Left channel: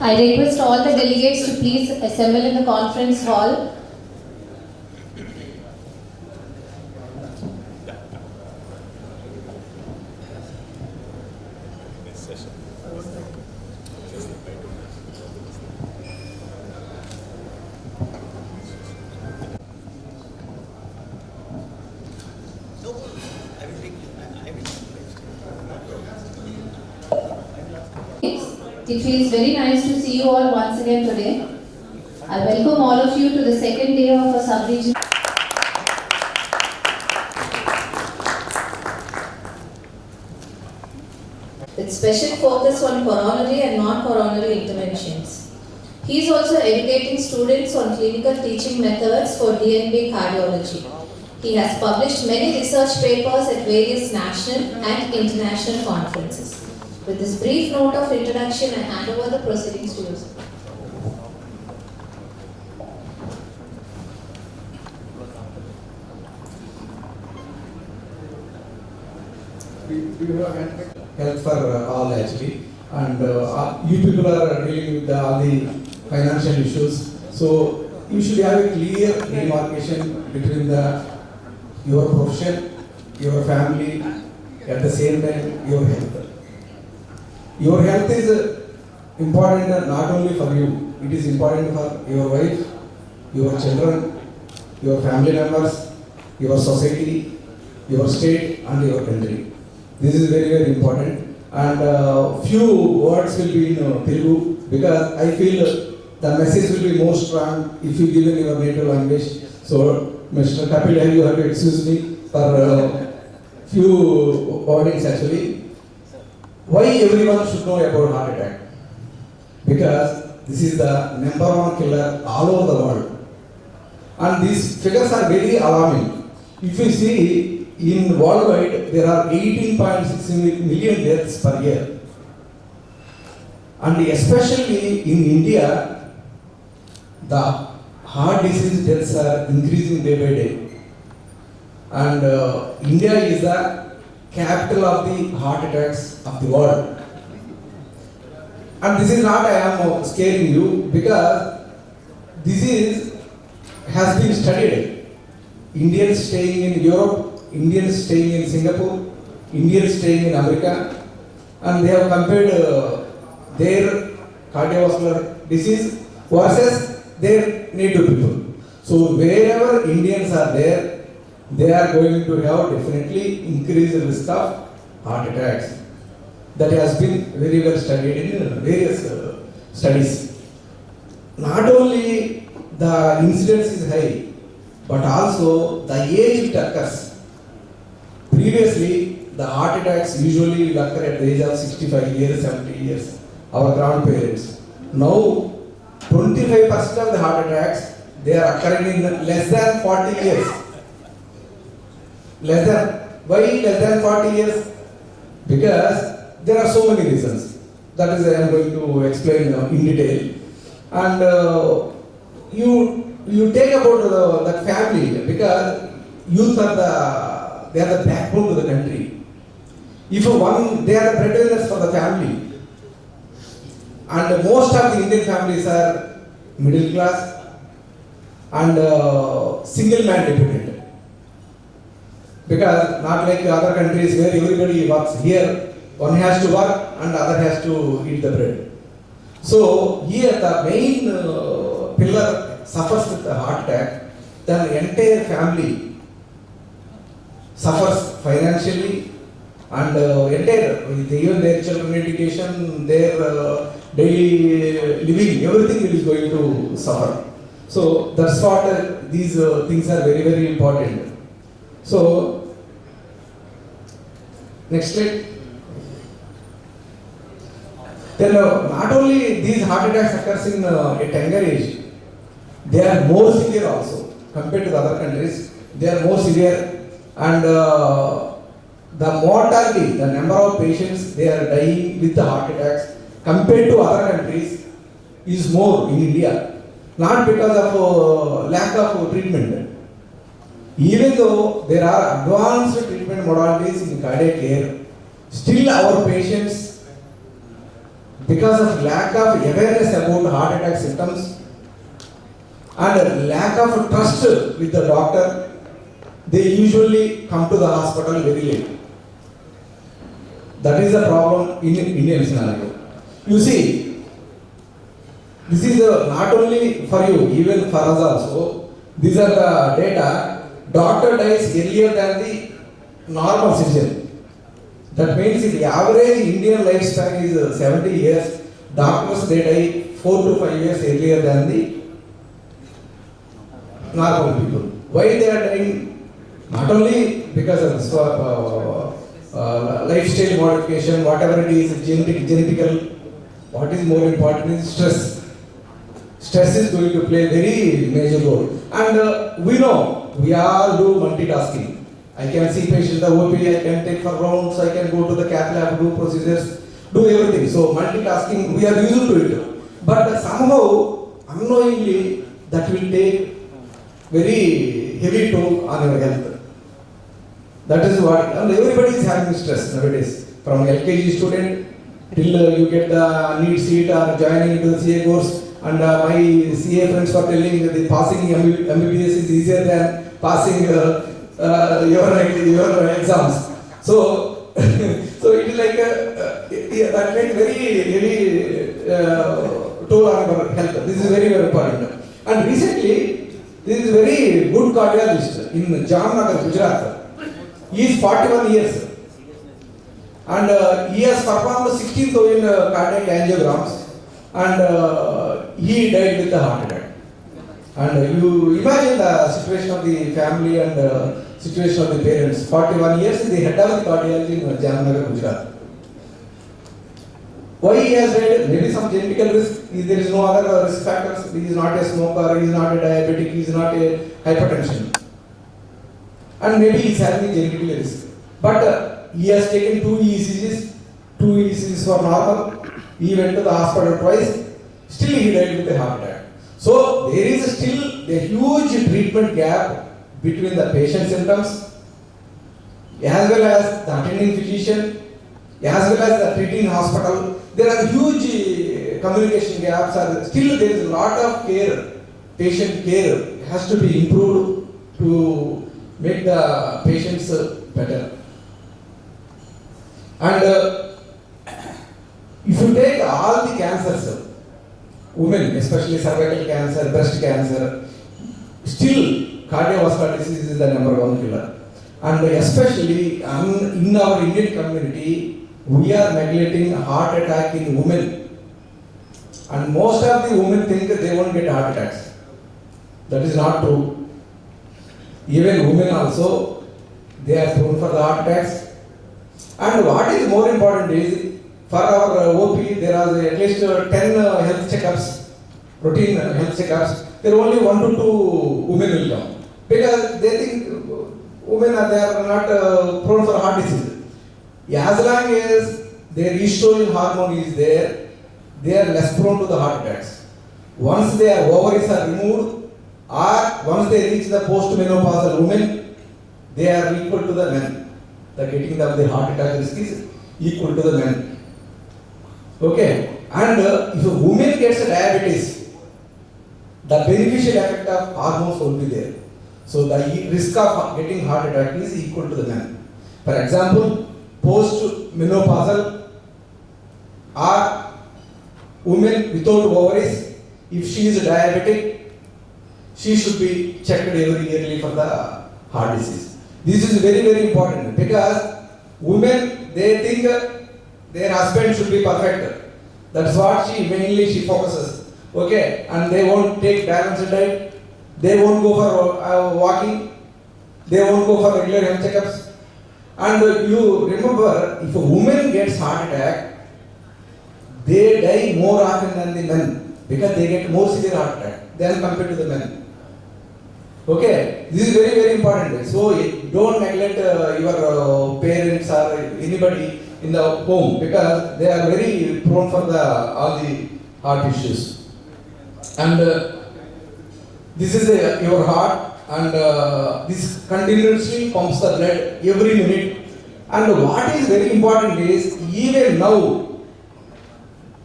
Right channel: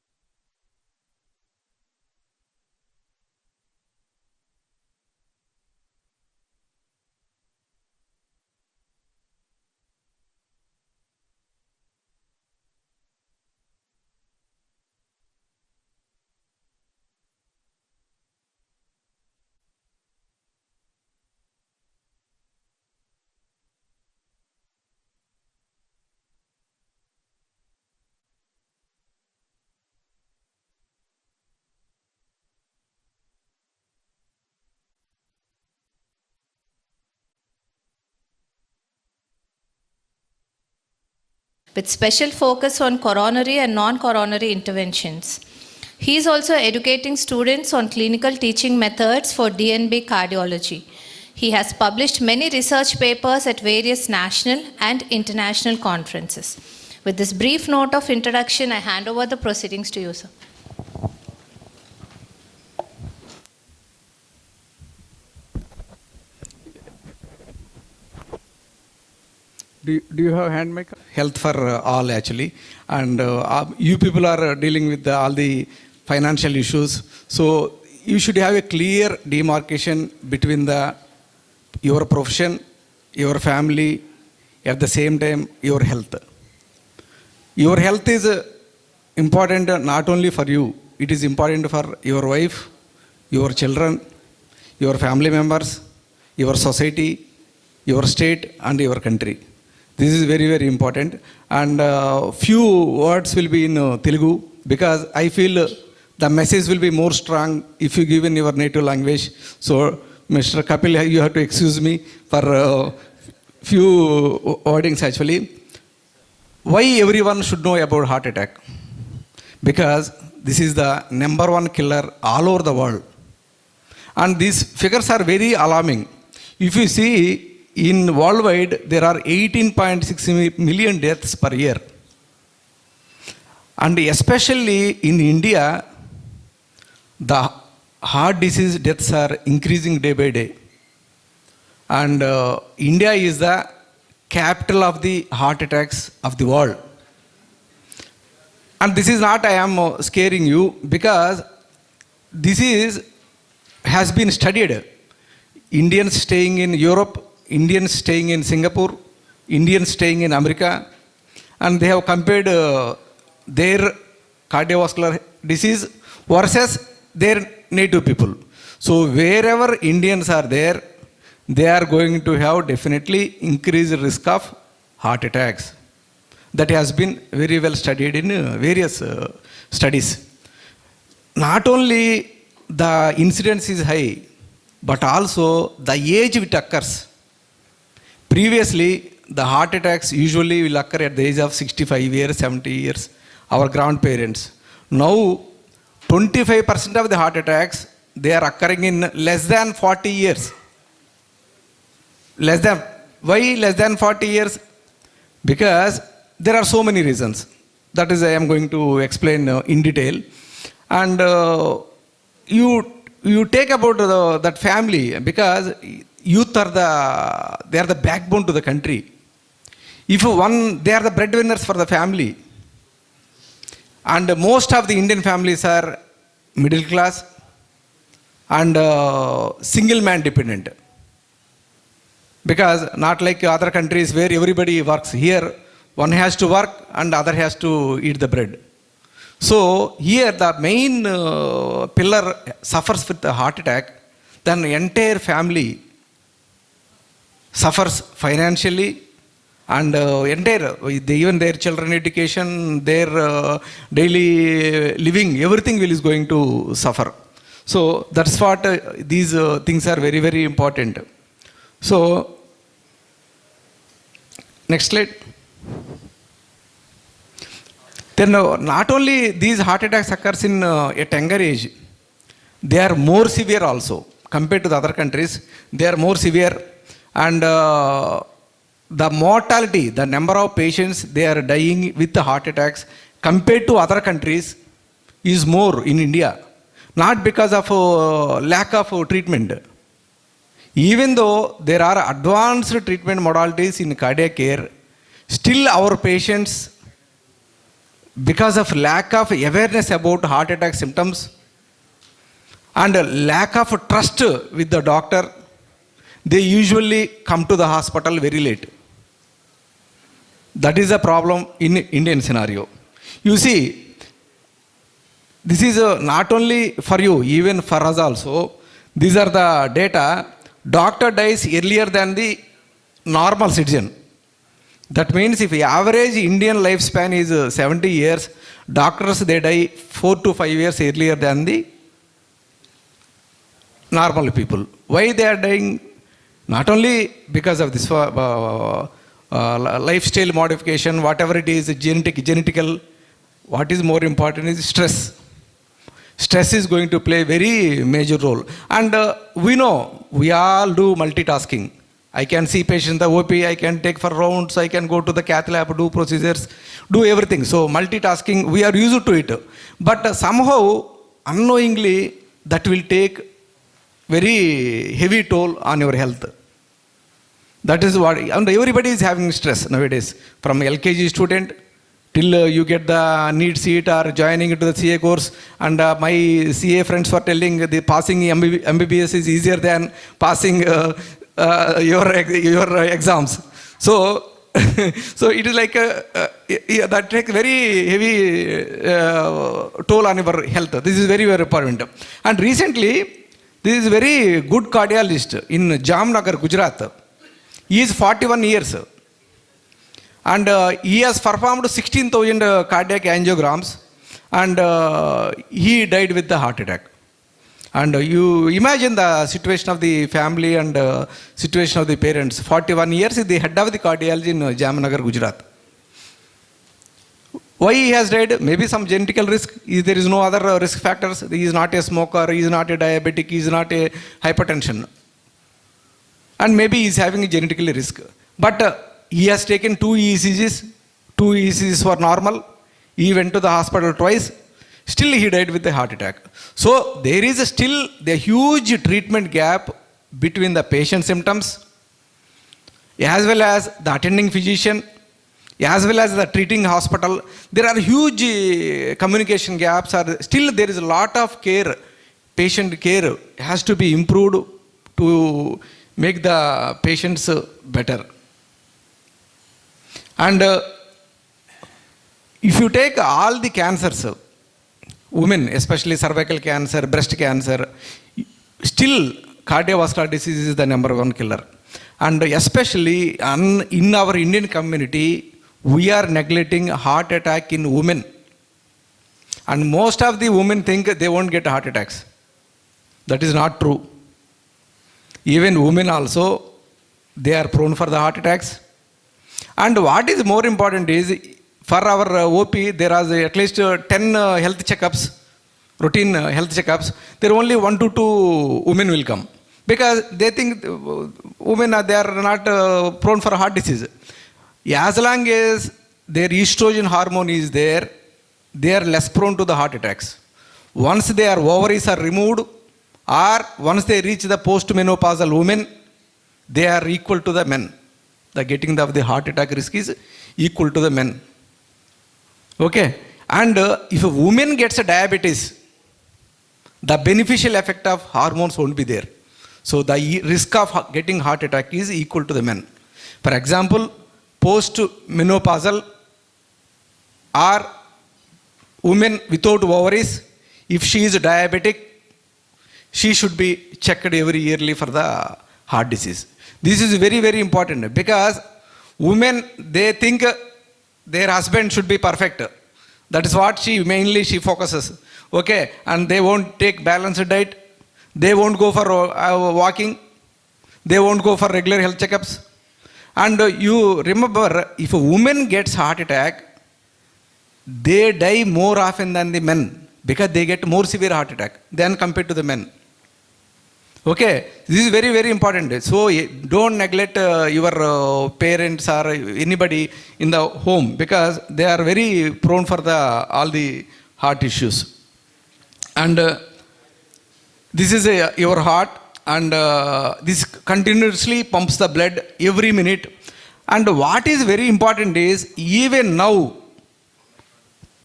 I request all the delegates to please assemble in the conference hall. It feels very nice to see you all once again today. I welcome all of you to the second day of our sub-region. With special focus on coronary and non-coronary interventions. He is also educating students on clinical teaching methods for DNB cardiology. He has published many research papers at various national and international conferences. With this brief note of introduction, I hand over the proceedings to you, sir. Do you have hand mic? Health for all actually, and you people are dealing with all the financial issues. So you should have a clear demarcation between your profession, your family, at the same time your health. Your health is important not only for you, it is important for your wife, your children, your family members, your society, your state and your country. This is very, very important. And few words will be in Telugu because I feel the message will be more strong if you give in your native language. So Mr. Kapil, you have to excuse me for few wordings actually. Why everyone should know about heart attack? Because this is the #1 killer all over the world. And these figures are very alarming. If you see in worldwide, there are 18.6 million deaths per year. And especially in India, the heart disease deaths are increasing day by day. And India is the capital of the heart attacks of the world. And this is not I am scaring you because this has been studied. Indians staying in Europe, Indians staying in Singapore, Indians staying in America, and they have compared their cardiovascular disease versus their native people. So wherever Indians are there, they are going to have definitely increased risk of heart attacks. That has been very well studied in various studies. Not only the incidence is high, but also the age it occurs. Previously, the heart attacks usually will occur at the age of 65 years, 70 years, our grandparents. Now, 25% of the heart attacks, they are occurring in less than 40 years. Why less than 40 years? Because there are so many reasons. That is I am going to explain in detail. And you take about that family because youth are they are the backbone to the country. If they are the breadwinners for the family. And most of the Indian families are middle class and single man dependent. Because not like other countries where everybody works. Here, one has to work and other has to eat the bread. So here the main pillar suffers with a heart attack, then the entire family suffers financially and even their children education, their daily living, everything is going to suffer. So that's what these things are very, very important. So, next slide. Then not only these heart attacks occurs in a younger age, they are more severe also compared to the other countries. They are more severe, and the mortality, the number of patients they are dying with the heart attacks compared to other countries is more in India. Not because of lack of treatment. Even though there are advanced treatment modalities in cardiac care, still our patients because of lack of awareness about heart attack symptoms and lack of trust with the doctor, they usually come to the hospital very late. That is a problem in Indian scenario. You see, this is not only for you, even for us also. These are the data. Doctor dies earlier than the normal citizen. That means if the average Indian lifespan is 70 years, doctors they die 4 to 5 years earlier than the normal people. Why they are dying? Not only because of this lifestyle modification, whatever it is, genetical. What is more important is stress. Stress is going to play a very major role. And we know, we all do multitasking. I can see patient the OP, I can take for rounds, I can go to the cath lab, do procedures, do everything. So multitasking, we are used to it. But somehow, unknowingly, that will take very heavy toll on your health. That is what, and everybody is having stress nowadays. From LKG student till you get the need seat or joining into the CA course. And my CA friends were telling the passing MBBS is easier than passing your exams. So, so it is like that takes very heavy toll on your health. This is very, very important. And recently, this is very good cardiologist in Jamnagar, Gujarat. He is 41 years. And he has performed 16,000 cardiac angiograms. And he died with the heart attack. And you imagine the situation of the family and situation of the parents. 41 years is the head of the cardiology in Jamnagar, Gujarat. Why he has died? Maybe some genetical risk. There is no other risk factors. He is not a smoker, he is not a diabetic, he is not a hypertension. And maybe he is having a genetical risk. But he has taken 2 ECGs. 2 ECGs were normal. He went to the hospital twice. Still he died with a heart attack. So there is still the huge treatment gap between the patient symptoms as well as the attending physician, as well as the treating hospital. There are huge communication gaps. Still there is a lot of care, patient care has to be improved to make the patients better. And if you take all the cancers, women, especially cervical cancer, breast cancer, still cardiovascular disease is the #1 killer. And especially in our Indian community, we are neglecting heart attack in women. And most of the women think they won't get heart attacks. That is not true. Even women also, they are prone for the heart attacks. And what is more important is, for our OP, there are at least 10 health checkups, routine health checkups. There are only 1 to 2 women will come. Because they think women they are not prone for heart disease. As long as their estrogen hormone is there, they are less prone to the heart attacks. Once their ovaries are removed, or once they reach the post-menopausal women, they are equal to the men. The getting of the heart attack risk is equal to the men. Okay, and if a woman gets a diabetes, the beneficial effect of hormones won't be there. So the risk of getting heart attack is equal to the men. For example, post-menopausal or women without ovaries, if she is diabetic, she should be checked every yearly for the heart disease. This is very, very important because women, they think their husband should be perfect. That's what she focuses. Okay, and they won't take balanced diet. They won't go for walking. They won't go for regular health checkups. And you remember, if a woman gets heart attack, they die more often than the men because they get more severe heart attack than compared to the men. Okay, this is very, very important. So don't neglect your parents or anybody in the home because they are very prone for all the heart issues. And this is your heart, and this continuously pumps the blood every minute. And what is very important is, even now,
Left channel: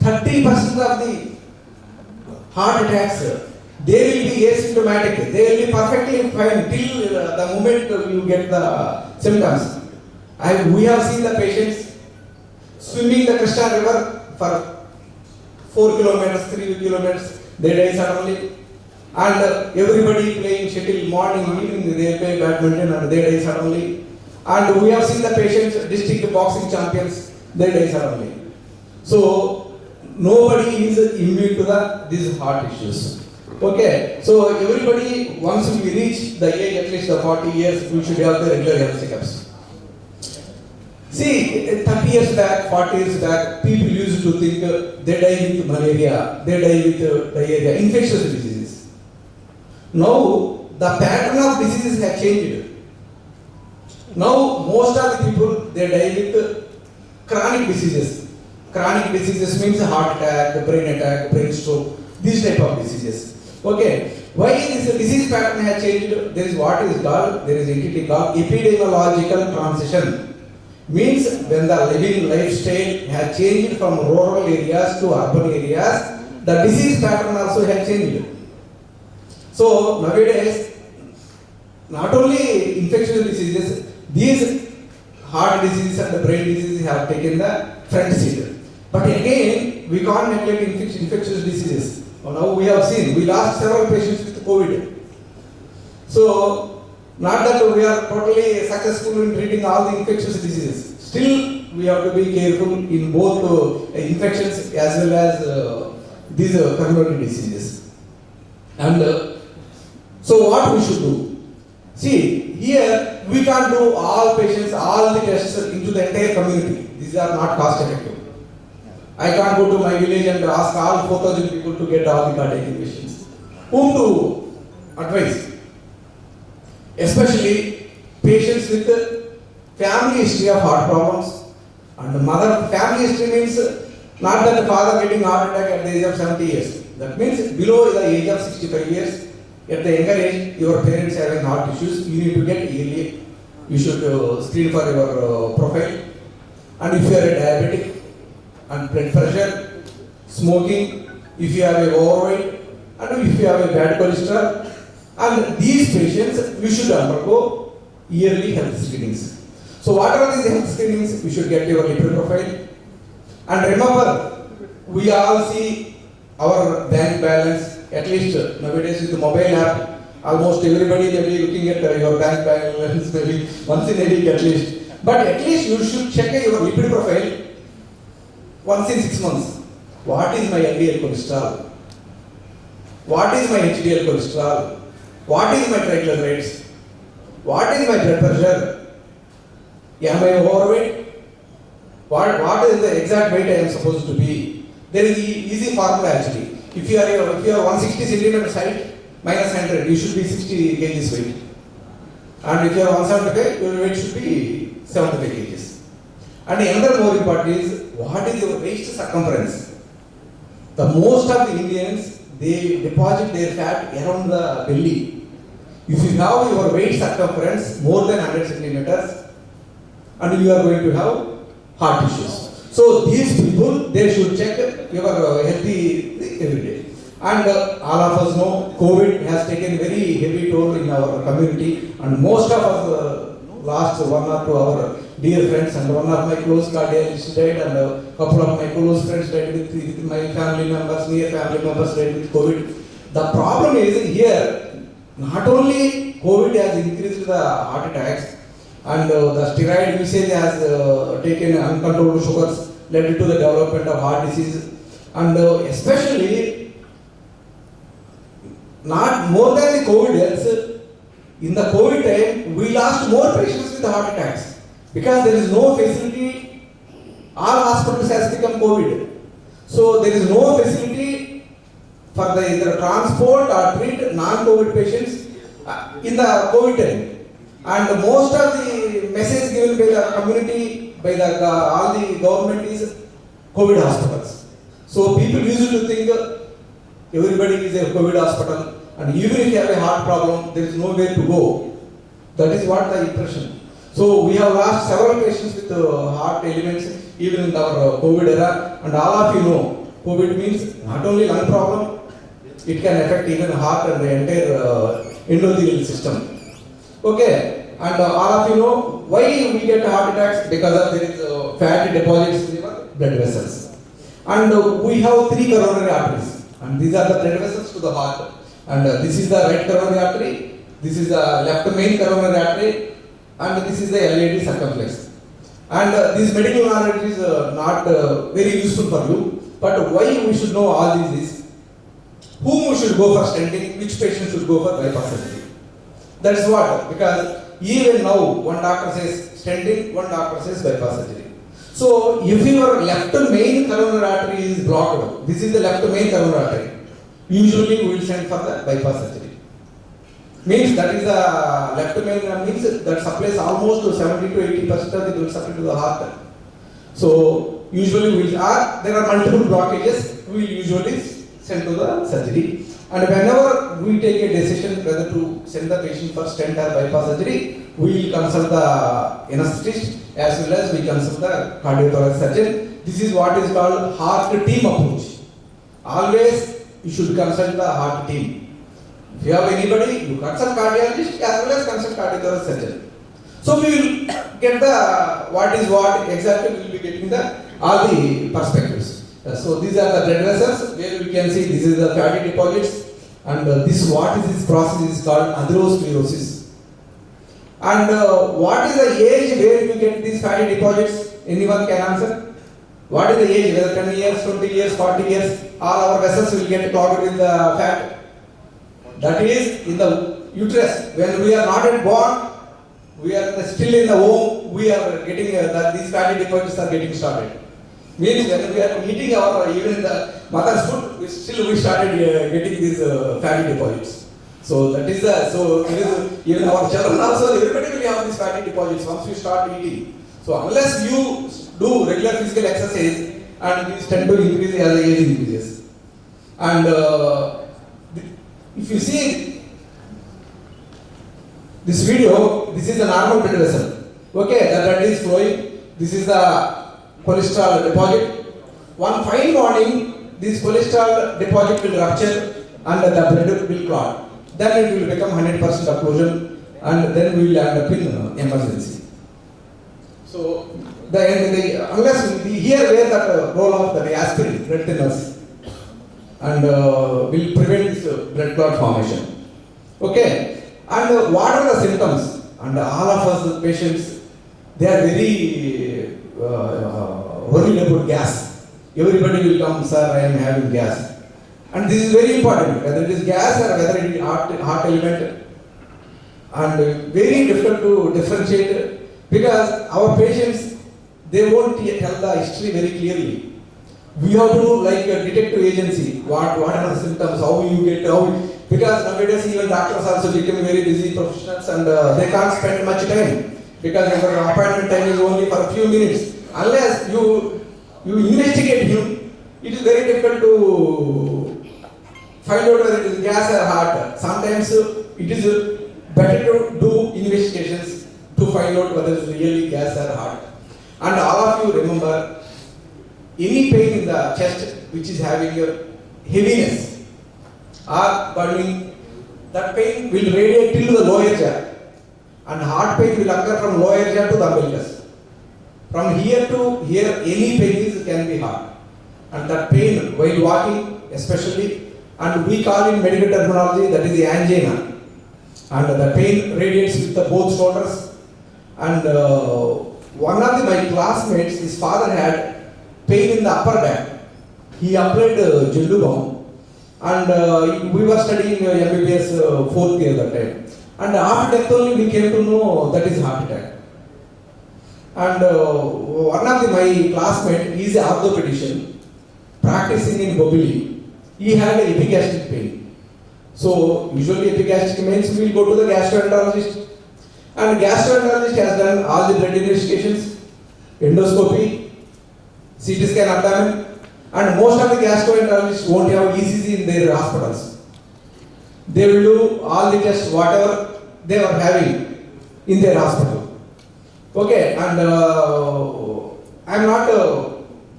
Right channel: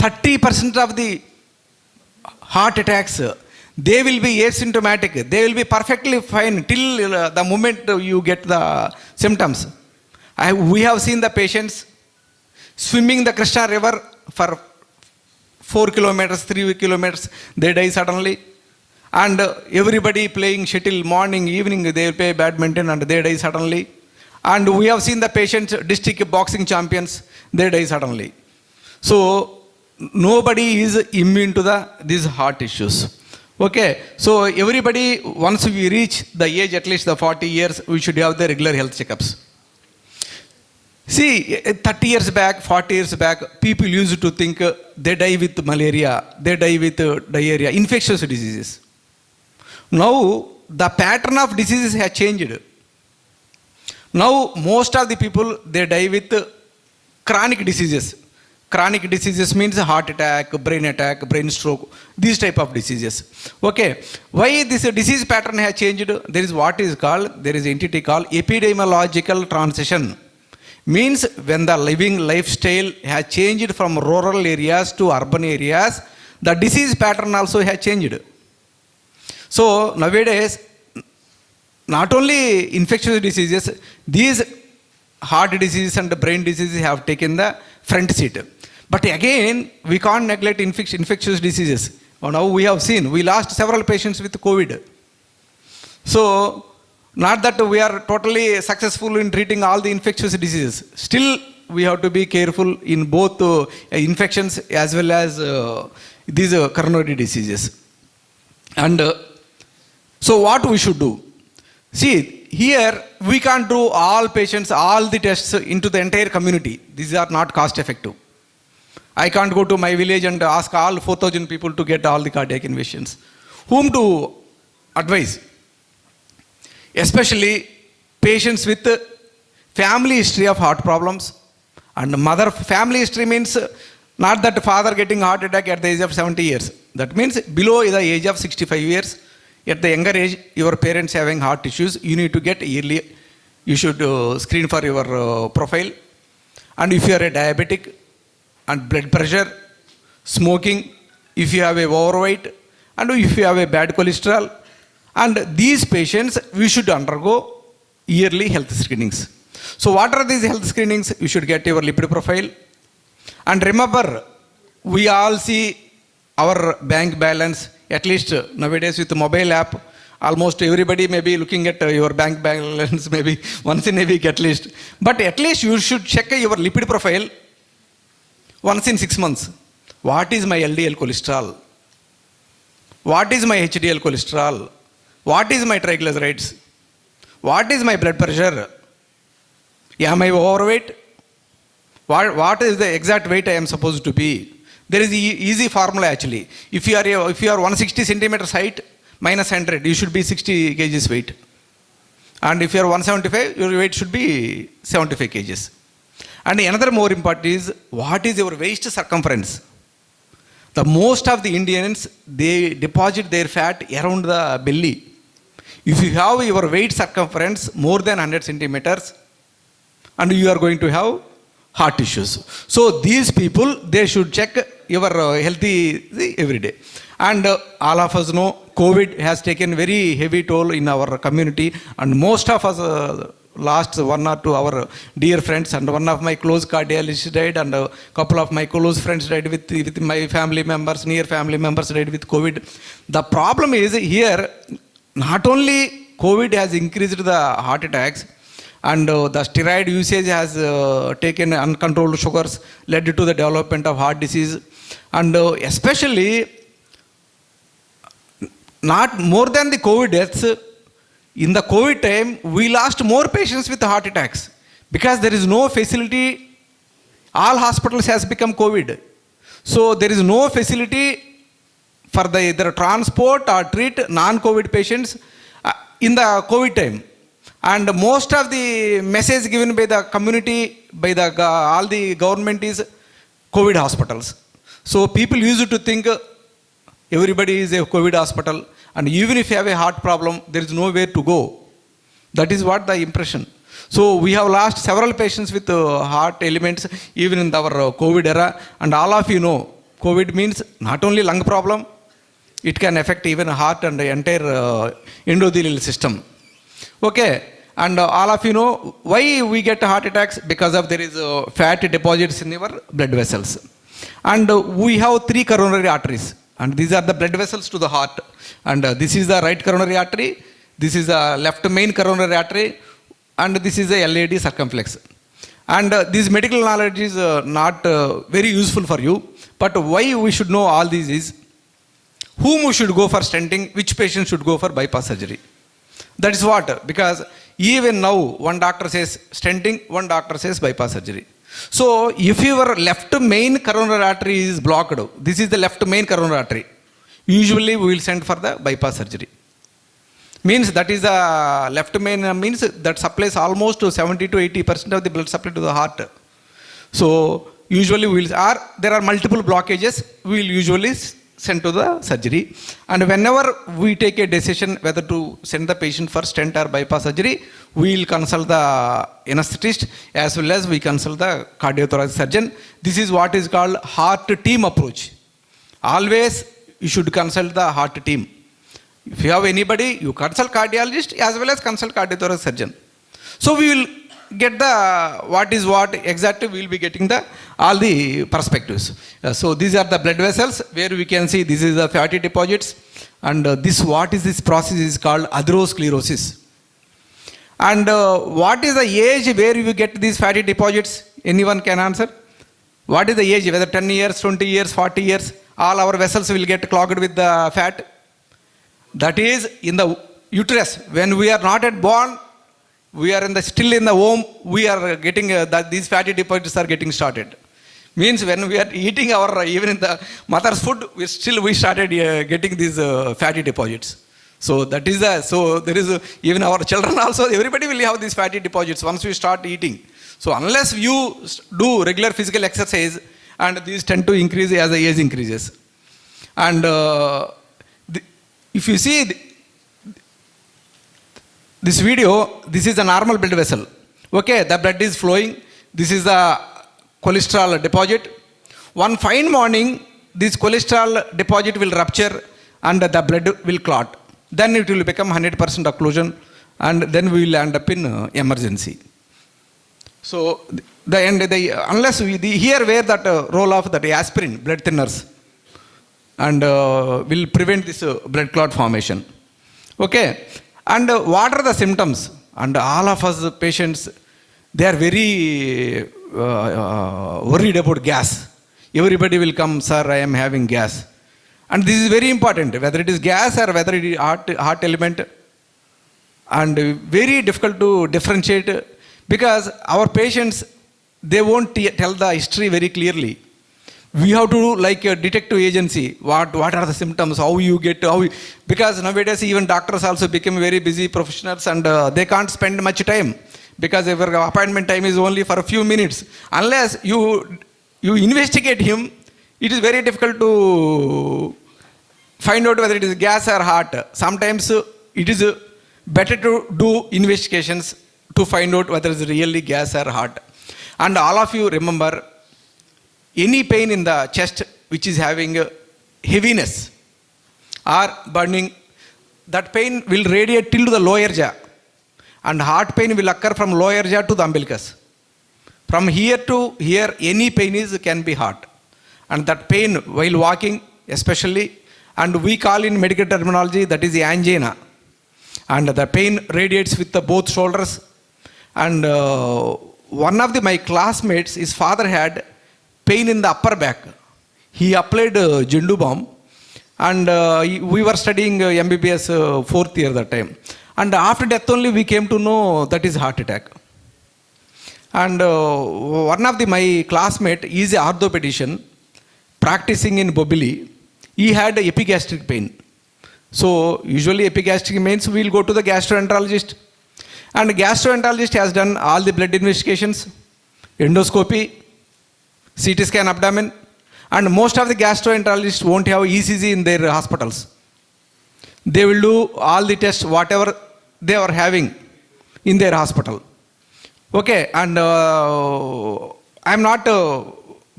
30% of the heart attacks, they will be asymptomatic. They will be perfectly fine till the moment you get the symptoms. We have seen the patients swimming the Krishna river for 4 kilometers, 3 kilometers, they die suddenly. And everybody playing shuttle morning, evening, they play badminton and they die suddenly. And we have seen the patients, district boxing champions, they die suddenly. So nobody is immune to these heart issues. Okay, so everybody, once we reach the age at least the 40 years, we should have the regular health checkups. See, 30 years back, 40 years back, people used to think they die with malaria, they die with diarrhea, infectious diseases. Now, the pattern of diseases has changed. Now, most of the people, they die with chronic diseases. Chronic diseases means heart attack, brain stroke, these type of diseases. Okay, why this disease pattern has changed? There is what is called, there is entity called epidemiological transition. Means when the living lifestyle has changed from rural areas to urban areas, the disease pattern also has changed. So nowadays, not only infectious diseases, these heart diseases and brain diseases have taken the front seat. But again, we can't neglect infectious diseases. Now we have seen, we lost several patients with COVID. So, not that we are totally successful in treating all the infectious diseases. Still, we have to be careful in both infections as well as these coronary diseases. And so what we should do? See, here we can't do all patients, all the tests into the entire community. These are not cost effective. I can't go to my village and ask all 4,000 people to get all the cardiac invasions. Whom to advise? Especially patients with family history of heart problems. And mother family history means not that father getting heart attack at the age of 70 years. That means below the age of 65 years, at the younger age, your parents having heart issues, you need to get yearly. You should screen for your profile. And if you are a diabetic, and blood pressure, smoking, if you have a overweight, and if you have a bad cholesterol, and these patients, we should undergo yearly health screenings. So what are these health screenings? You should get your lipid profile. And remember, we all see our bank balance, at least nowadays with the mobile app, almost everybody may be looking at your bank balance maybe once in a week at least. But at least you should check your lipid profile once in 6 months. What is my LDL cholesterol? What is my HDL cholesterol? What is my triglycerides? What is my blood pressure? Am I overweight? What is the exact weight I am supposed to be? There is easy formula actually. If you are 160 centimeters height minus 100, you should be 60 kgs weight. And if you are 175, your weight should be 75 kgs. And another more important is, what is your waist circumference? The most of the Indians, they deposit their fat around the belly. If you have your waist circumference more than 100 centimeters, and you are going to have heart issues. So these people, they should check your healthy every day. And all of us know, COVID has taken very heavy toll in our community, and most of us lost one or two our dear friends, and one of my close cardiologist died, and a couple of my close friends died with my family members, near family members died with COVID. The problem is here, not only COVID has increased the heart attacks, and the steroid usage has taken uncontrolled sugars, led to the development of heart disease, and especially not more than the COVID deaths. In the COVID time, we lost more patients with heart attacks because there is no facility. All hospitals has become COVID. So there is no facility for the either transport or treat non-COVID patients in the COVID time. And most of the message given by the community, by the all the government is COVID hospitals. So people used to think everybody is a COVID hospital, and even if you have a heart problem, there is nowhere to go. That is what the impression. So we have lost several patients with heart elements even in our COVID era, and all of you know COVID means not only lung problem, it can affect even heart and the entire endothelial system. Okay, and all of you know why we get heart attacks, because of there is fat deposits in your blood vessels. And we have 3 coronary arteries, and these are the blood vessels to the heart. And this is the right coronary artery, this is the left main coronary artery, and this is the LAD circumflex. And this medical knowledge is not very useful for you, but why we should know all these is, whom should go for stenting, which patient should go for bypass surgery. That is what, because even now one doctor says stenting, one doctor says bypass surgery. So if your left main coronary artery is blocked, this is the left main coronary artery, usually we will send for the bypass surgery. Means that is a left main, means that supplies almost to 70 to 80% of the blood supply to the heart. So usually we will, there are multiple blockages, we will usually send to the surgery. And whenever we take a decision whether to send the patient for stent or bypass surgery, we will consult the anesthetist as well as we consult the cardiothoracic surgeon. This is what is called heart team approach. Always you should consult the heart team. If you have anybody, you consult cardiologist as well as consult cardiothoracic surgeon. So we will get the what is what exactly, we will be getting the all the perspectives. So these are the blood vessels where we can see this is the fatty deposits, and this what is this process is called atherosclerosis. And what is the age where you get these fatty deposits? Anyone can answer? What is the age? Whether 10 years, 20 years, 40 years, all our vessels will get clogged with the fat. That is in the uterus. When we are not yet born, we are still in the womb, we are getting that these fatty deposits are getting started. Means when we are eating our, even in the mother's food, we started getting these fatty deposits. So that is so there is even our children also, everybody will have these fatty deposits once we start eating. So unless you do regular physical exercise, and these tend to increase as the age increases. And if you see this video, this is a normal blood vessel. Okay, the blood is flowing. This is the cholesterol deposit. One fine morning, this cholesterol deposit will rupture and the blood will clot. Then it will become 100% occlusion, and then we will end up in emergency. So unless here where that role of that aspirin, blood thinners, and will prevent this blood clot formation. Okay, and what are the symptoms? And all of us patients, they are very worried about gas. Everybody will come, sir, I am having gas. And this is very important, whether it is gas or whether it is heart element. And very difficult to differentiate, because our patients, they won't tell the history very clearly. We have to do like a detective agency. What are the symptoms? How you get, because nowadays even doctors also become very busy professionals, and they can't spend much time, because our appointment time is only for a few minutes. Unless you investigate him, it is very difficult to find out whether it is gas or heart. Sometimes it is better to do investigations to find out whether it is really gas or heart. And all of you remember, any pain in the chest which is having heaviness or burning, that pain will radiate till the lower jaw, and heart pain will occur from lower jaw to the umbilicus. From here to here, any pain can be heart. And that pain while walking especially, and we call in medical terminology, that is the angina. And the pain radiates with the both shoulders. And one of my classmates, his father had pain in the upper back. He applied Jendu balm, and we were studying MBBS 4th year that time. And after death only we came to know that is heart attack. And one of my classmate is an orthopedician practicing in Bobili. He had epigastric pain. So usually epigastric means we will go to the gastroenterologist. And gastroenterologist has done all the blood investigations, endoscopy, CT scan abdomen, and most of the gastroenterologists won't have ECG in their hospitals. They will do all the tests, whatever they were having in their hospital. Okay, and I am not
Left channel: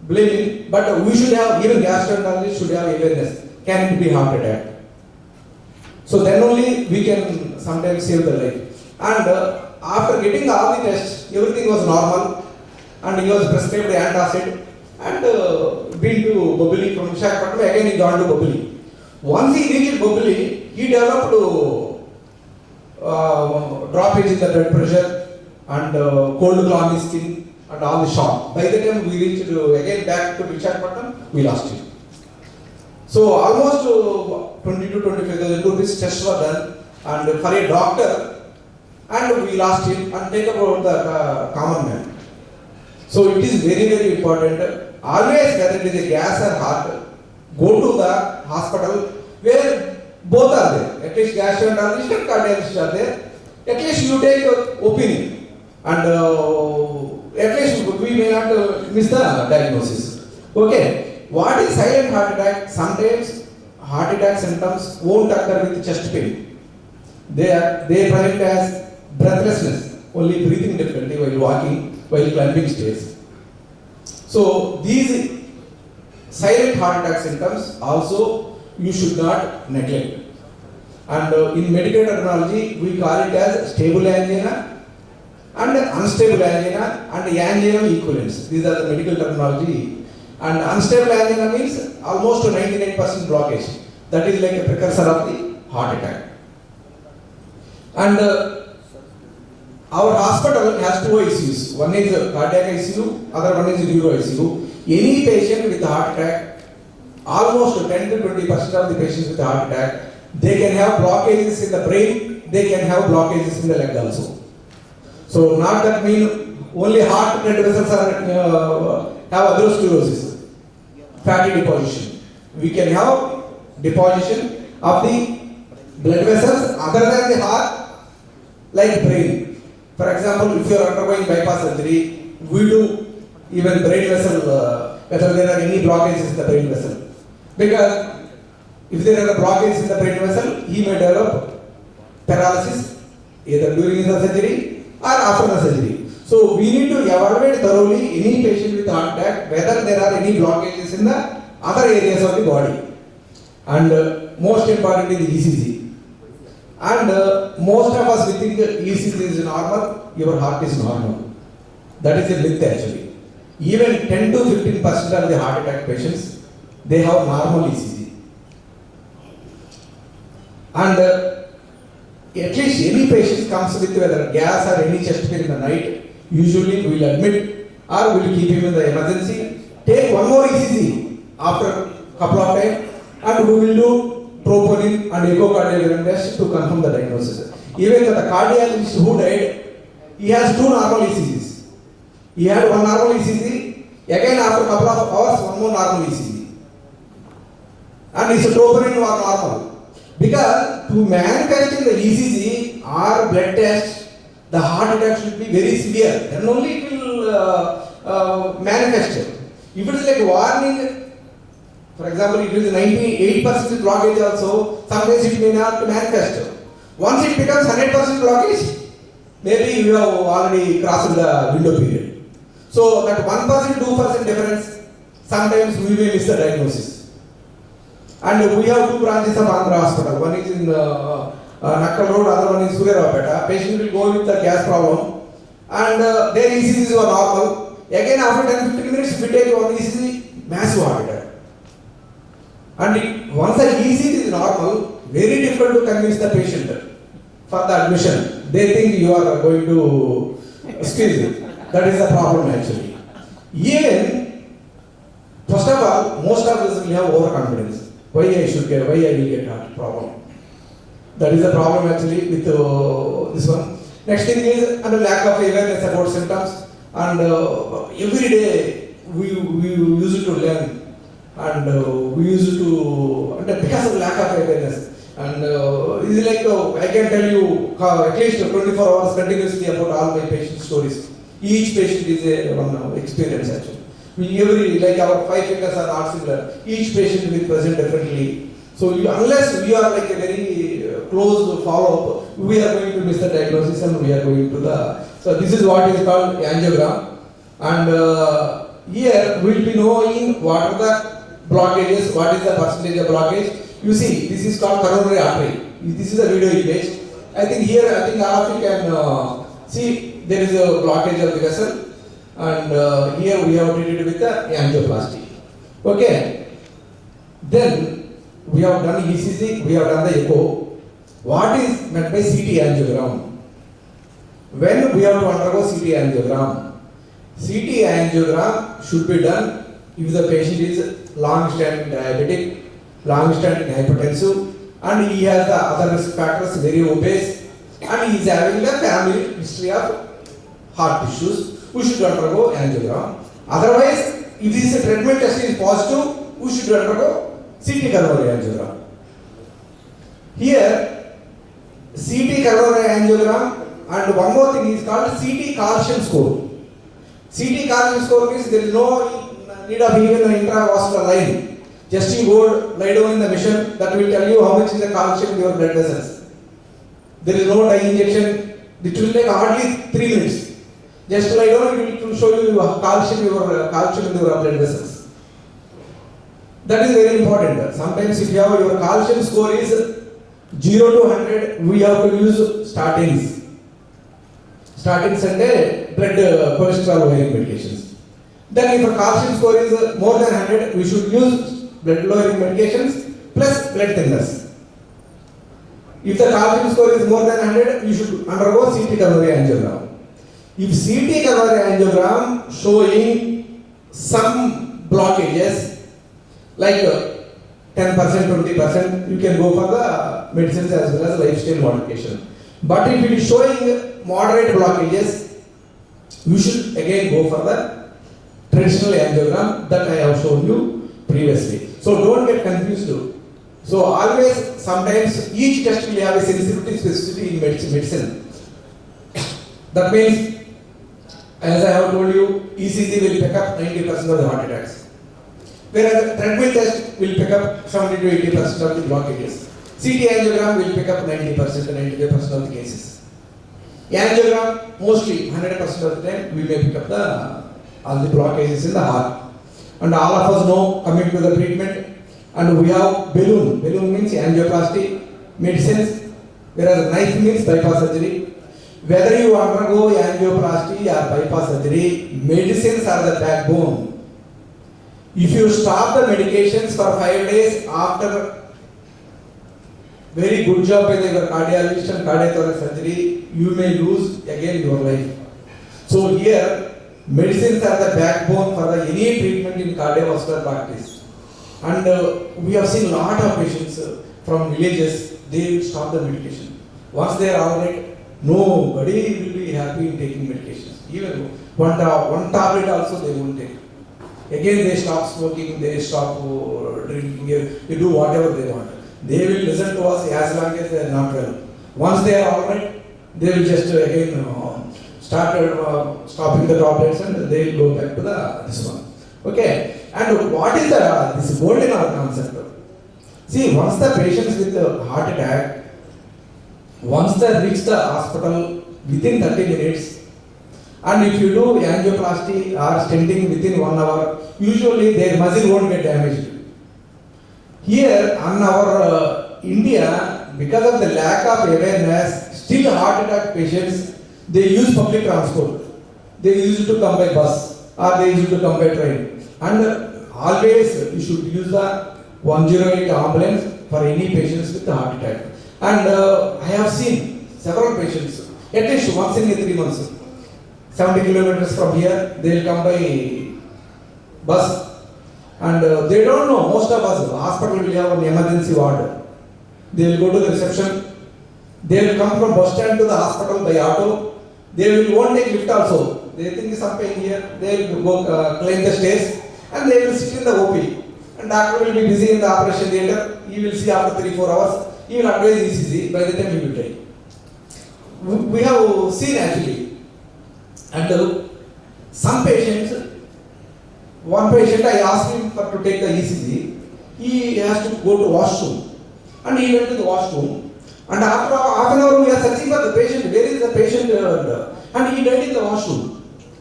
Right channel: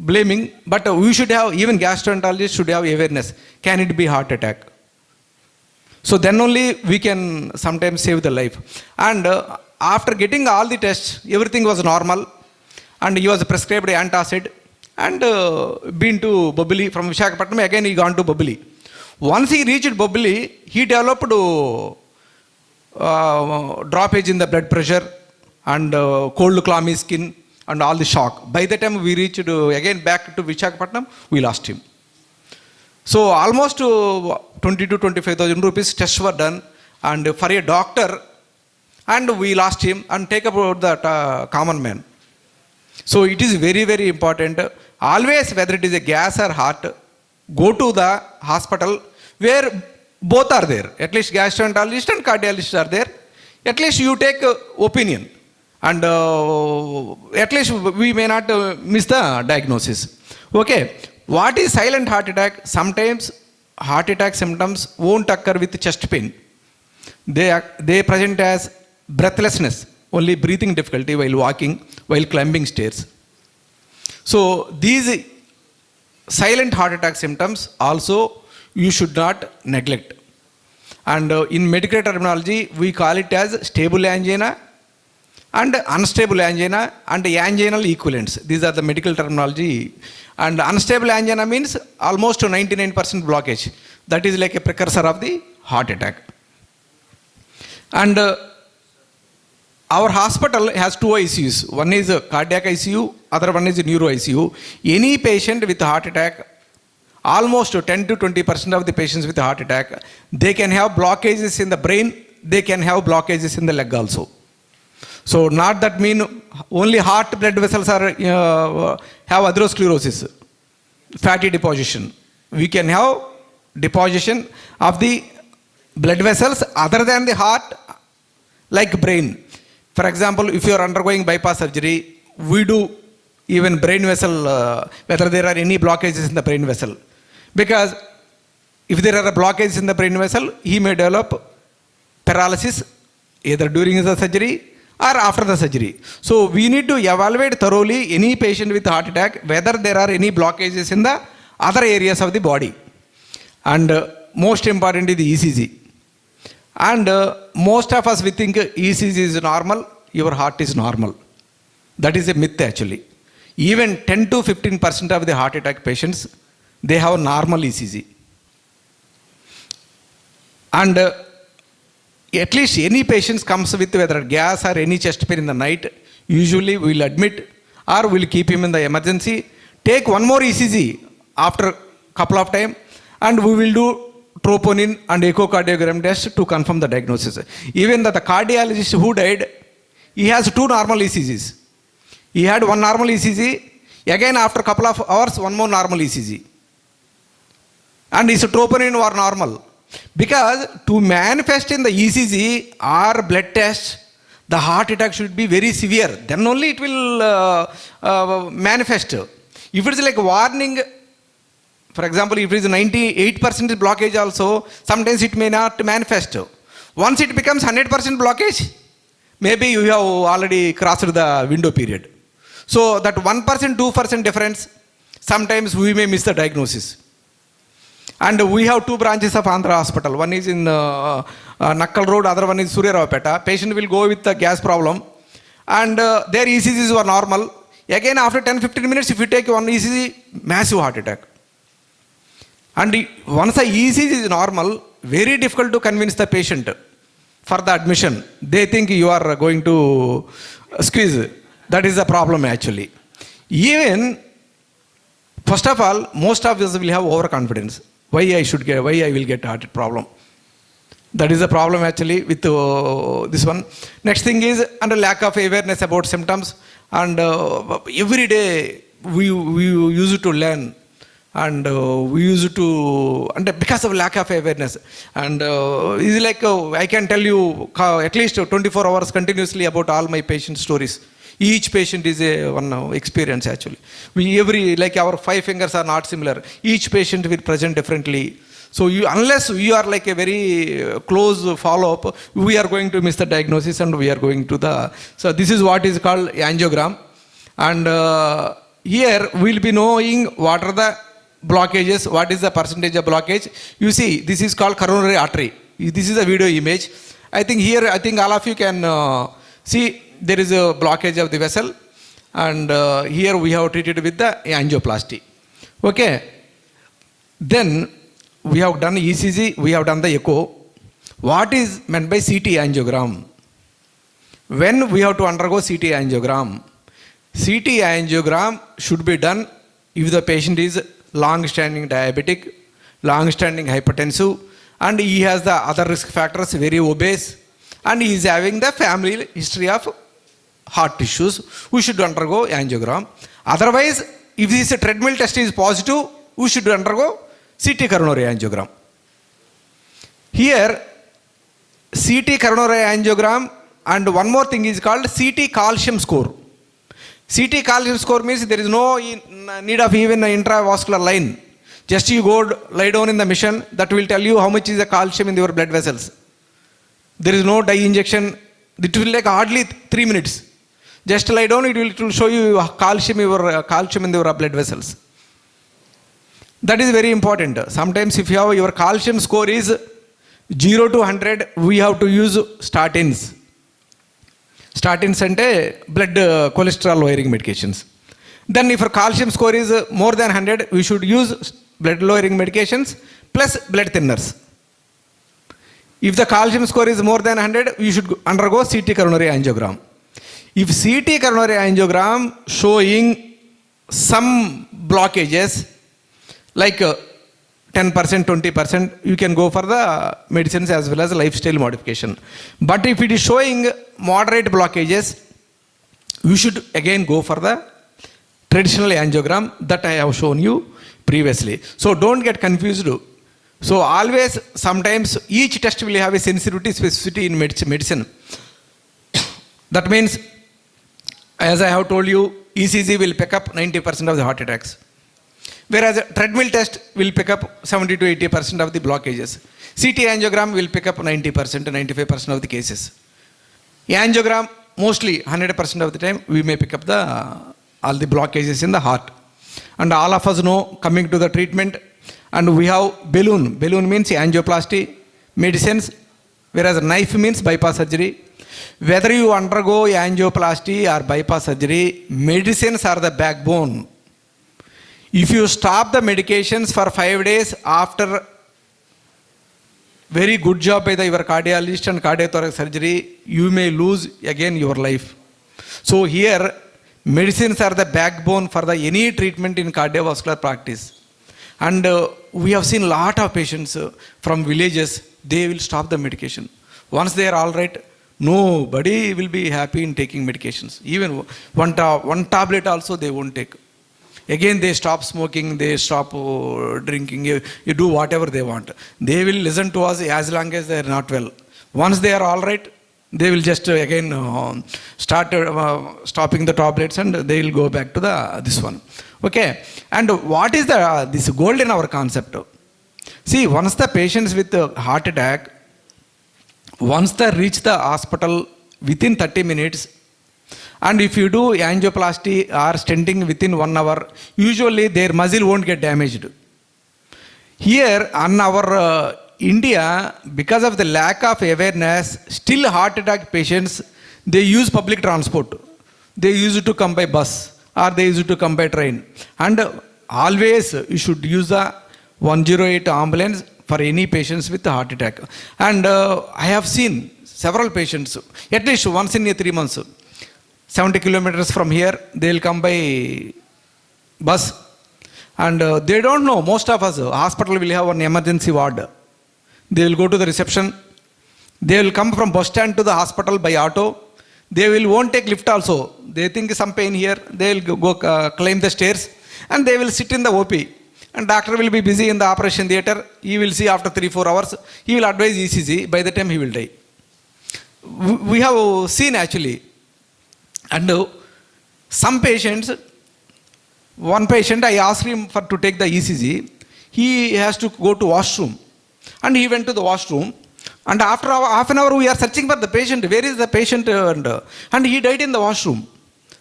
blaming, but we should have, even gastroenterologists should have awareness. Can it be heart attack? So then only we can sometimes save the life. And after getting all the tests, everything was normal, and he was prescribed antacid and been to Bobili from Visakhapatnam. Again he gone to Bobili. Once he reached Bobili, he developed droppage in the blood pressure and cold clammy skin and all the shock. By the time we reached again back to Visakhapatnam, we lost him. So almost 20 to 25,000 rupees tests were done, and for a doctor, and we lost him. And take about that common man. So it is very, very important. Always, whether it is a gas or heart, go to the hospital where both are there. At least gastroenterologist and cardiologist are there. At least you take opinion, and at least we may not miss the diagnosis. Okay. What is silent heart attack? Sometimes heart attack symptoms won't occur with chest pain. They present as breathlessness, only breathing difficulty while walking, while climbing stairs. So these silent heart attack symptoms also you should not neglect. And in medical terminology, we call it as stable angina and unstable angina and anginal equivalents. These are the medical terminology. And unstable angina means almost 99% blockage. That is like a precursor of the heart attack. And our hospital has two ICUs. One is cardiac ICU, other one is neuro ICU. Any patient with heart attack, almost 10 to 20% of the patients with heart attack, they can have blockages in the brain, they can have blockages in the leg also. So not that mean only heart blood vessels are have atherosclerosis, fatty deposition. We can have deposition of the blood vessels other than the heart, like brain. For example, if you are undergoing bypass surgery, we do even brain vessel, whether there are any blockages in the brain vessel. Because if there are blockages in the brain vessel, he may develop paralysis either during the surgery or after the surgery. So we need to evaluate thoroughly any patient with heart attack, whether there are any blockages in the other areas of the body. And most important is the ECG. And most of us, we think ECG is normal, your heart is normal. That is a myth actually. Even 10 to 15% of the heart attack patients, they have normal ECG. And at least any patients comes with whether gas or any chest pain in the night, usually we will admit or we will keep him in the emergency. Take one more ECG after a couple of time, and we will do troponin and echocardiogram test to confirm the diagnosis. Even the cardiologist who died, he has two normal ECGs. He had one normal ECG, again after a couple of hours, one more normal ECG. And his troponin were normal. Because to manifest in the ECG or blood test, the heart attack should be very severe. Then only it will manifest. If it is like warning, for example, if it is 98% blockage also, sometimes it may not manifest. Once it becomes 100% blockage, maybe you have already crossed the window period. So that 1%, 2% difference, sometimes we may miss the diagnosis. And we have two branches of Andhra Hospital. One is in Nakkal Road, other one is Suryaravapeta. Patient will go with the gas problem, and their ECGs were normal. Again, after 10-15 minutes, if you take one ECG, massive heart attack. And once the ECG is normal, very difficult to convince the patient for the admission. They think you are going to squeeze. That is the problem actually. Even, first of all, most of us will have overconfidence. Why I will get heart problem. That is the problem actually with this one. Next thing is under lack of awareness about symptoms, and every day we used to learn, and we used to, and because of lack of awareness, and it's like I can tell you at least 24 hours continuously about all my patient stories. Each patient is a one experience actually. Like our 5 fingers are not similar. Each patient will present differently. So unless you are like a very close follow-up, we are going to miss the diagnosis, and we are going to the, so this is what is called angiogram. And here we will be knowing what are the blockages, what is the percentage of blockage. You see, this is called coronary artery. This is a video image. I think here, I think all of you can see there is a blockage of the vessel, and here we have treated with the angioplasty. Okay. Then we have done ECG, we have done the echo. What is meant by CT angiogram? When we have to undergo CT angiogram, CT angiogram should be done if the patient is long-standing diabetic, long-standing hypertensive, and he has the other risk factors, very obese, and he is having the family history of heart issues. We should undergo angiogram. Otherwise, if this treadmill test is positive, we should undergo CT coronary angiogram. Here, CT coronary angiogram, and one more thing is called CT calcium score. CT calcium score means there is no need of even an intravascular line. Just you go lie down in the machine, that will tell you how much is the calcium in your blood vessels. There is no dye injection. It will take hardly 3 minutes. Just lie down, it will show you calcium in your blood vessels. That is very important. Sometimes if you have your calcium score is 0 to 100, we have to use statins. Statins and blood cholesterol lowering medications. Then if our calcium score is more than 100, we should use blood lowering medications plus blood thinners. If the calcium score is more than 100, we should undergo CT coronary angiogram. If CT coronary angiogram showing some blockages, like 10%, 20%, you can go for the medicines as well as lifestyle modification. But if it is showing moderate blockages, you should again go for the traditional angiogram that I have shown you previously. So don't get confused. So always, sometimes each test will have a sensitivity, specificity in medicine. That means, as I have told you, ECG will pick up 90% of the heart attacks. Whereas a treadmill test will pick up 70 to 80% of the blockages. CT angiogram will pick up 90% to 95% of the cases. Angiogram, mostly 100% of the time, we may pick up all the blockages in the heart. And all of us know, coming to the treatment, and we have balloon. Balloon means angioplasty, medicines, whereas knife means bypass surgery. Whether you undergo angioplasty or bypass surgery, medicines are the backbone. If you stop the medications for 5 days after very good job by your cardiologist and cardiothoracic surgery, you may lose again your life. So here, medicines are the backbone for any treatment in cardiovascular practice. And we have seen a lot of patients from villages, they will stop the medication. Once they are all right, nobody will be happy in taking medications. Even one tablet also they won't take. Again they stop smoking, they stop drinking, you do whatever they want. They will listen to us as long as they are not well. Once they are all right, they will just again start stopping the tablets and they will go back to this one. Okay, and what is this gold in our concept? See, once the patients with the heart attack, once they reach the hospital within 30 minutes, and if you do angioplasty or stenting within 1 hour, usually their muscle won't get damaged. Here on our India, because of the lack of awareness, still heart attack patients, they use public transport. They used to come by bus or they used to come by train. And always you should use the 108 ambulance for any patients with heart attack. And I have seen several patients, at least once in 3 months, 70 kilometers from here, they will come by bus. And they don't know, most of us, hospital will have an emergency ward. They will go to the reception. They will come from bus stand to the hospital by auto. They won't take lift also. They think some pain here. They will go climb the stairs and they will sit in the OP. And doctor will be busy in the operation theatre. He will see after 3-4 hours. He will advise ECG. By the time he will die. We have seen actually. And some patients, one patient I asked him to take the ECG. He has to go to washroom. And he went to the washroom. And after half an hour we are searching for the patient. Where is the patient? And he died in the washroom.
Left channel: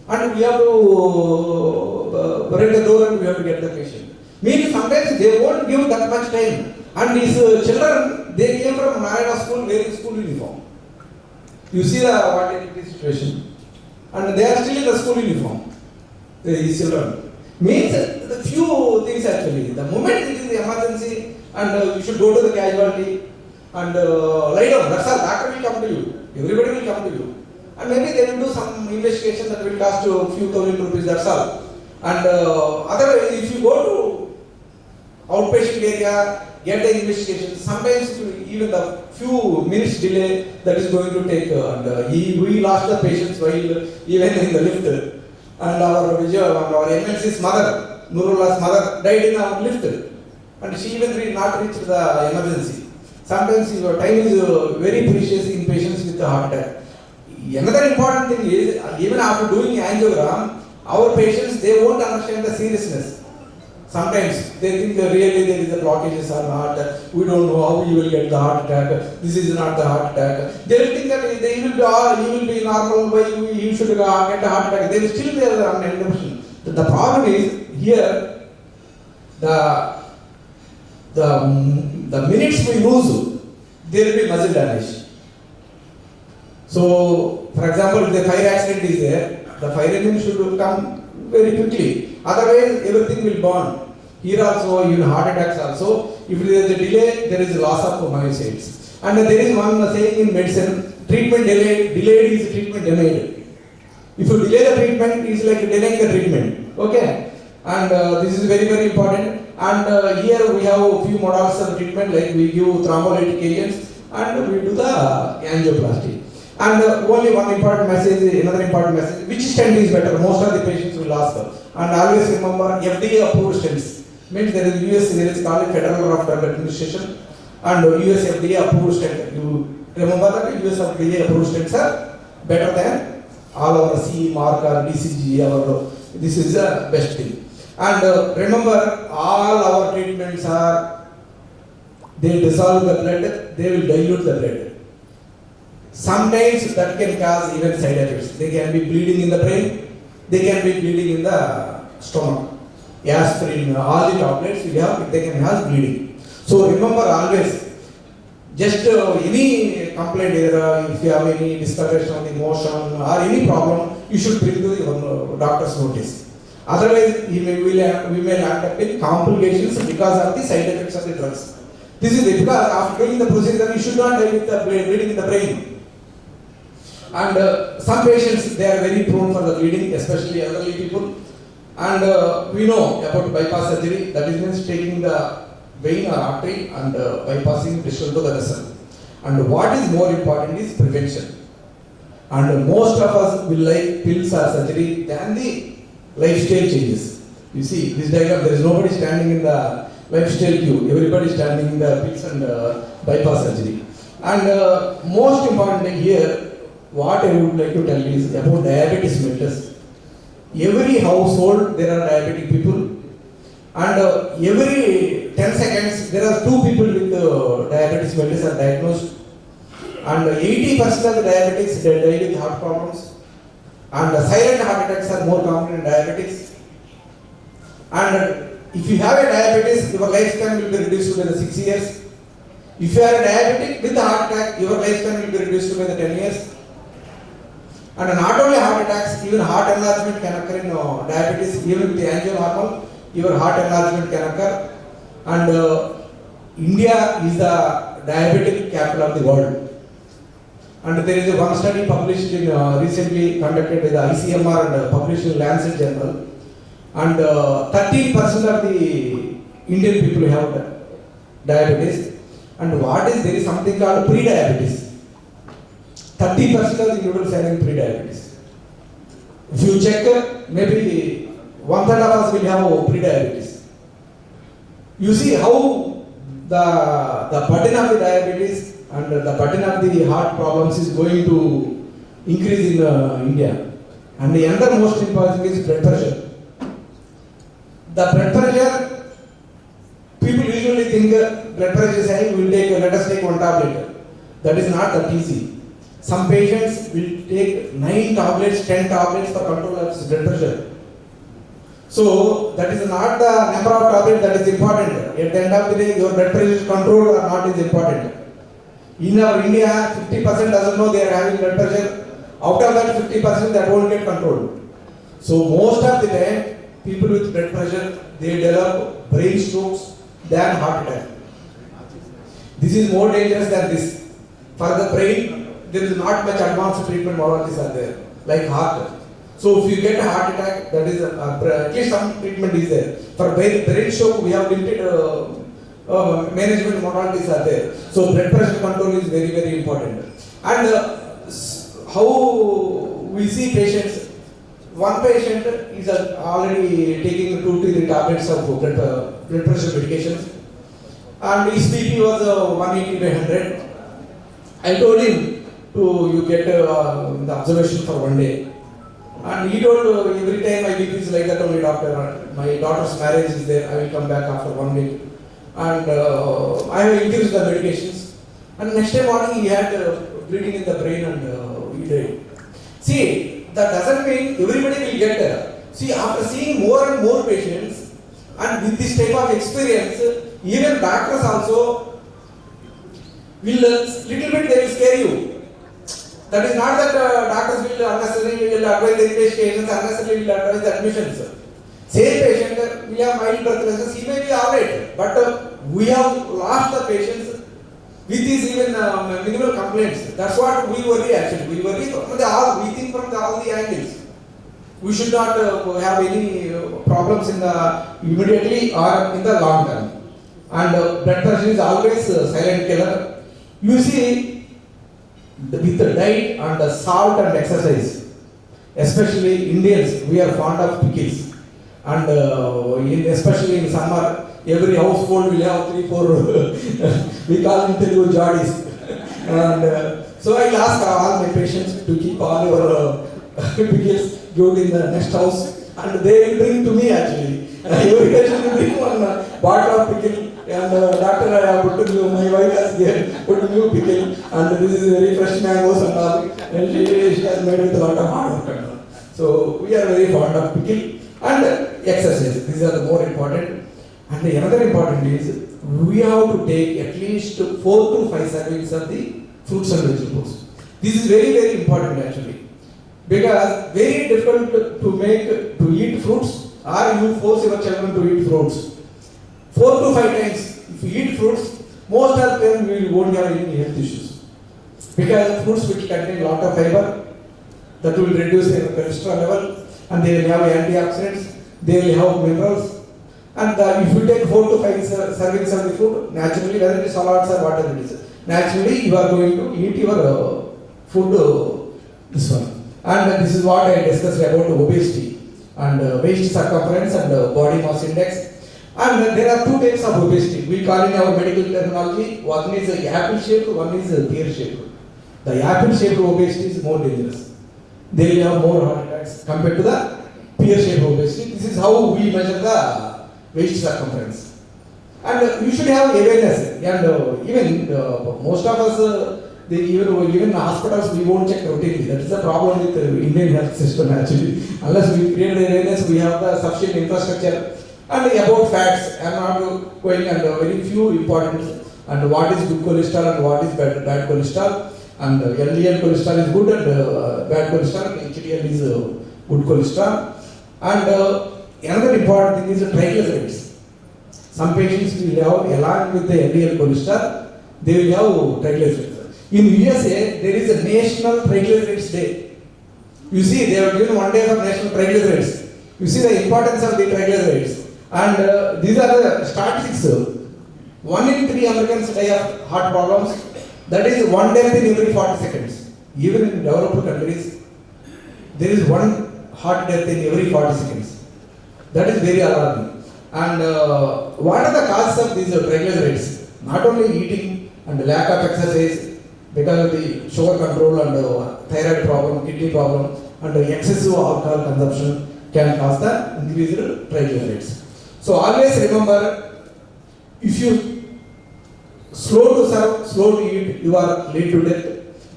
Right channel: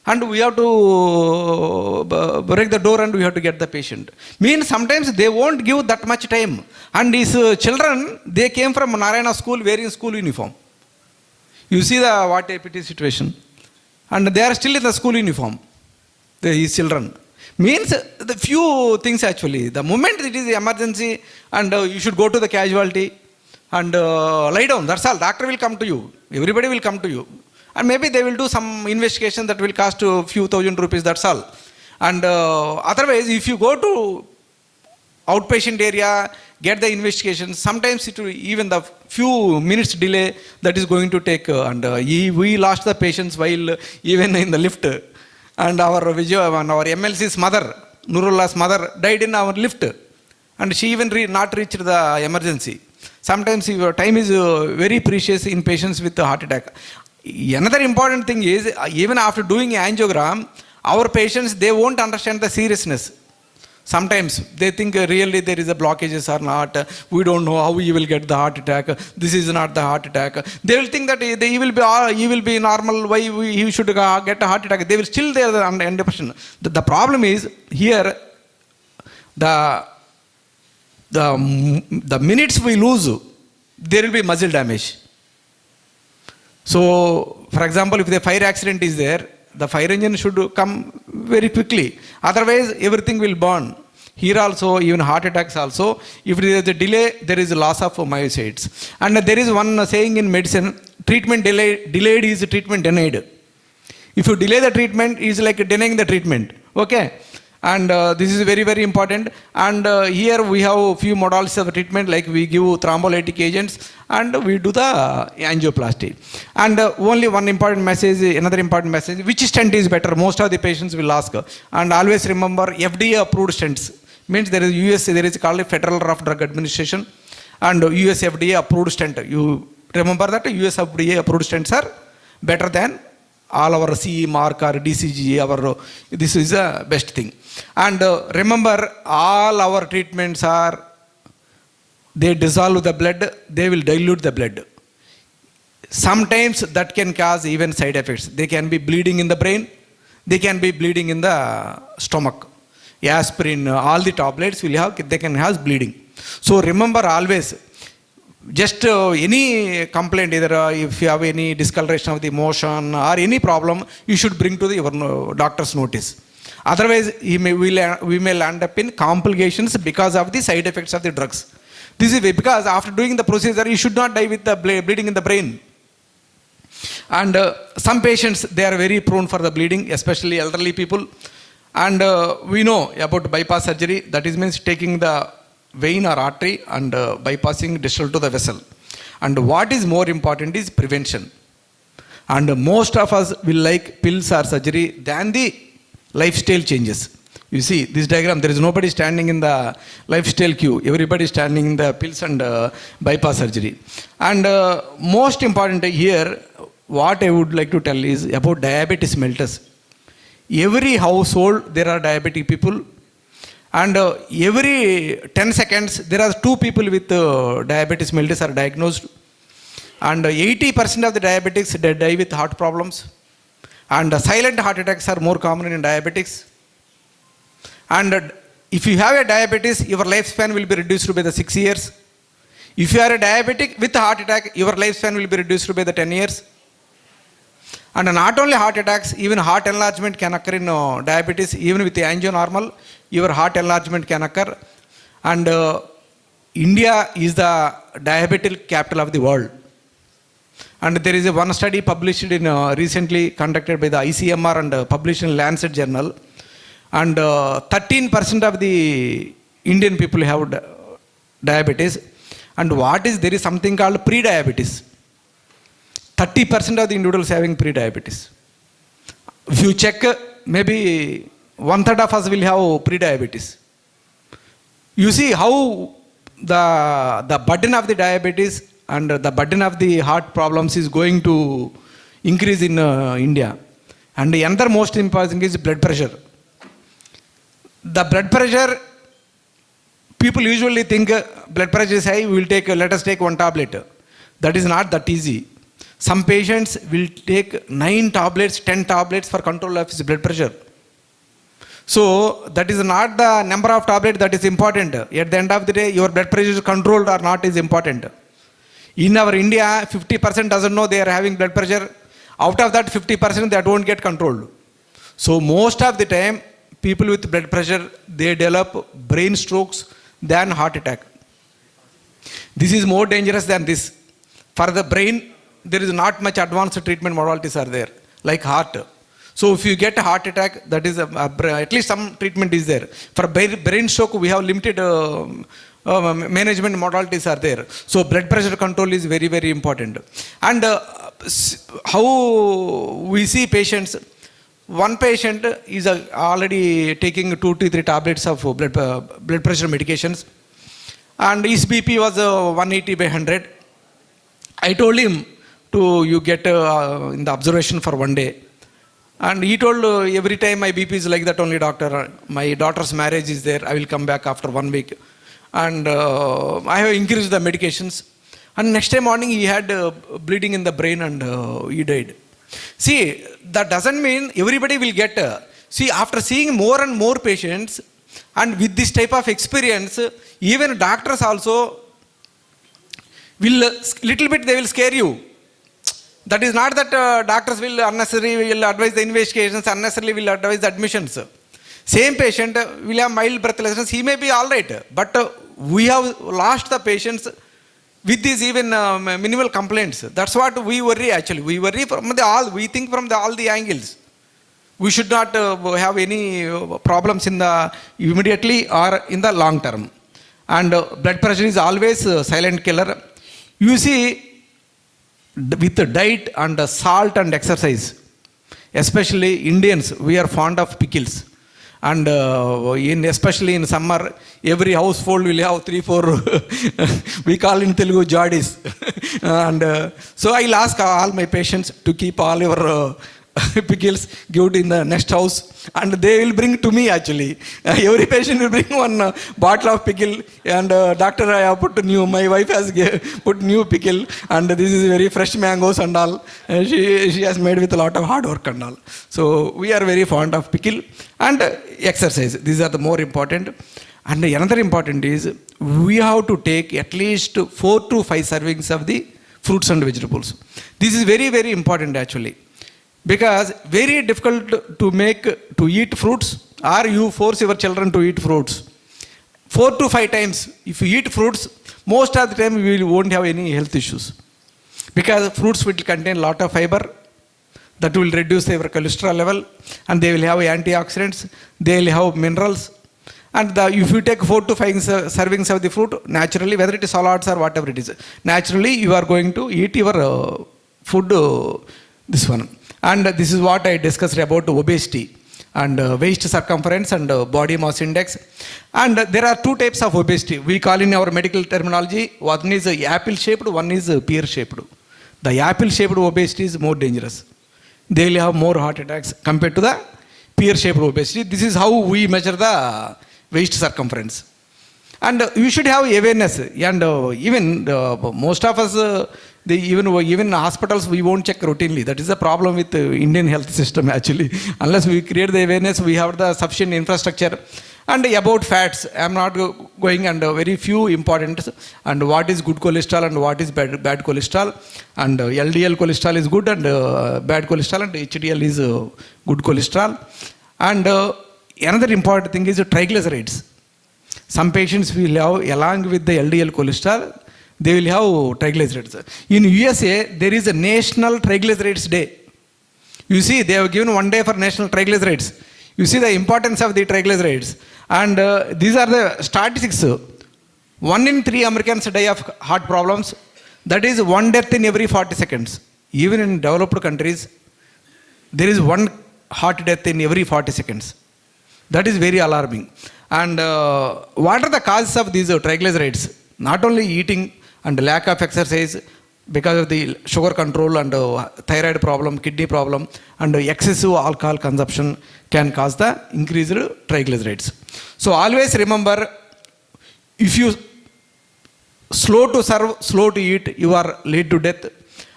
and we have to break the door and we have to get the patient. Means sometimes they won't give that much time. And these children, they came from Narayana school wearing school uniform. You see the what APT situation. And they are still in the school uniform, these children. Means the few things actually. The moment it is emergency and you should go to the casualty and lie down, that's all. Doctor will come to you. Everybody will come to you. And maybe they will do some investigation that will cost a few thousand rupees, that's all. And otherwise, if you go to outpatient area, get the investigation, sometimes it will even the few minutes delay that is going to take. We lost the patients while even in the lift. And our MLC's mother, Nurullah's mother, died in our lift. And she even not reached the emergency. Sometimes your time is very precious in patients with heart attack. Another important thing is, even after doing angiogram, our patients, they won't understand the seriousness. Sometimes they think really there is a blockages or not. We don't know how he will get the heart attack. This is not the heart attack. They will think that he will be normal. Why he should get a heart attack? They will still there under depression. The problem is here. The minutes we lose, there will be muscle damage. So, for example, if the fire accident is there, the fire engine should come very quickly. Otherwise, everything will burn. Here also, even heart attacks also, if there is a delay, there is a loss of myocytes. And there is one saying in medicine, treatment delayed is treatment denied. If you delay the treatment, it is like denying the treatment. Okay? And this is very, very important. And here we have a few models of treatment, like we give thrombolytic agents and we do the angioplasty. And only one important message, another important message, which stent is better? Most of the patients will ask. And always remember, FDA approved stents. Means there is called Federal Drug Administration and US FDA approved stent. You remember that US FDA approved stents are better than all our CE mark or DCG. This is the best thing. And remember, all our treatments are, they dissolve the blood, they will dilute the blood. Sometimes that can cause even side effects. They can be bleeding in the brain, they can be bleeding in the stomach. Aspirin, all the tablets will have, they can have bleeding. So remember always, just any complaint, either if you have any discoloration of the motion or any problem, you should bring to your doctor's notice. Otherwise, we may land up in complications because of the side effects of the drugs. This is because after doing the procedure, you should not die with the bleeding in the brain. And some patients, they are very prone for the bleeding, especially elderly people. And we know about bypass surgery, that is means taking the vein or artery and bypassing distal to the vessel. And what is more important is prevention. And most of us will like pills or surgery than the lifestyle changes. You see this diagram, there is nobody standing in the lifestyle queue. Everybody standing in the pills and bypass surgery. And most important here, what I would like to tell is about diabetes mellitus. Every household there are diabetic people, and every 10 seconds there are 2 people with diabetes mellitus are diagnosed, and 80% of the diabetics they die with heart problems, and silent heart attacks are more common in diabetics. And if you have a diabetes, your lifespan will be reduced by the 6 years. If you are a diabetic with a heart attack, your lifespan will be reduced by the 10 years. And not only heart attacks, even heart enlargement can occur in diabetes. Even with the angionormal, your heart enlargement can occur. And India is the diabetic capital of the world. And there is one study published in recently conducted by the ICMR and published in Lancet Journal. And 13% of the Indian people have diabetes. And there is something called pre-diabetes. 30% of the individuals having pre-diabetes. If you check, maybe 1/3 of us will have pre-diabetes. You see how the burden of the diabetes and the burden of the heart problems is going to increase in India. And the another most important is blood pressure. The blood pressure, people usually think blood pressure is high, let us take one tablet. That is not that easy. Some patients will take 9 tablets, 10 tablets for control of his blood pressure. So that is not the number of tablets that is important. At the end of the day, your blood pressure is controlled or not is important. In our India, 50% doesn't know they are having blood pressure. Out of that 50%, that won't get controlled. So most of the time, people with blood pressure, they develop brain strokes than heart attack. This is more dangerous than this. For the brain, there is not much advanced treatment modalities are there, like heart. So if you get a heart attack, that is at least some treatment is there. For brain stroke, we have limited management modalities are there. So blood pressure control is very, very important. And how we see patients, one patient is already taking 2 to 3 tablets of blood pressure medications, and his BP was 180 by 100. I told him you get in the observation for 1 day. And he told, every time my BP is like that only, doctor. My daughter's marriage is there. I will come back after 1 week. And I have increased the medications. And next day morning he had bleeding in the brain and he died. See, that doesn't mean everybody will get. See, after seeing more and more patients and with this type of experience, even doctors also will little bit they will scare you. That is not that doctors will unnecessarily will advise the investigations, unnecessarily will advise the admissions. Same patient will have mild breathlessness, he may be alright, but we have lost the patients with these even minimal complaints. That's what we worry actually. We worry from we think from all the angles. We should not have any problems in the immediately or in the long term. And blood pressure is always a silent killer. You see, with the diet and the salt and exercise, especially Indians, we are fond of pickles. And especially in summer, every household will have 3-4, we call in Telugu jadis. And so I'll ask all my patients to keep all your pickles, give it in the next house. And they will bring to me actually. Every patient will bring 1 bottle of pickle, and doctor, I have put new, my wife has put new pickle, and this is very fresh mangoes and all. And she has made with a lot of hard work and all. So we are very fond of pickle and exercise. These are the more important. And another important is we have to take at least 4 to 5 servings of the fruits and vegetables. This is very, very important actually. Because very difficult to eat fruits, or you force your children to eat fruits. 4 to 5 times, if you eat fruits, most of the time you won't have any health issues. Because fruits will contain a lot of fiber, that will reduce their cholesterol level, and they will have antioxidants, they will have minerals. And if you take 4 to 5 servings of the fruit, naturally, whether it is salads or whatever it is, naturally you are going to eat your food, this one. And this is what I discussed about obesity and waist circumference and body mass index. And there are 2 types of obesity. We call in our medical terminology, one is apple shaped, one is pear shaped. The apple shaped obesity is more dangerous. They will have more heart attacks compared to the pear shaped obesity. This is how we measure the waist circumference. And you should have awareness. And even most of us, even hospitals, we won't check routinely. That is the problem with the Indian health system actually. Unless we create the awareness, we have the sufficient infrastructure. And about fats, I am not going under very few important. And what is good cholesterol and what is bad cholesterol. And LDL cholesterol is good and bad cholesterol, and HDL is good cholesterol. And another important thing is triglycerides. Some patients will have, along with the LDL cholesterol, they will have triglycerides. In USA, there is a National Triglycerides Day. You see, they have given 1 day for National Triglycerides. You see the importance of the triglycerides. And these are the statistics. 1 in 3 Americans die of heart problems. That is 1 death in every 40 seconds. Even in developed countries, there is 1 heart death in every 40 seconds. That is very alarming. And what are the causes of these triglycerides? Not only eating and lack of exercise, because of the sugar control and thyroid problem, kidney problem, and excessive alcohol consumption can cause the increased triglycerides. So always remember, if you slow to serve, slow to eat, you are late to death.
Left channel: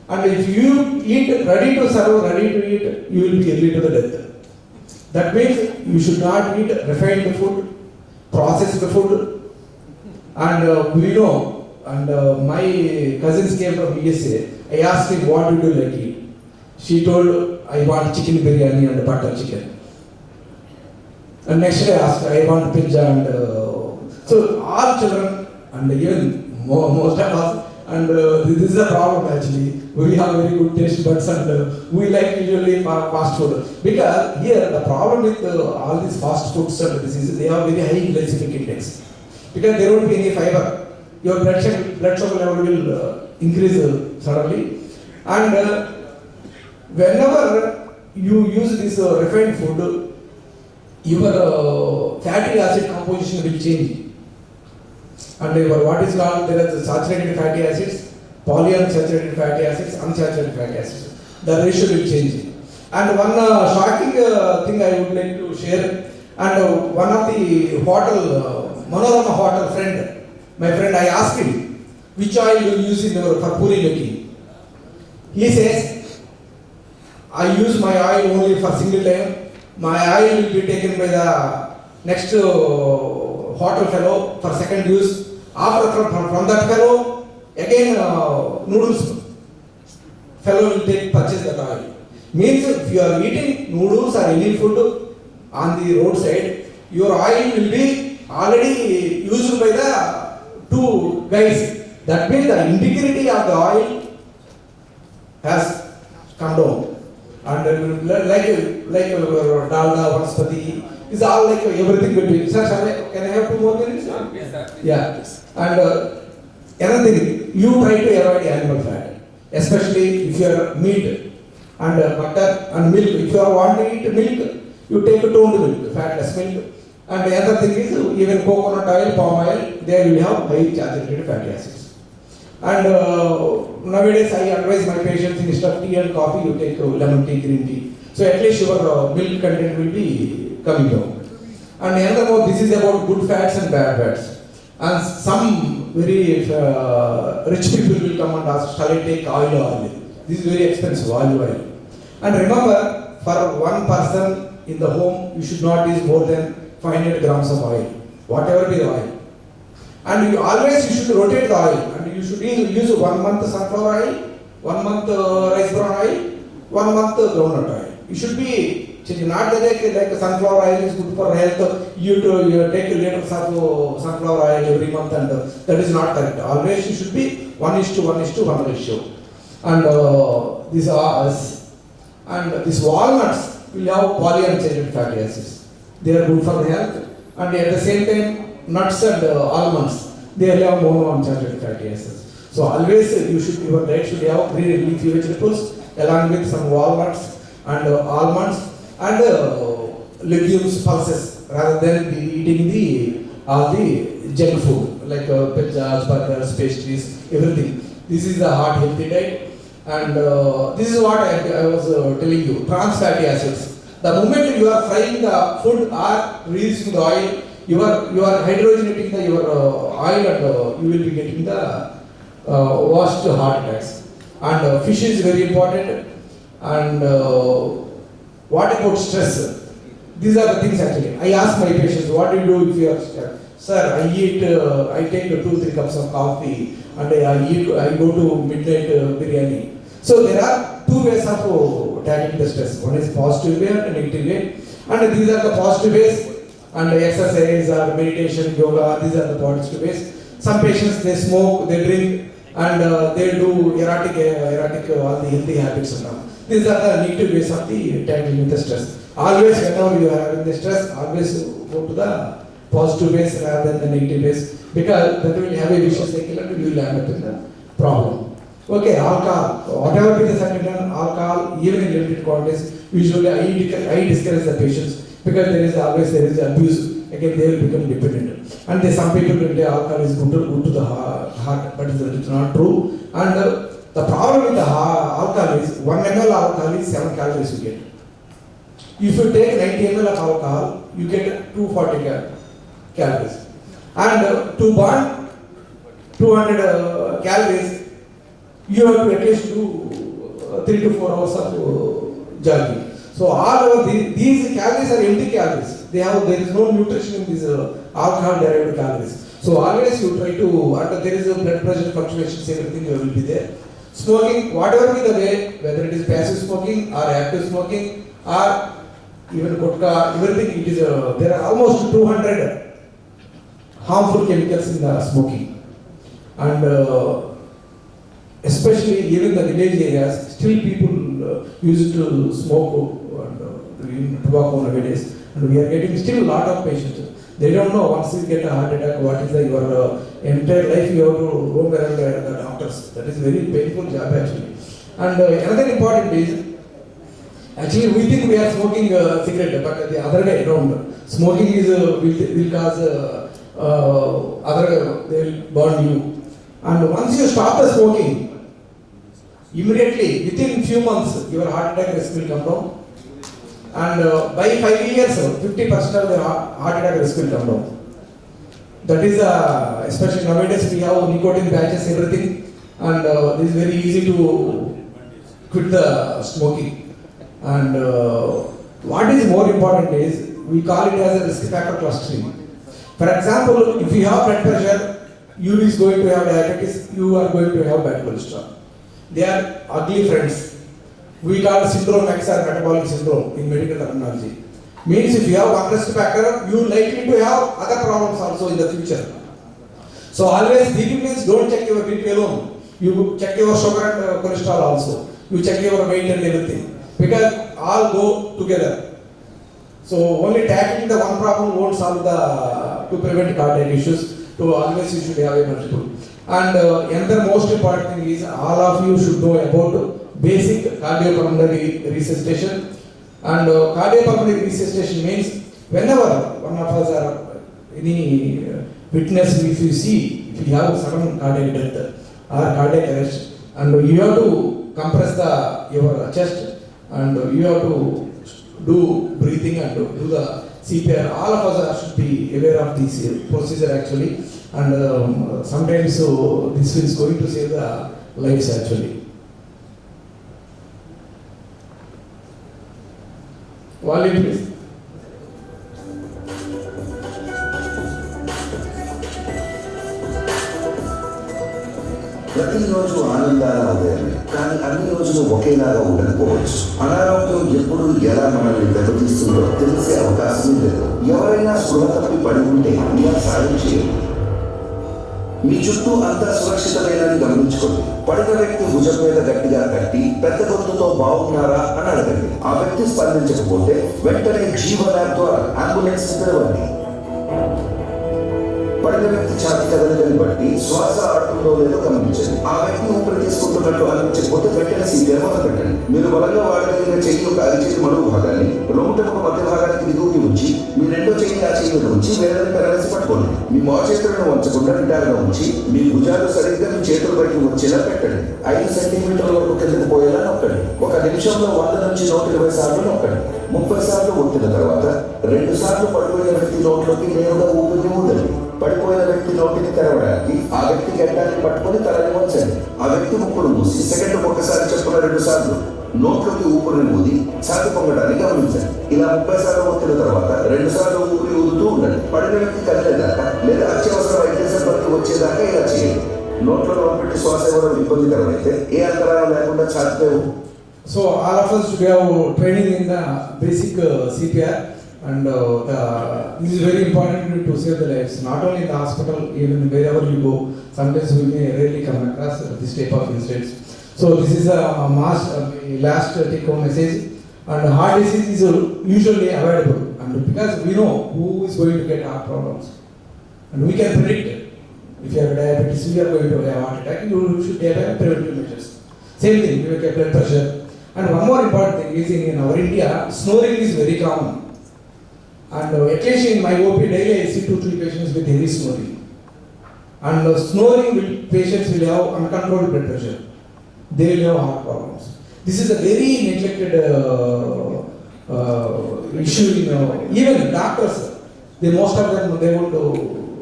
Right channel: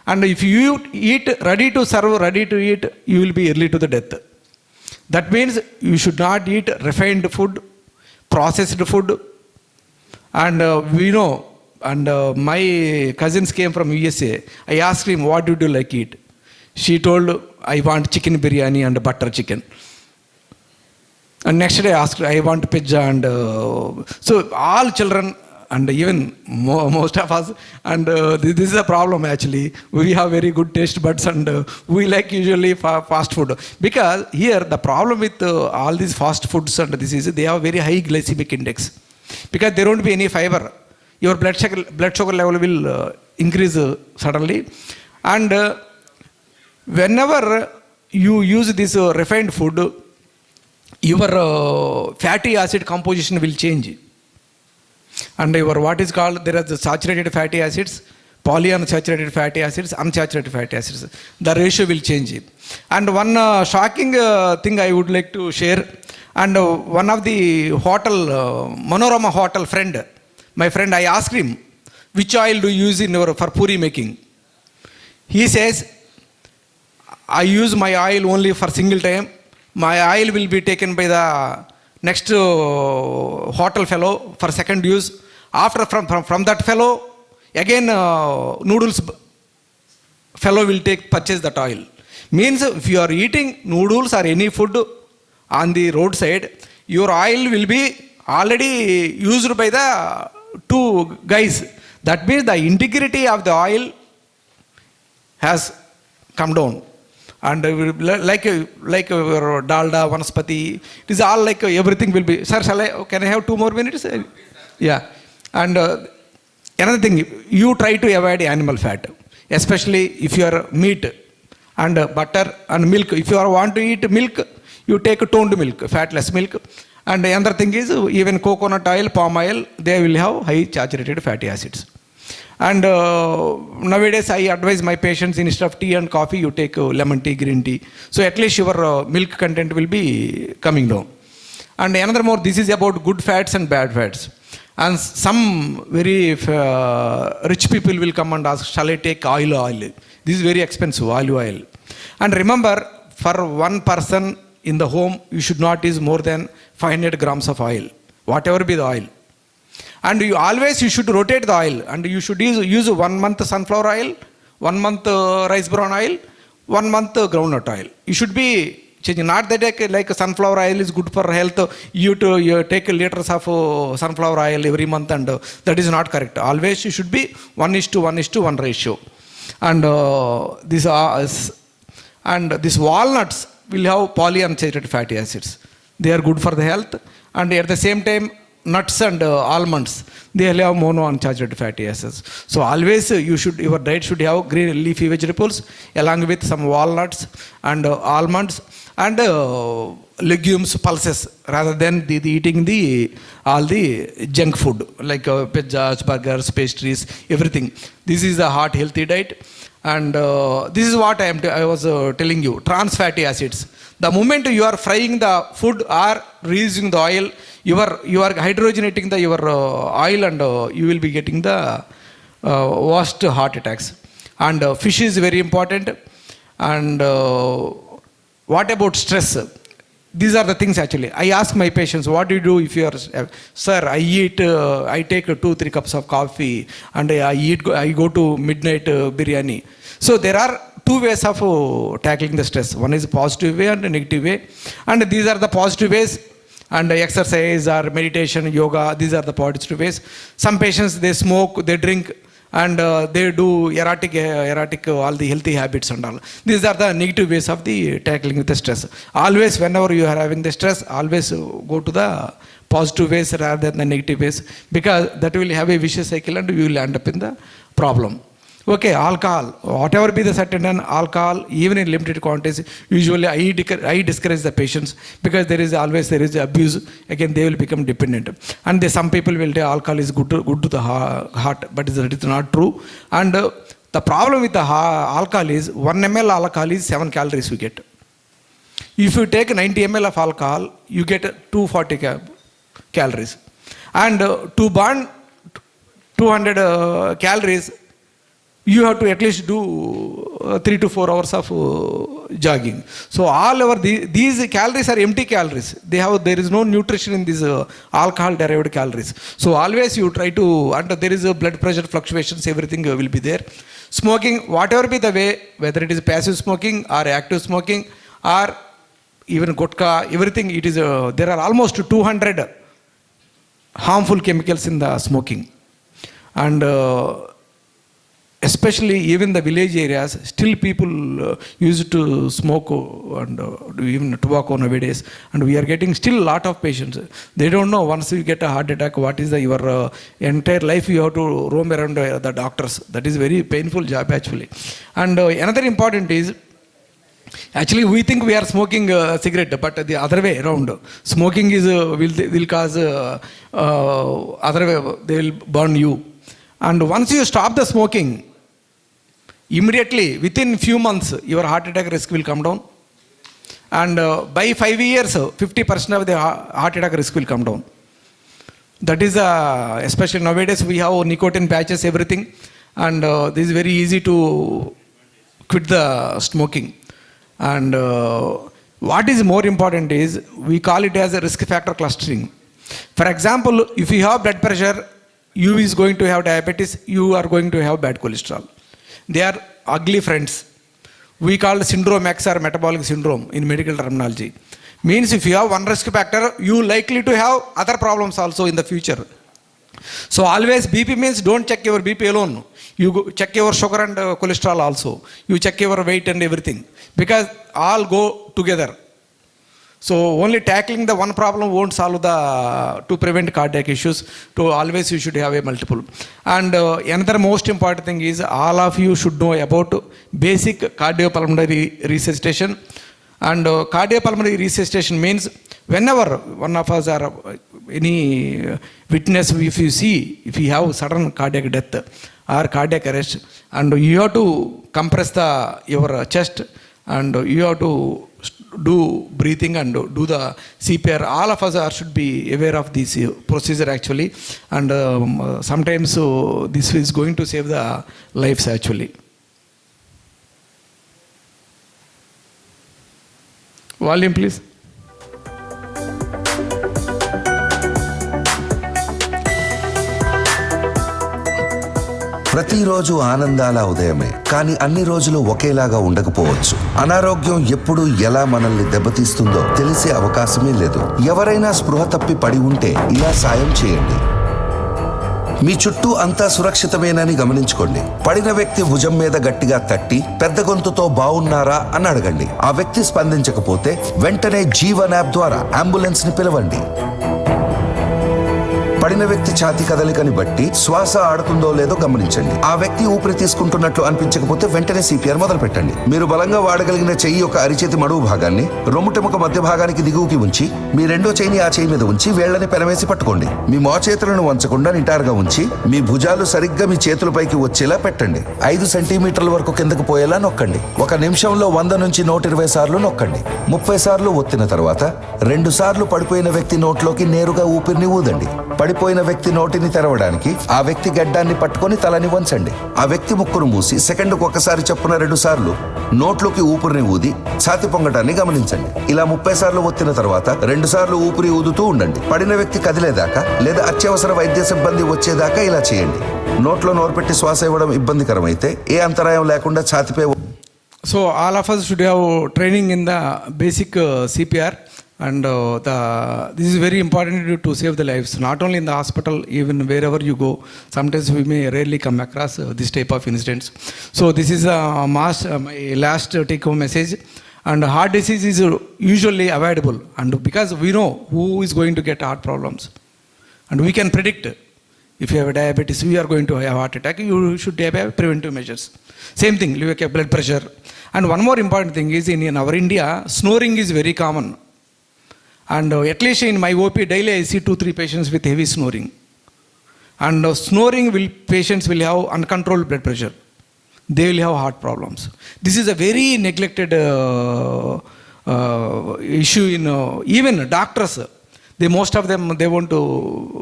And if you eat ready to serve, ready to eat, you will be early to the death. That means you should not eat refined food, processed food. And we know, and my cousins came from USA. I asked him, what do you like eat? She told, I want chicken biryani and butter chicken. And next day I asked, I want pizza. And so all children, and even most of us, and this is a problem actually. We have very good taste buds, and we like usually fast food. Because here the problem with all these fast foods and this is they have very high glycemic index. Because there won't be any fiber. Your blood sugar level will increase suddenly. And whenever you use this refined food, your fatty acid composition will change. And your what is called, there are the saturated fatty acids, polyunsaturated fatty acids, unsaturated fatty acids. The ratio will change. And one shocking thing I would like to share. And one of the hotel, Manorama hotel friend, my friend, I asked him, which oil do you use in your for puri making? He says, I use my oil only for single time. My oil will be taken by the next hotel fellow for second use. After from that fellow, again noodles fellow will purchase that oil. Means if you are eating noodles or any food on the roadside, your oil will be already used by the two guys. That means the integrity of the oil has come down. And like dalda, vanaspati, it is all like everything will be. Sir, can I have 2 more minutes? Yeah. And another thing, you try to avoid animal fat, especially if you are meat and butter and milk. If you want to eat milk, you take toned milk, fatless milk. And another thing is, even coconut oil, palm oil, they will have high saturated fatty acids. And nowadays I advise my patients, instead of tea and coffee, you take lemon tea, green tea. So at least your milk content will be coming down. And another more, this is about good fats and bad fats. And some very rich people will come and ask, shall I take oil? This is very expensive, olive oil. And remember, for one person in the home, you should not use more than 500 grams of oil, whatever be the oil. And you should rotate the oil, and you should use 1 month sunflower oil, 1 month rice bran oil, 1 month groundnut oil. You should be changing. Not that like sunflower oil is good for health. You take liters of sunflower oil every month, and that is not correct. Always you should be 1:1:1 ratio. And these walnuts will have polyunsaturated fatty acids. They are good for the health, and at the same time, nuts and almonds, they will have monounsaturated fatty acids. So always your diet should have green leafy vegetables along with some walnuts and almonds and legumes, pulses, rather than eating all the junk food like pizzas, burgers, pastries, everything. This is the heart healthy diet. And this is what I was telling you, trans fatty acids. The moment you are frying the food or reusing the oil, you are hydrogenating your oil, and you will be getting the worst heart attacks. And fish is very important. And what about stress? These are the things actually. I ask my patients, what do you do if you are, sir, I take 2-3 cups of coffee, and I go to midnight biryani. So there are 2 ways of tackling the stress. One is positive way and a negative way. And these are the positive ways. And exercise or meditation, yoga, these are the positive ways. Some patients, they smoke, they drink, and they do erratic, all the healthy habits and all. These are the negative ways of the tackling with the stress. Always, whenever you are having the stress, always go to the positive ways rather than the negative ways, because that will have a vicious cycle and you will end up in the problem. Okay, alcohol, whatever be the certain alcohol, even in limited quantities, usually I discourage the patients, because there is abuse. Again, they will become dependent. And some people will say alcohol is good to the heart, but it is not true. And the problem with the alcohol is 1 ml alcohol is 7 calories you get. If you take 90 ml of alcohol, you get 240 calories. And to burn 200 calories, you have to at least do 3 to 4 hours of jogging. So all our these calories are empty calories. There is no nutrition in these alcohol derived calories. So always you try to, and there is a blood pressure fluctuations, everything will be there. Smoking, whatever be the way, whether it is passive smoking or active smoking or even gutka, everything, it is there are almost 200 harmful chemicals in the smoking. And especially even the village areas, still people used to smoke and do even tobacco nowadays, and we are getting still a lot of patients. They don't know, once you get a heart attack, what is your entire life you have to roam around the doctors. That is very painful job actually. And another important is, actually we think we are smoking cigarette, but the other way around. Smoking is will cause other way, they will burn you. And once you stop the smoking, immediately within few months your heart attack risk will come down, and by 5 years 50% of the heart attack risk will come down. That is especially nowadays we have nicotine patches, everything, and this is very easy to quit the smoking. And what is more important is, we call it as a risk factor clustering. For example, if you have blood pressure, you is going to have diabetes, you are going to have bad cholesterol. They are ugly friends. We call syndrome X or metabolic syndrome in medical terminology. Means if you have one risk factor, you likely to have other problems also in the future. So always BP means don't check your BP alone. You check your sugar and cholesterol also. You check your weight and everything, because all go together. So only tackling the one problem won't solve to prevent cardiac issues. To always you should have a multiple. And another most important thing is, all of you should know about basic cardiopulmonary resuscitation. And cardiopulmonary resuscitation means, whenever one of us are any witness, if you see, if you have sudden cardiac death or cardiac arrest, and you have to compress your chest, and you have to do breathing and do the CPR. All of us should be aware of this procedure actually, and sometimes this is going to save the lives actually. Volume please. ప్రతిరోజు ఆనందాల ఉదయమే, కానీ అన్ని రోజులు ఒకేలాగా ఉండకపోవచ్చు. అనారోగ్యం ఎప్పుడు ఎలా మనల్ని దెబ్బతీస్తుందో తెలిసే అవకాశమే లేదు. ఎవరైనా స్పృహ తప్పి పడి ఉంటే ఇలా సాయం చేయండి. మీ చుట్టూ అంతా సురక్షితమేనని గమనించుకోండి. పడిన వ్యక్తి భుజం మీద గట్టిగా తట్టి పెద్ద గొంతుతో బాగున్నారా అని అడగండి. ఆ వ్యక్తి స్పందించకపోతే వెంటనే జీవన్ యాప్ ద్వారా అంబులెన్స్ ని పిలవండి. పడిన వ్యక్తి ఛాతీ కదలికని బట్టి శ్వాస ఆడుతుందో లేదో గమనించండి. ఆ వ్యక్తి ఊపిరి తీసుకుంటున్నట్లు అనిపించకపోతే వెంటనే సిపిఆర్ మొదలు పెట్టండి. మీరు బలంగా వాడగలిగిన చెయ్యి యొక్క అరిచేతి మడుగు భాగాన్ని రొమ్ముటెముక మధ్య భాగానికి దిగువకి ఉంచి, మీ రెండో చెయ్యిని ఆ చెయ్యి మీద ఉంచి వేళ్ళని పెరవేసి పట్టుకోండి. మీ మోచేతులను వంచకుండా నిటారుగా ఉంచి, మీ భుజాలు సరిగ్గా మీ చేతులపైకి వచ్చేలా పెట్టండి. 5 సెంటీమీటర్ల వరకు కిందకు పోయేలా నొక్కండి. 1 నిమిషంలో 100 నుంచి 120 సార్లు నొక్కండి. 30 సార్లు ఒత్తిన తర్వాత 2 సార్లు పడిపోయిన వ్యక్తి నోట్లోకి నేరుగా ఊపిరిని ఊదండి. పడిపోయిన వ్యక్తి నోటిని తెరవడానికి ఆ వ్యక్తి గడ్డాన్ని పట్టుకొని తలని వంచండి. ఆ వ్యక్తి ముక్కును మూసి సెకండ్కు ఒకసారి చొప్పున 2 సార్లు నోట్లోకి ఊపిరిని ఊది ఛాతి పొంగడాన్ని గమనించండి. ఇలా 30 సార్లు ఒత్తిన తర్వాత 2 సార్లు ఊపిరి ఊదుతూ ఉండండి. పడిన వ్యక్తి కదిలేదాకా లేదా అత్యవసర వైద్య సిబ్బంది వచ్చేదాకా ఇలా చేయండి. నోట్లో నోరు పెట్టి శ్వాస ఇవ్వడం ఇబ్బందికరమైతే ఏ అంతరాయం లేకుండా ఛాతిపై. So all of us should have training in the basic CPR. And this is very important to save the lives, not only in the hospital, even wherever you go. Sometimes we may rarely come across this type of incidents. So this is a last take-home message. And heart disease is usually avoidable, and because we know who is going to get heart problems, and we can predict. If you have diabetes, you are going to have heart attack, you should have preventive measures. Same thing, you have blood pressure. And one more important thing is, in our India, snoring is very common. And at least in my OP daily I see 2-3 patients with heavy snoring. And snoring patients will have uncontrolled blood pressure. They will have heart problems. This is a very neglected issue in even doctors. Most of them, they want to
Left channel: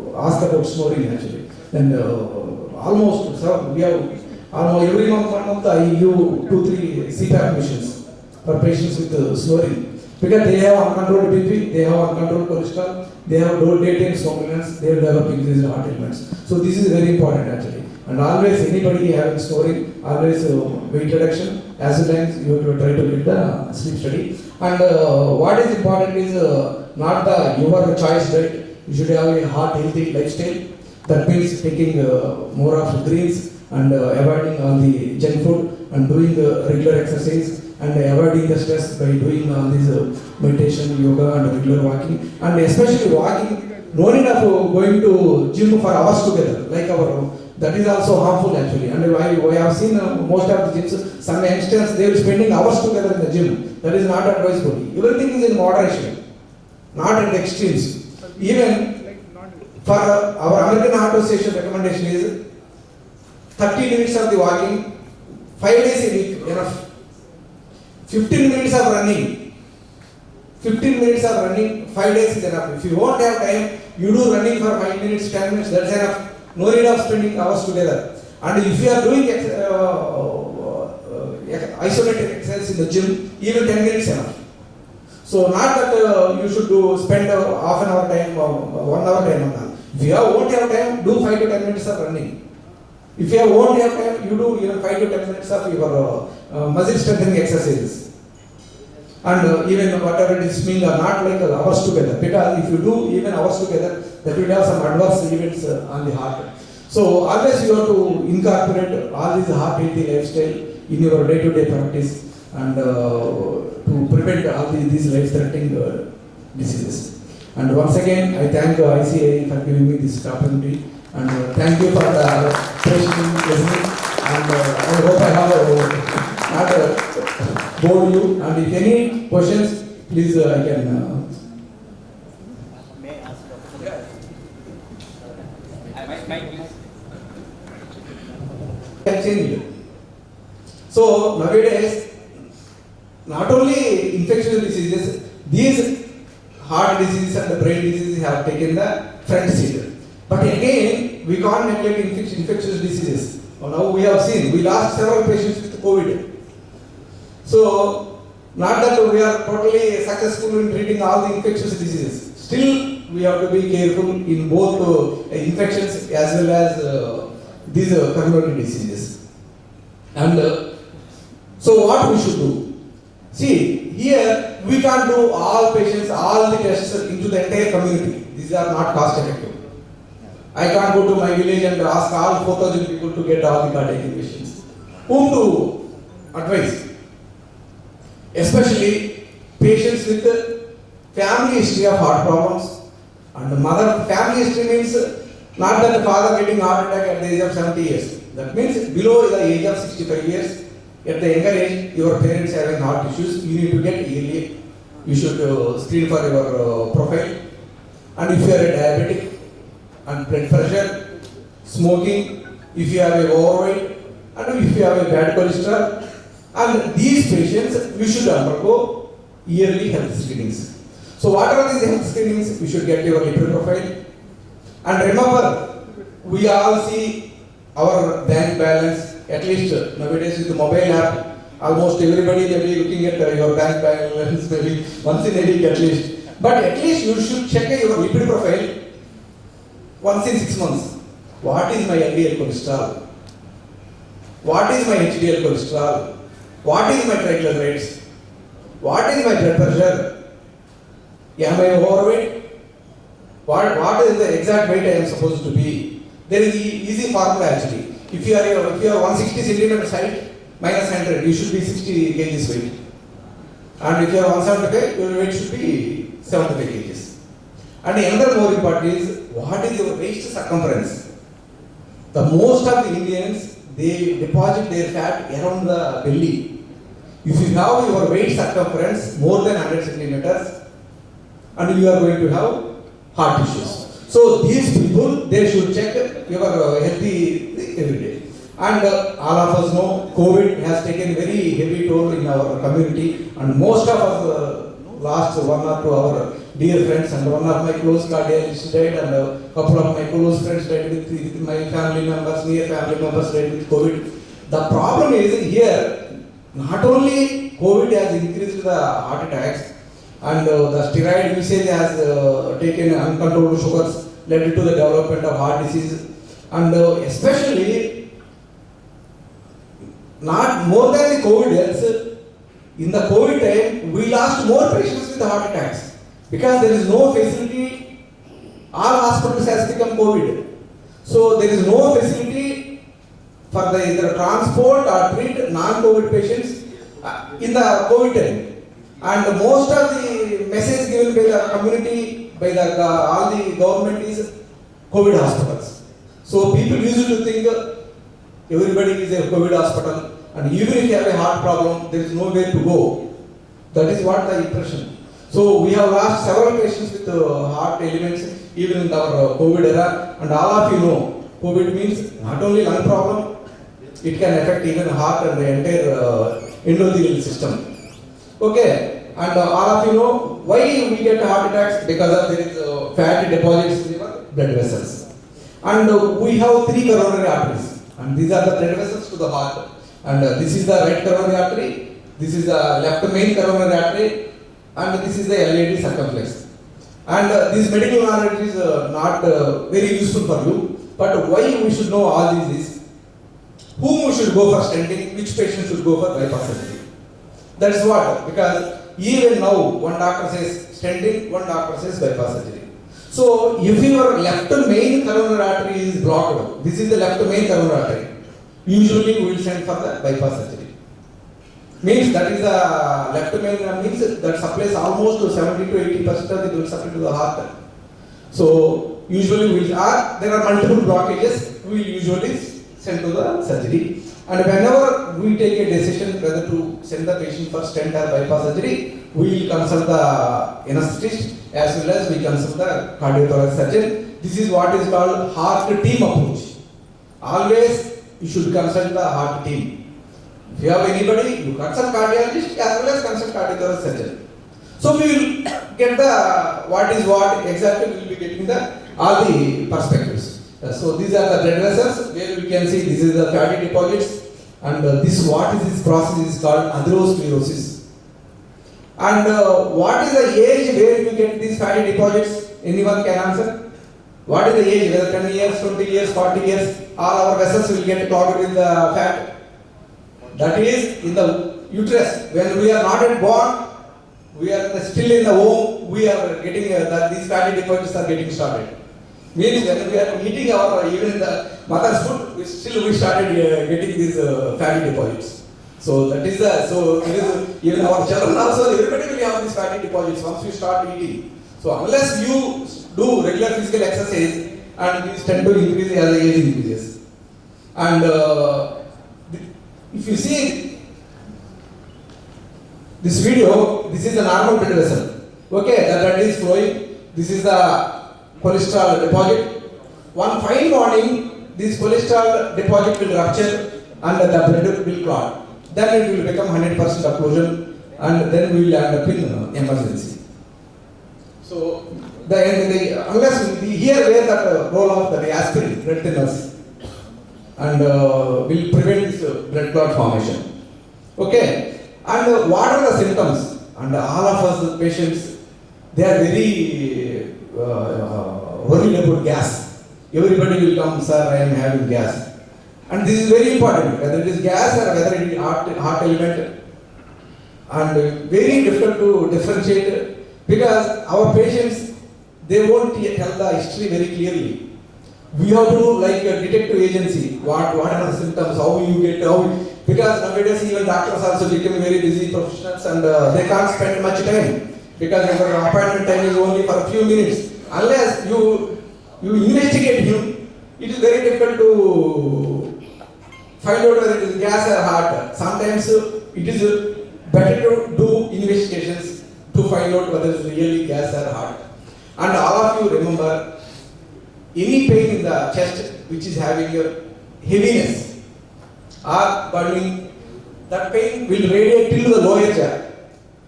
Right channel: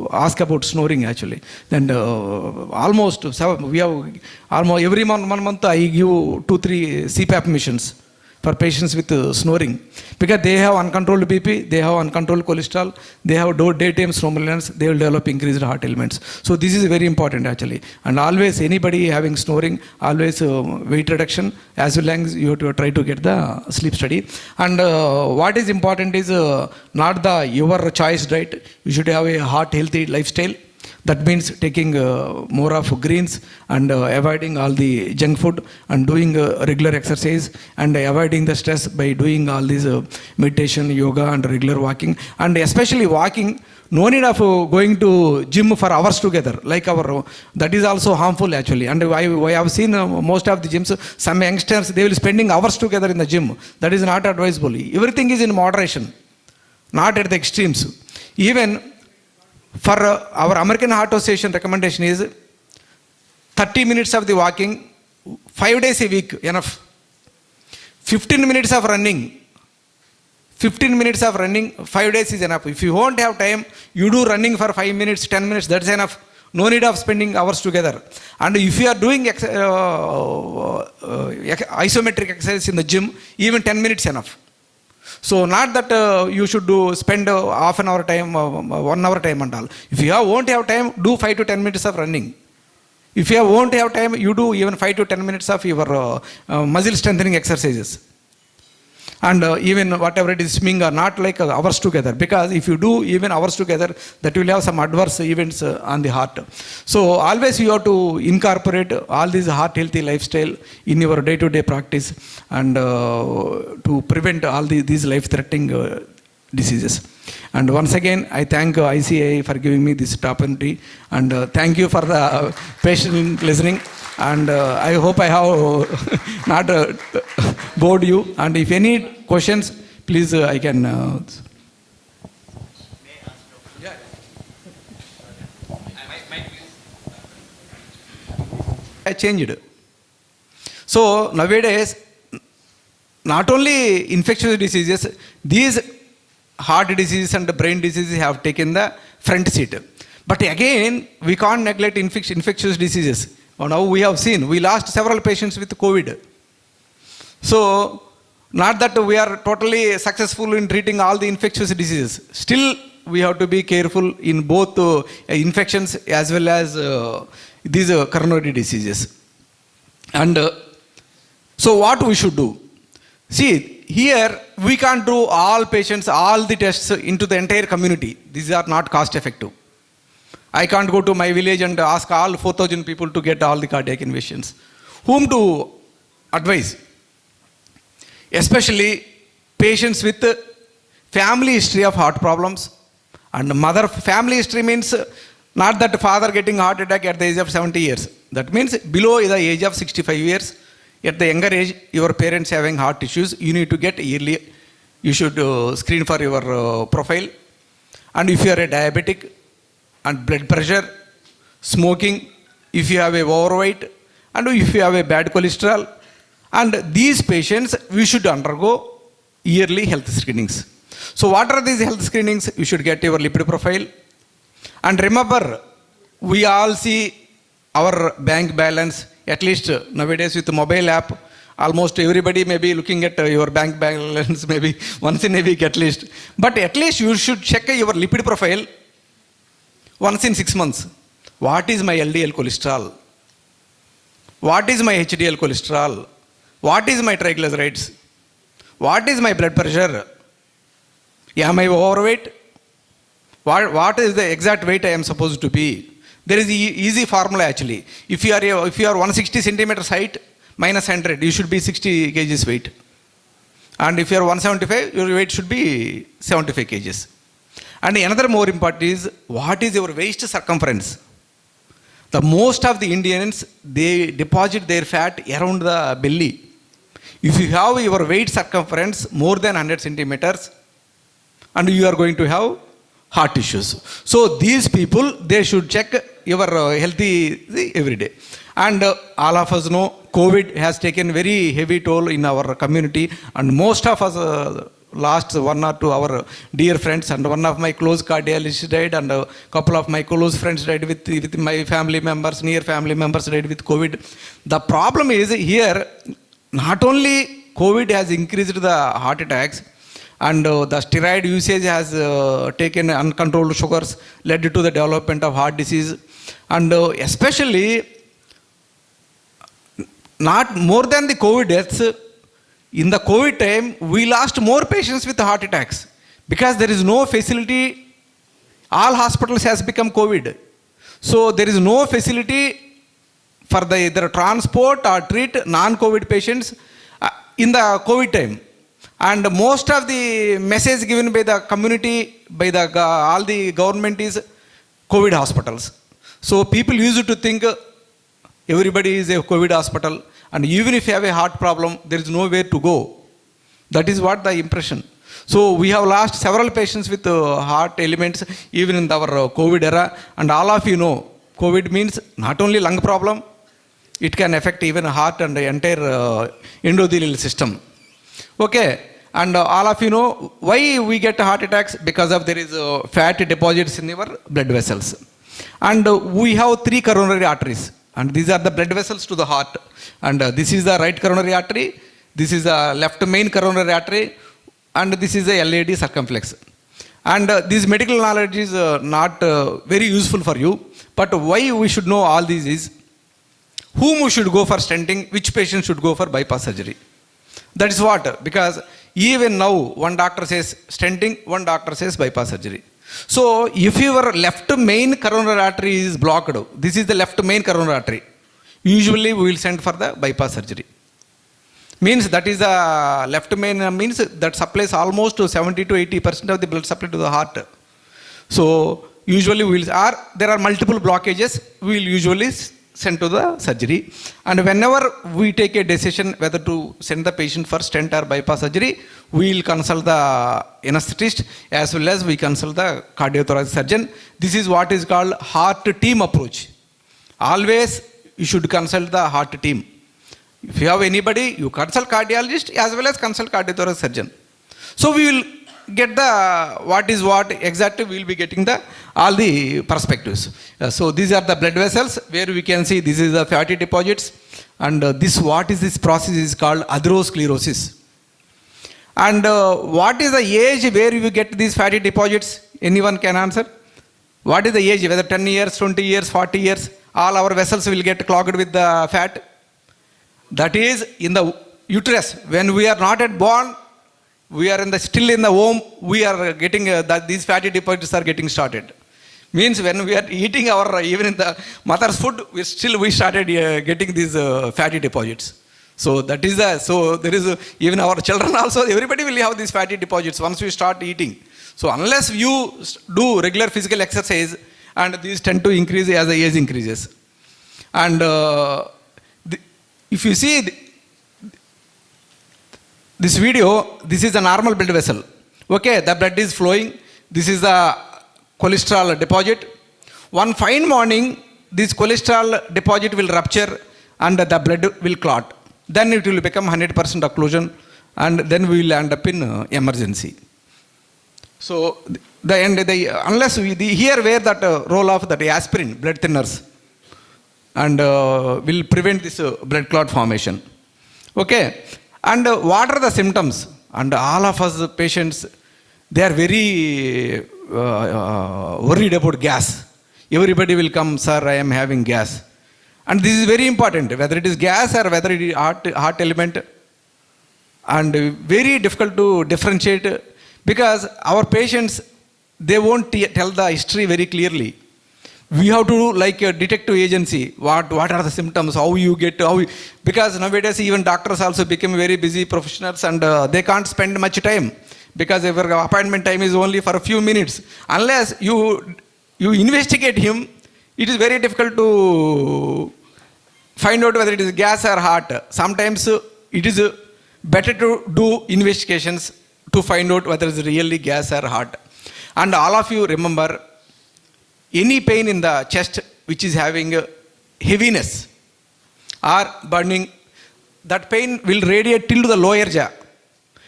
ask about snoring actually. Then we have almost every month I give 2-3 CPAP missions for patients with snoring, because they have uncontrolled BP, they have uncontrolled cholesterol, they have daytime somnolence, they will develop increased heart ailments. So this is very important actually. And always anybody having snoring, always weight reduction, as well as you have to try to get the sleep study. And what is important is not your choice diet. You should have a heart healthy lifestyle. That means taking more of greens and avoiding all the junk food and doing regular exercise and avoiding the stress by doing all these meditation, yoga and regular walking. And especially walking, no need of going to gym for hours together, like that is also harmful actually. And I have seen most of the gyms, some youngsters, they will spending hours together in the gym. That is not advisable. Everything is in moderation, not at the extremes. Even for our American Heart Association recommendation is 30 minutes of the walking, 5 days a week, enough. 15 minutes of running, 15 minutes of running, 5 days is enough. If you won't have time, you do running for 5 minutes, 10 minutes, that's enough. No need of spending hours together. And if you are doing isometric exercise in the gym, even 10 minutes enough. So not that you should spend half an hour time, 1 hour time and all. If you won't have time, do 5 to 10 minutes of running. If you won't have time, you do even 5 to 10 minutes of your muscle strengthening exercises. And even whatever it is, swimming or not like hours together, because if you do even hours together, that will have some adverse events on the heart. So always you have to incorporate all these heart healthy lifestyle in your day-to-day practice, and to prevent all these life-threatening diseases. And once again, I thank ICAI for giving me this opportunity, and thank you for the patient listening. And I hope I have not bored you. And if any questions, please I can. I changed. So nowadays, not only infectious diseases, these heart diseases and brain diseases have taken the front seat. But again, we can't neglect infectious diseases. Now we have seen, we lost several patients with COVID. So, not that we are totally successful in treating all the infectious diseases. Still, we have to be careful in both infections as well as these coronary diseases. And so what we should do? See, here we can't do all patients, all the tests into the entire community. These are not cost effective. I can't go to my village and ask all 4,000 people to get all the cardiac invasions. Whom to advise? Especially patients with family history of heart problems. And mother family history means not that father getting heart attack at the age of 70 years. That means below the age of 65 years. At the younger age, your parents having heart issues, you need to get yearly. You should screen for your profile. And if you are a diabetic, and blood pressure, smoking, if you have a overweight, and if you have a bad cholesterol, and these patients, we should undergo yearly health screenings. So what are these health screenings? You should get your lipid profile. And remember, we all see our bank balance, at least nowadays with the mobile app, almost everybody may be looking at your bank balance maybe once in a week at least. But at least you should check your lipid profile once in 6 months. What is my LDL cholesterol? What is my HDL cholesterol? What is my triglycerides? What is my blood pressure? Am I overweight? What is the exact weight I am supposed to be? There is easy formula actually. If you are 160 centimeters height minus 100, you should be 60 kgs weight. And if you are 175, your weight should be 75 kgs. And another more important is, what is your waist circumference? The most of the Indians, they deposit their fat around the belly. If you have your waist circumference more than 100 centimeters, and you are going to have heart issues. So these people, they should check your healthy every day. And all of us know COVID has taken very heavy toll in our community, and most of us last 1 or 2 our dear friends, and one of my close cardiologists died, and a couple of my close friends died with my family members, near family members died with COVID. The problem is here, not only COVID has increased the heart attacks, and the steroid usage has taken uncontrolled sugars, led to the development of heart disease, and especially not more than the COVID deaths. In the COVID time, we lost more patients with heart attacks because there is no facility. All hospitals has become COVID, so there is no facility for the either transport or treat non-COVID patients in the COVID time. And most of the message given by the community, by the all the government is COVID hospitals. So people used to think everybody is a COVID hospital, and even if you have a heart problem, there is nowhere to go. That is what the impression. So we have lost several patients with heart elements even in our COVID era, and all of you know, COVID means not only lung problem, it can affect even heart and the entire endothelial system. Okay, and all of you know why we get heart attacks, because of there is fat deposits in our blood vessels. And we have 3 coronary arteries, and these are the blood vessels to the heart. And this is the right coronary artery, this is the left main coronary artery, and this is the LAD circumflex. And this medical knowledge is not very useful for you, but why we should know all these is whom we should go for stenting, which patient should go for bypass surgery. That is what, because even now one doctor says stenting, one doctor says bypass surgery. So if your left main coronary artery is blocked, this is the left main coronary artery, usually we will send for the bypass surgery. Means that is a left main means that supplies almost to 70 to 80% of the blood supply to the heart. So usually we will, there are multiple blockages, we will usually send to the surgery. And whenever we take a decision whether to send the patient for stent or bypass surgery, we will consult the anesthetist as well as we consult the cardiothoracic surgeon. This is what is called heart team approach. Always you should consult the heart team. If you have anybody, you consult cardiologist as well as consult cardiothoracic surgeon. So we will get the what is what exactly, we will be getting the all the perspectives. So these are the blood vessels where we can see this is the fatty deposits, and this what is this process is called atherosclerosis. And what is the age where you get these fatty deposits? Anyone can answer? What is the age? Whether 10 years, 20 years, 40 years, all our vessels will get clogged with the fat. That is in the uterus. When we are not yet born, we are still in the womb, we are getting these fatty deposits are getting started. Means when we are eating our, even in the mother's food, we started getting these fatty deposits. So that is so there is even our children also, everybody will have these fatty deposits once we start eating. So unless you do regular physical exercise, and these tend to increase as the age increases. And if you see this video, this is a normal blood vessel. Okay, the blood is flowing. This is the cholesterol deposit. One fine morning, this cholesterol deposit will rupture and the blood will clot. Then it will become 100% occlusion, and then we will end up in emergency. So unless we here where that role of that aspirin, blood thinners, and will prevent this blood clot formation. Okay, and what are the symptoms? And all of us patients, they are very worried about gas. Everybody will come, sir, I am having gas. And this is very important, whether it is gas or whether it is heart element, and very difficult to differentiate, because our patients, they won't tell the history very clearly. We have to do like a detective agency. What are the symptoms? How you get, because nowadays even doctors also become very busy professionals, and they can't spend much time, because their appointment time is only for a few minutes. Unless you investigate him, it is very difficult to find out whether it is gas or heart. Sometimes it is better to do investigations to find out whether it is really gas or heart. And all of you remember, any pain in the chest which is having heaviness or burning, that pain will radiate till the lower jaw.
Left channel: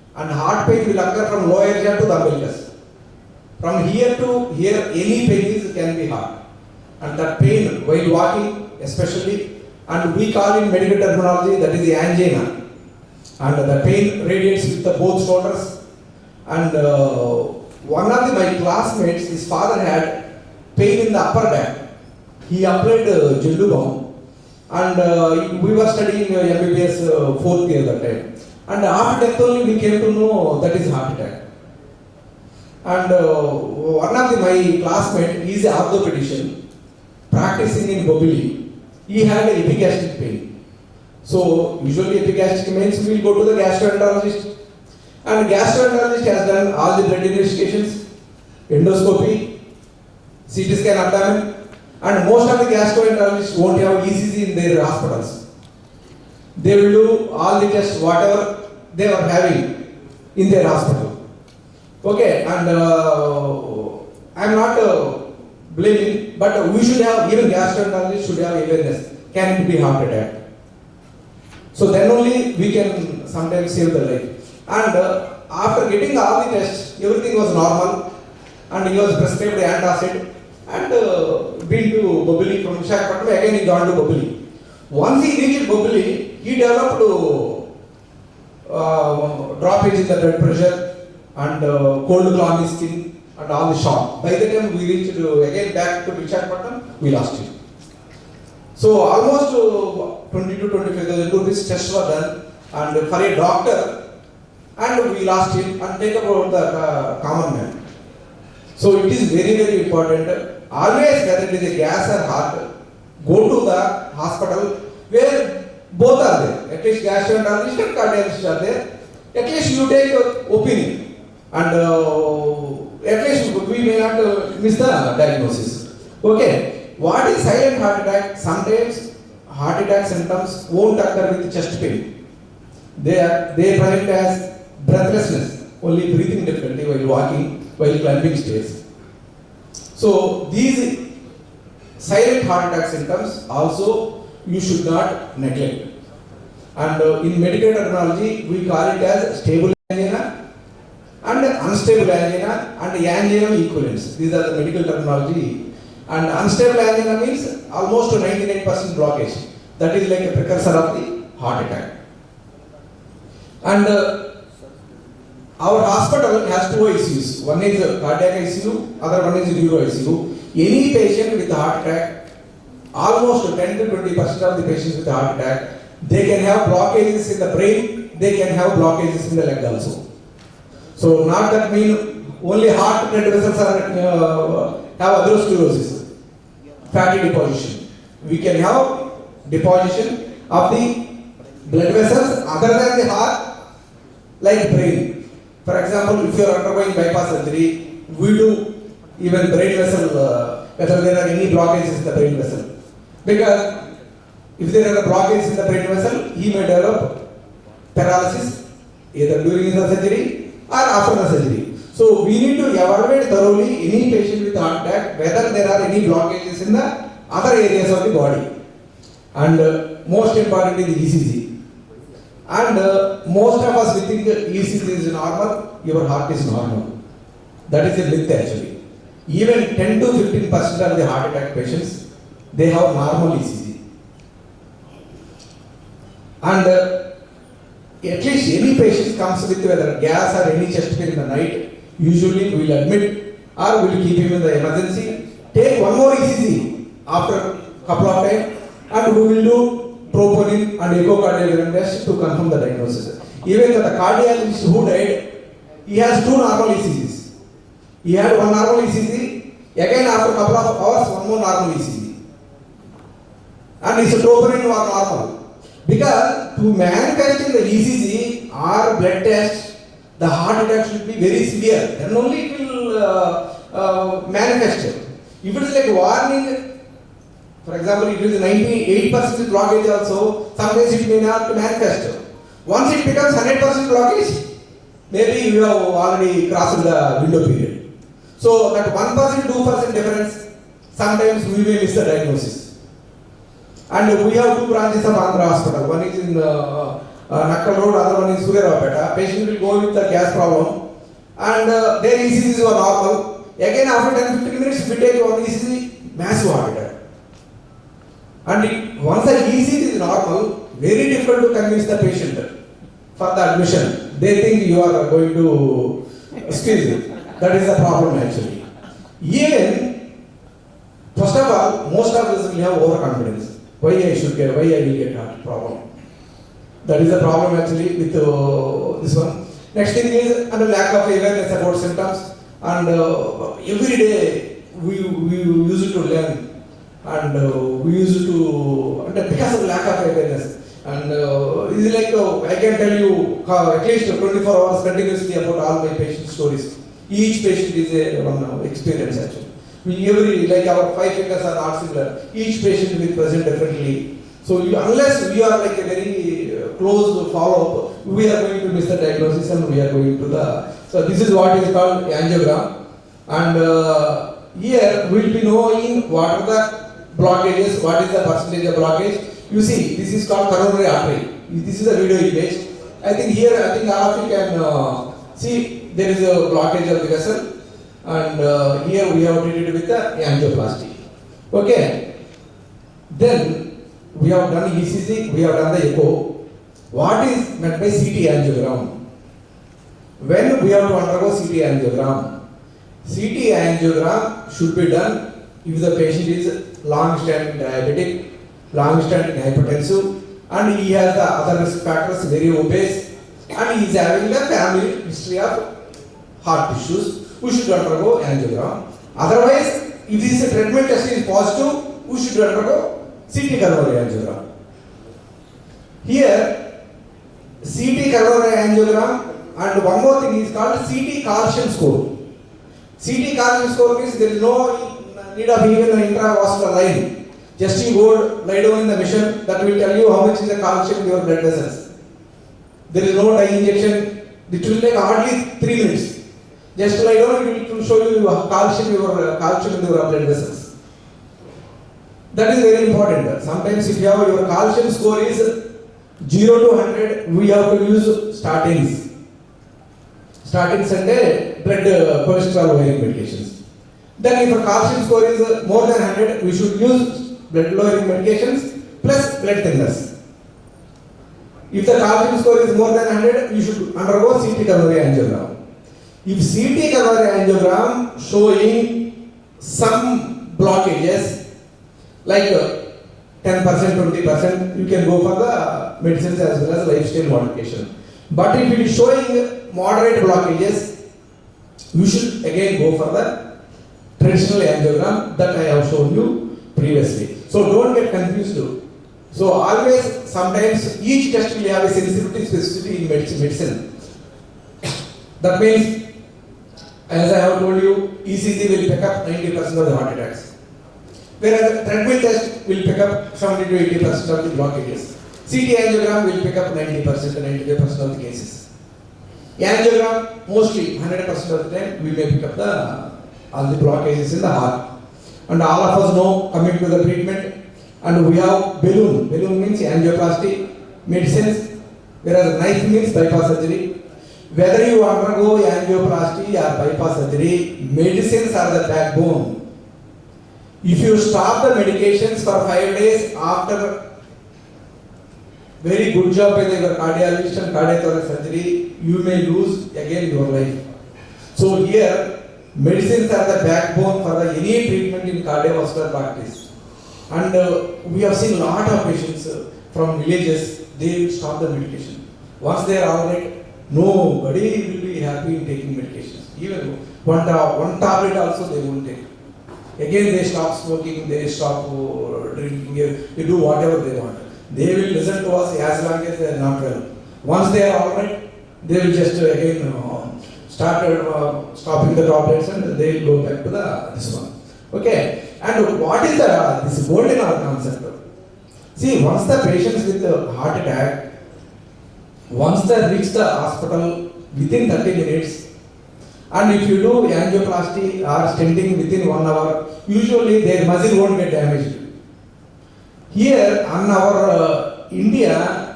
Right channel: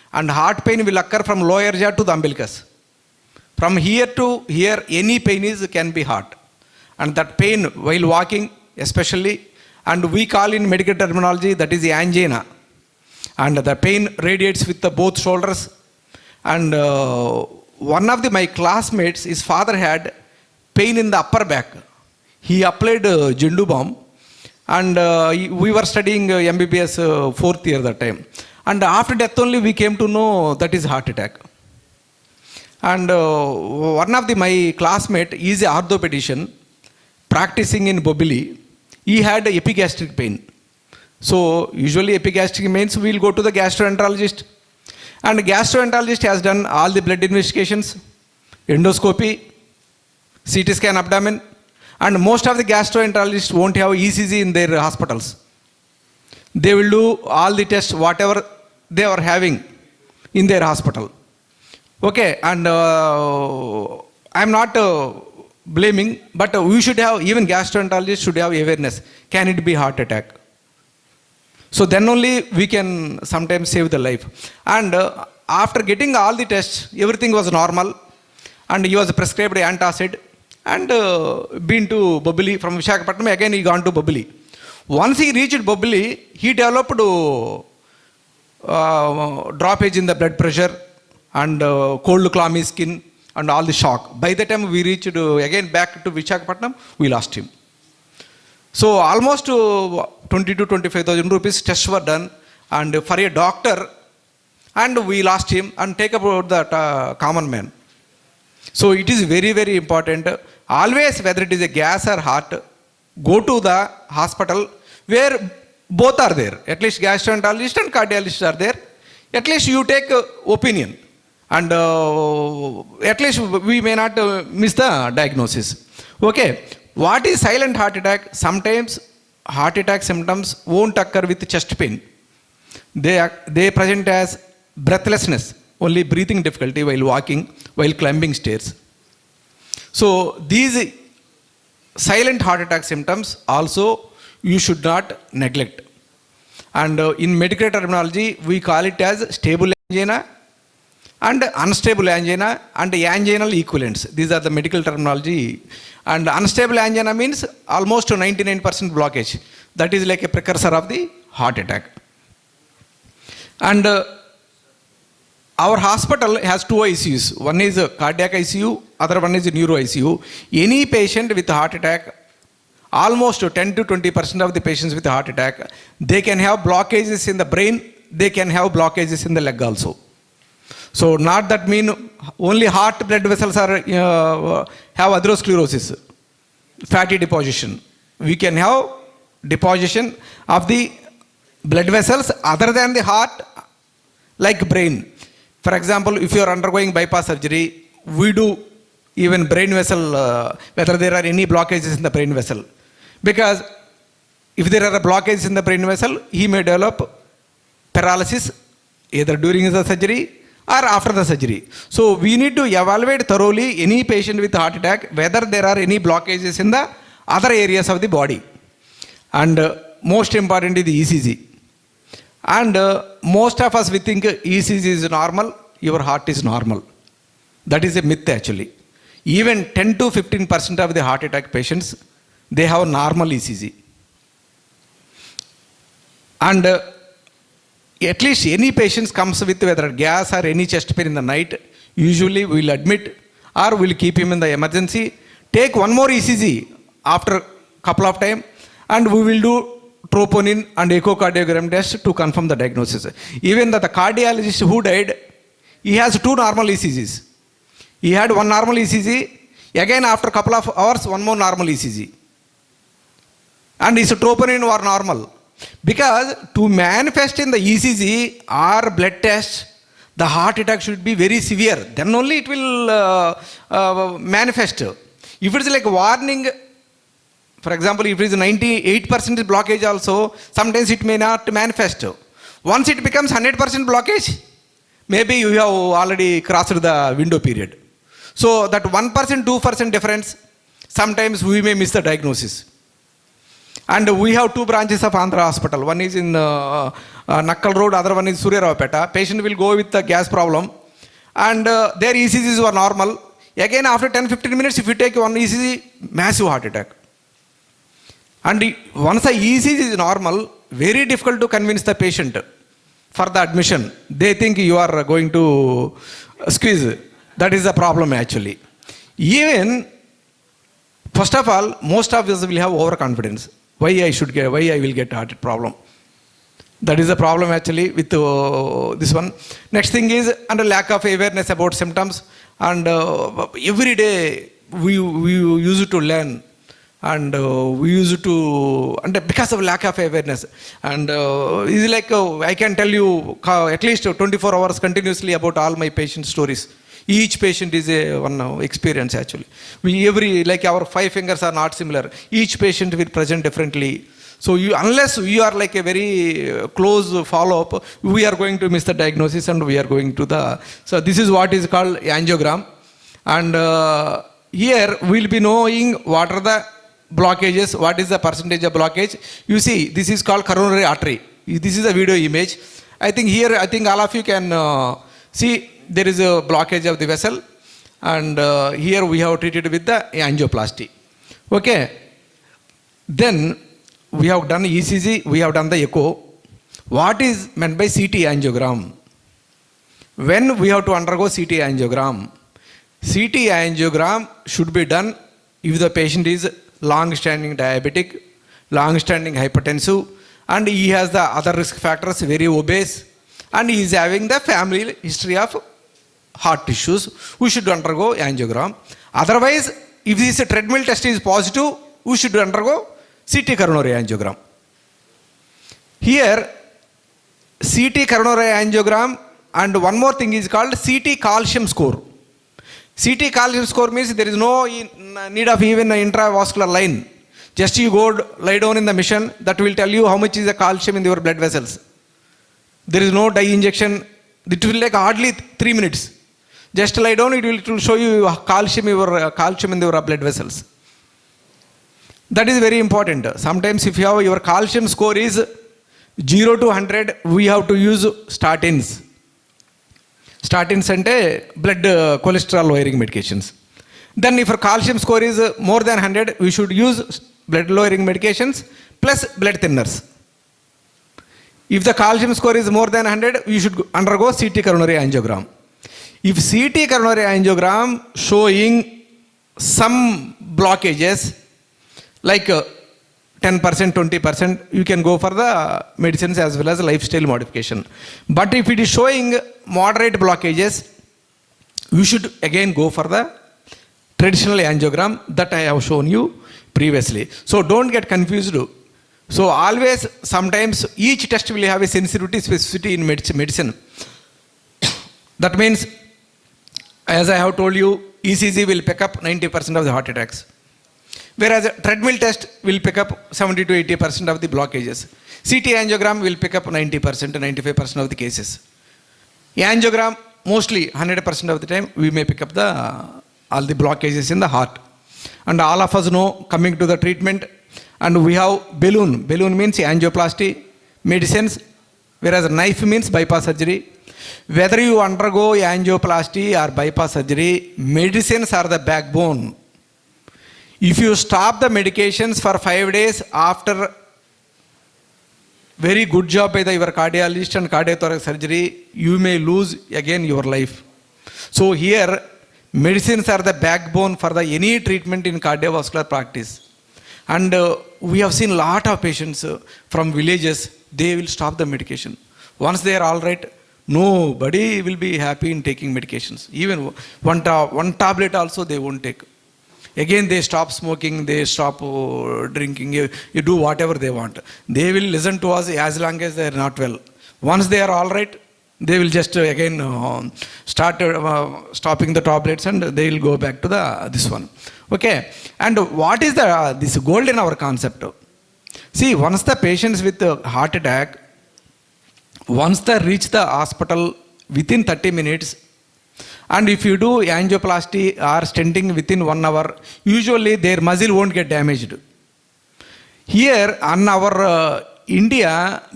and heart pain will occur from lower jaw to the umbilicus. From here to here, any pain can be heart. And that pain while walking especially, and we call in medical terminology that is the angina. And the pain radiates with the both shoulders. And one of my classmates, his father had pain in the upper back. He applied Jendu balm, and we were studying MBBS fourth year that time. And after death only we came to know that is heart attack. And one of my classmate is an orthopedician practicing in Bobili. He had epigastric pain. So usually epigastric means we will go to the gastroenterologist. And gastroenterologist has done all the blood investigations, endoscopy, CT scan abdomen, and most of the gastroenterologists won't have ECG in their hospitals. They will do all the tests, whatever they were having in their hospital. Okay, and I'm not blaming, but we should have, even gastroenterologists should have awareness. Can it be heart attack? So then only we can sometimes save the life. And after getting all the tests, everything was normal, and he was prescribed antacid and been to Bobili from Visakhapatnam. Again he gone to Bobili. Once he reached Bobili, he developed droppage in the blood pressure and cold clammy skin and all the shock. By the time we reached again back to Visakhapatnam, we lost him. So almost 20 to 25,000 rupees tests were done, and for a doctor, and we lost him. And take about that common man. So it is very, very important. Always, whether it is a gas or heart, go to the hospital where both are there. At least gastroenterologist and cardiologist are there. At least you take opinion, and at least we may not miss the diagnosis. Okay. What is silent heart attack? Sometimes heart attack symptoms won't occur with chest pain. They present as breathlessness, only breathing difficulty while walking, while climbing stairs. So these silent heart attack symptoms also you should not neglect. And in medical terminology, we call it as stable angina and unstable angina and anginal equivalents. These are the medical terminology. And unstable angina means almost 99% blockage. That is like a precursor of the heart attack. And our hospital has two ICUs. One is cardiac ICU, other one is neuro ICU. Any patient with heart attack, almost 10 to 20% of the patients with heart attack, they can have blockages in the brain, they can have blockages in the leg also. So not that mean only heart blood vessels are have atherosclerosis, fatty deposition. We can have deposition of the blood vessels other than the heart, like brain. For example, if you are undergoing bypass surgery, we do even brain vessel, whether there are any blockages in the brain vessel. Because if there are blockages in the brain vessel, he may develop paralysis either during the surgery or after the surgery. So we need to evaluate thoroughly any patient with heart attack, whether there are any blockages in the other areas of the body. And most importantly, the ECG. And most of us, we think ECG is normal, your heart is normal. That is a myth actually. Even 10 to 15% of the heart attack patients, they have normal ECG. And at least any patients comes with whether gas or any chest pain in the night, usually we will admit or we will keep him in the emergency, take one more ECG after a couple of times, and we will do troponin and echocardiogram test to confirm the diagnosis. Even the cardiologist who died, he has two normal ECGs. He had one normal ECG, again after a couple of hours, one more normal ECG. And his troponin were normal. Because to manifest in the ECG or blood test, the heart attack should be very severe. Then only it will manifest. If it is like warning, for example, if it is 98% blockage also, sometimes it may not manifest. Once it becomes 100% blockage, maybe you have already crossed the window period. So that 1%, 2% difference, sometimes we may miss the diagnosis. And we have two branches of Andhra Hospital. One is in Nakkal Road, other one is Suryaravapeta. Patient will go with the gas problem and their ECGs were normal. Again after 10-15 minutes, if you take one ECG, massive heart attack. And once the ECG is normal, very difficult to convince the patient for the admission. They think you are going to squeeze. That is the problem actually. Even, first of all, most of us will have overconfidence. Why I will get heart problem. That is the problem actually with this one. Next thing is under lack of awareness about symptoms, and every day we used to learn, and we used to, and because of lack of awareness, and it's like I can tell you at least 24 hours continuously about all my patient stories. Each patient is a one experience actually. Like our 5 fingers are not similar. Each patient will present differently. So unless we are like a very close follow-up, we are going to miss the diagnosis and we are going to the... So this is what is called angiogram. And here we will be knowing what are the blockages, what is the percentage of blockage. You see, this is called coronary artery. This is a video image. I think all of you can see there is a blockage of the vessel. And here we have treated with the angioplasty. Okay. Then we have done ECG, we have done the echo. What is meant by CT angiogram? When we have to undergo CT angiogram should be done if the patient is long-standing diabetic, long-standing hypertensive, and he has the other risk factors, very obese, and he is having the family history of heart issues. We should undergo angiogram. Otherwise, if this treadmill test is positive, we should undergo CT coronary angiogram. Here, CT coronary angiogram, and one more thing is called CT calcium score. CT calcium score means there is no need of even an intravascular line. Just you go lie down in the machine, that will tell you how much is the calcium in your blood vessels. There is no dye injection. It will take hardly 3 minutes. Just lie down, it will show you calcium in your blood vessels. That is very important. Sometimes if you have your calcium score is 0 to 100, we have to use statins. Statins and blood cholesterol lowering medications. Then if your calcium score is more than 100, we should use blood lowering medications plus blood thinners. If the calcium score is more than 100, we should undergo CT coronary angiogram. If CT coronary angiogram showing some blockages, like 10%, 20%, you can go for the medicines as well as lifestyle modification. But if it is showing moderate blockages, you should again go for the traditional angiogram that I have shown you previously. So don't get confused. So always, sometimes each test will have a sensitivity, specificity in medicine. That means, as I have told you, ECG will pick up 90% of the heart attacks. Whereas a treadmill test will pick up 70 to 80% of the blockages. CT angiogram will pick up 90% to 95% of the cases. Angiogram, mostly 100% of the time, we may pick up all the blockages in the heart. And all of us know, coming to the treatment, and we have balloon. Balloon means angioplasty, medicines, whereas knife means bypass surgery. Whether you undergo angioplasty or bypass surgery, medicines are the backbone. If you stop the medications for 5 days after very good job by your cardiologist and cardiothoracic surgery, you may lose again your life. So here, medicines are the backbone for any treatment in cardiovascular practice. And we have seen a lot of patients from villages, they will stop the medication. Once they are all right, nobody will be happy in taking medications. Even one tablet also they won't take. Again they stop smoking, they stop drinking, you do whatever they want. They will listen to us as long as they are not well. Once they are all right, they will just again start stopping the tablets and they will go back to this one. Okay, and what is this gold in our concept? See, once the patients with the heart attack, once they reach the hospital within 30 minutes, and if you do angioplasty or stenting within 1 hour, usually their muscle won't get damaged. Here, on our India,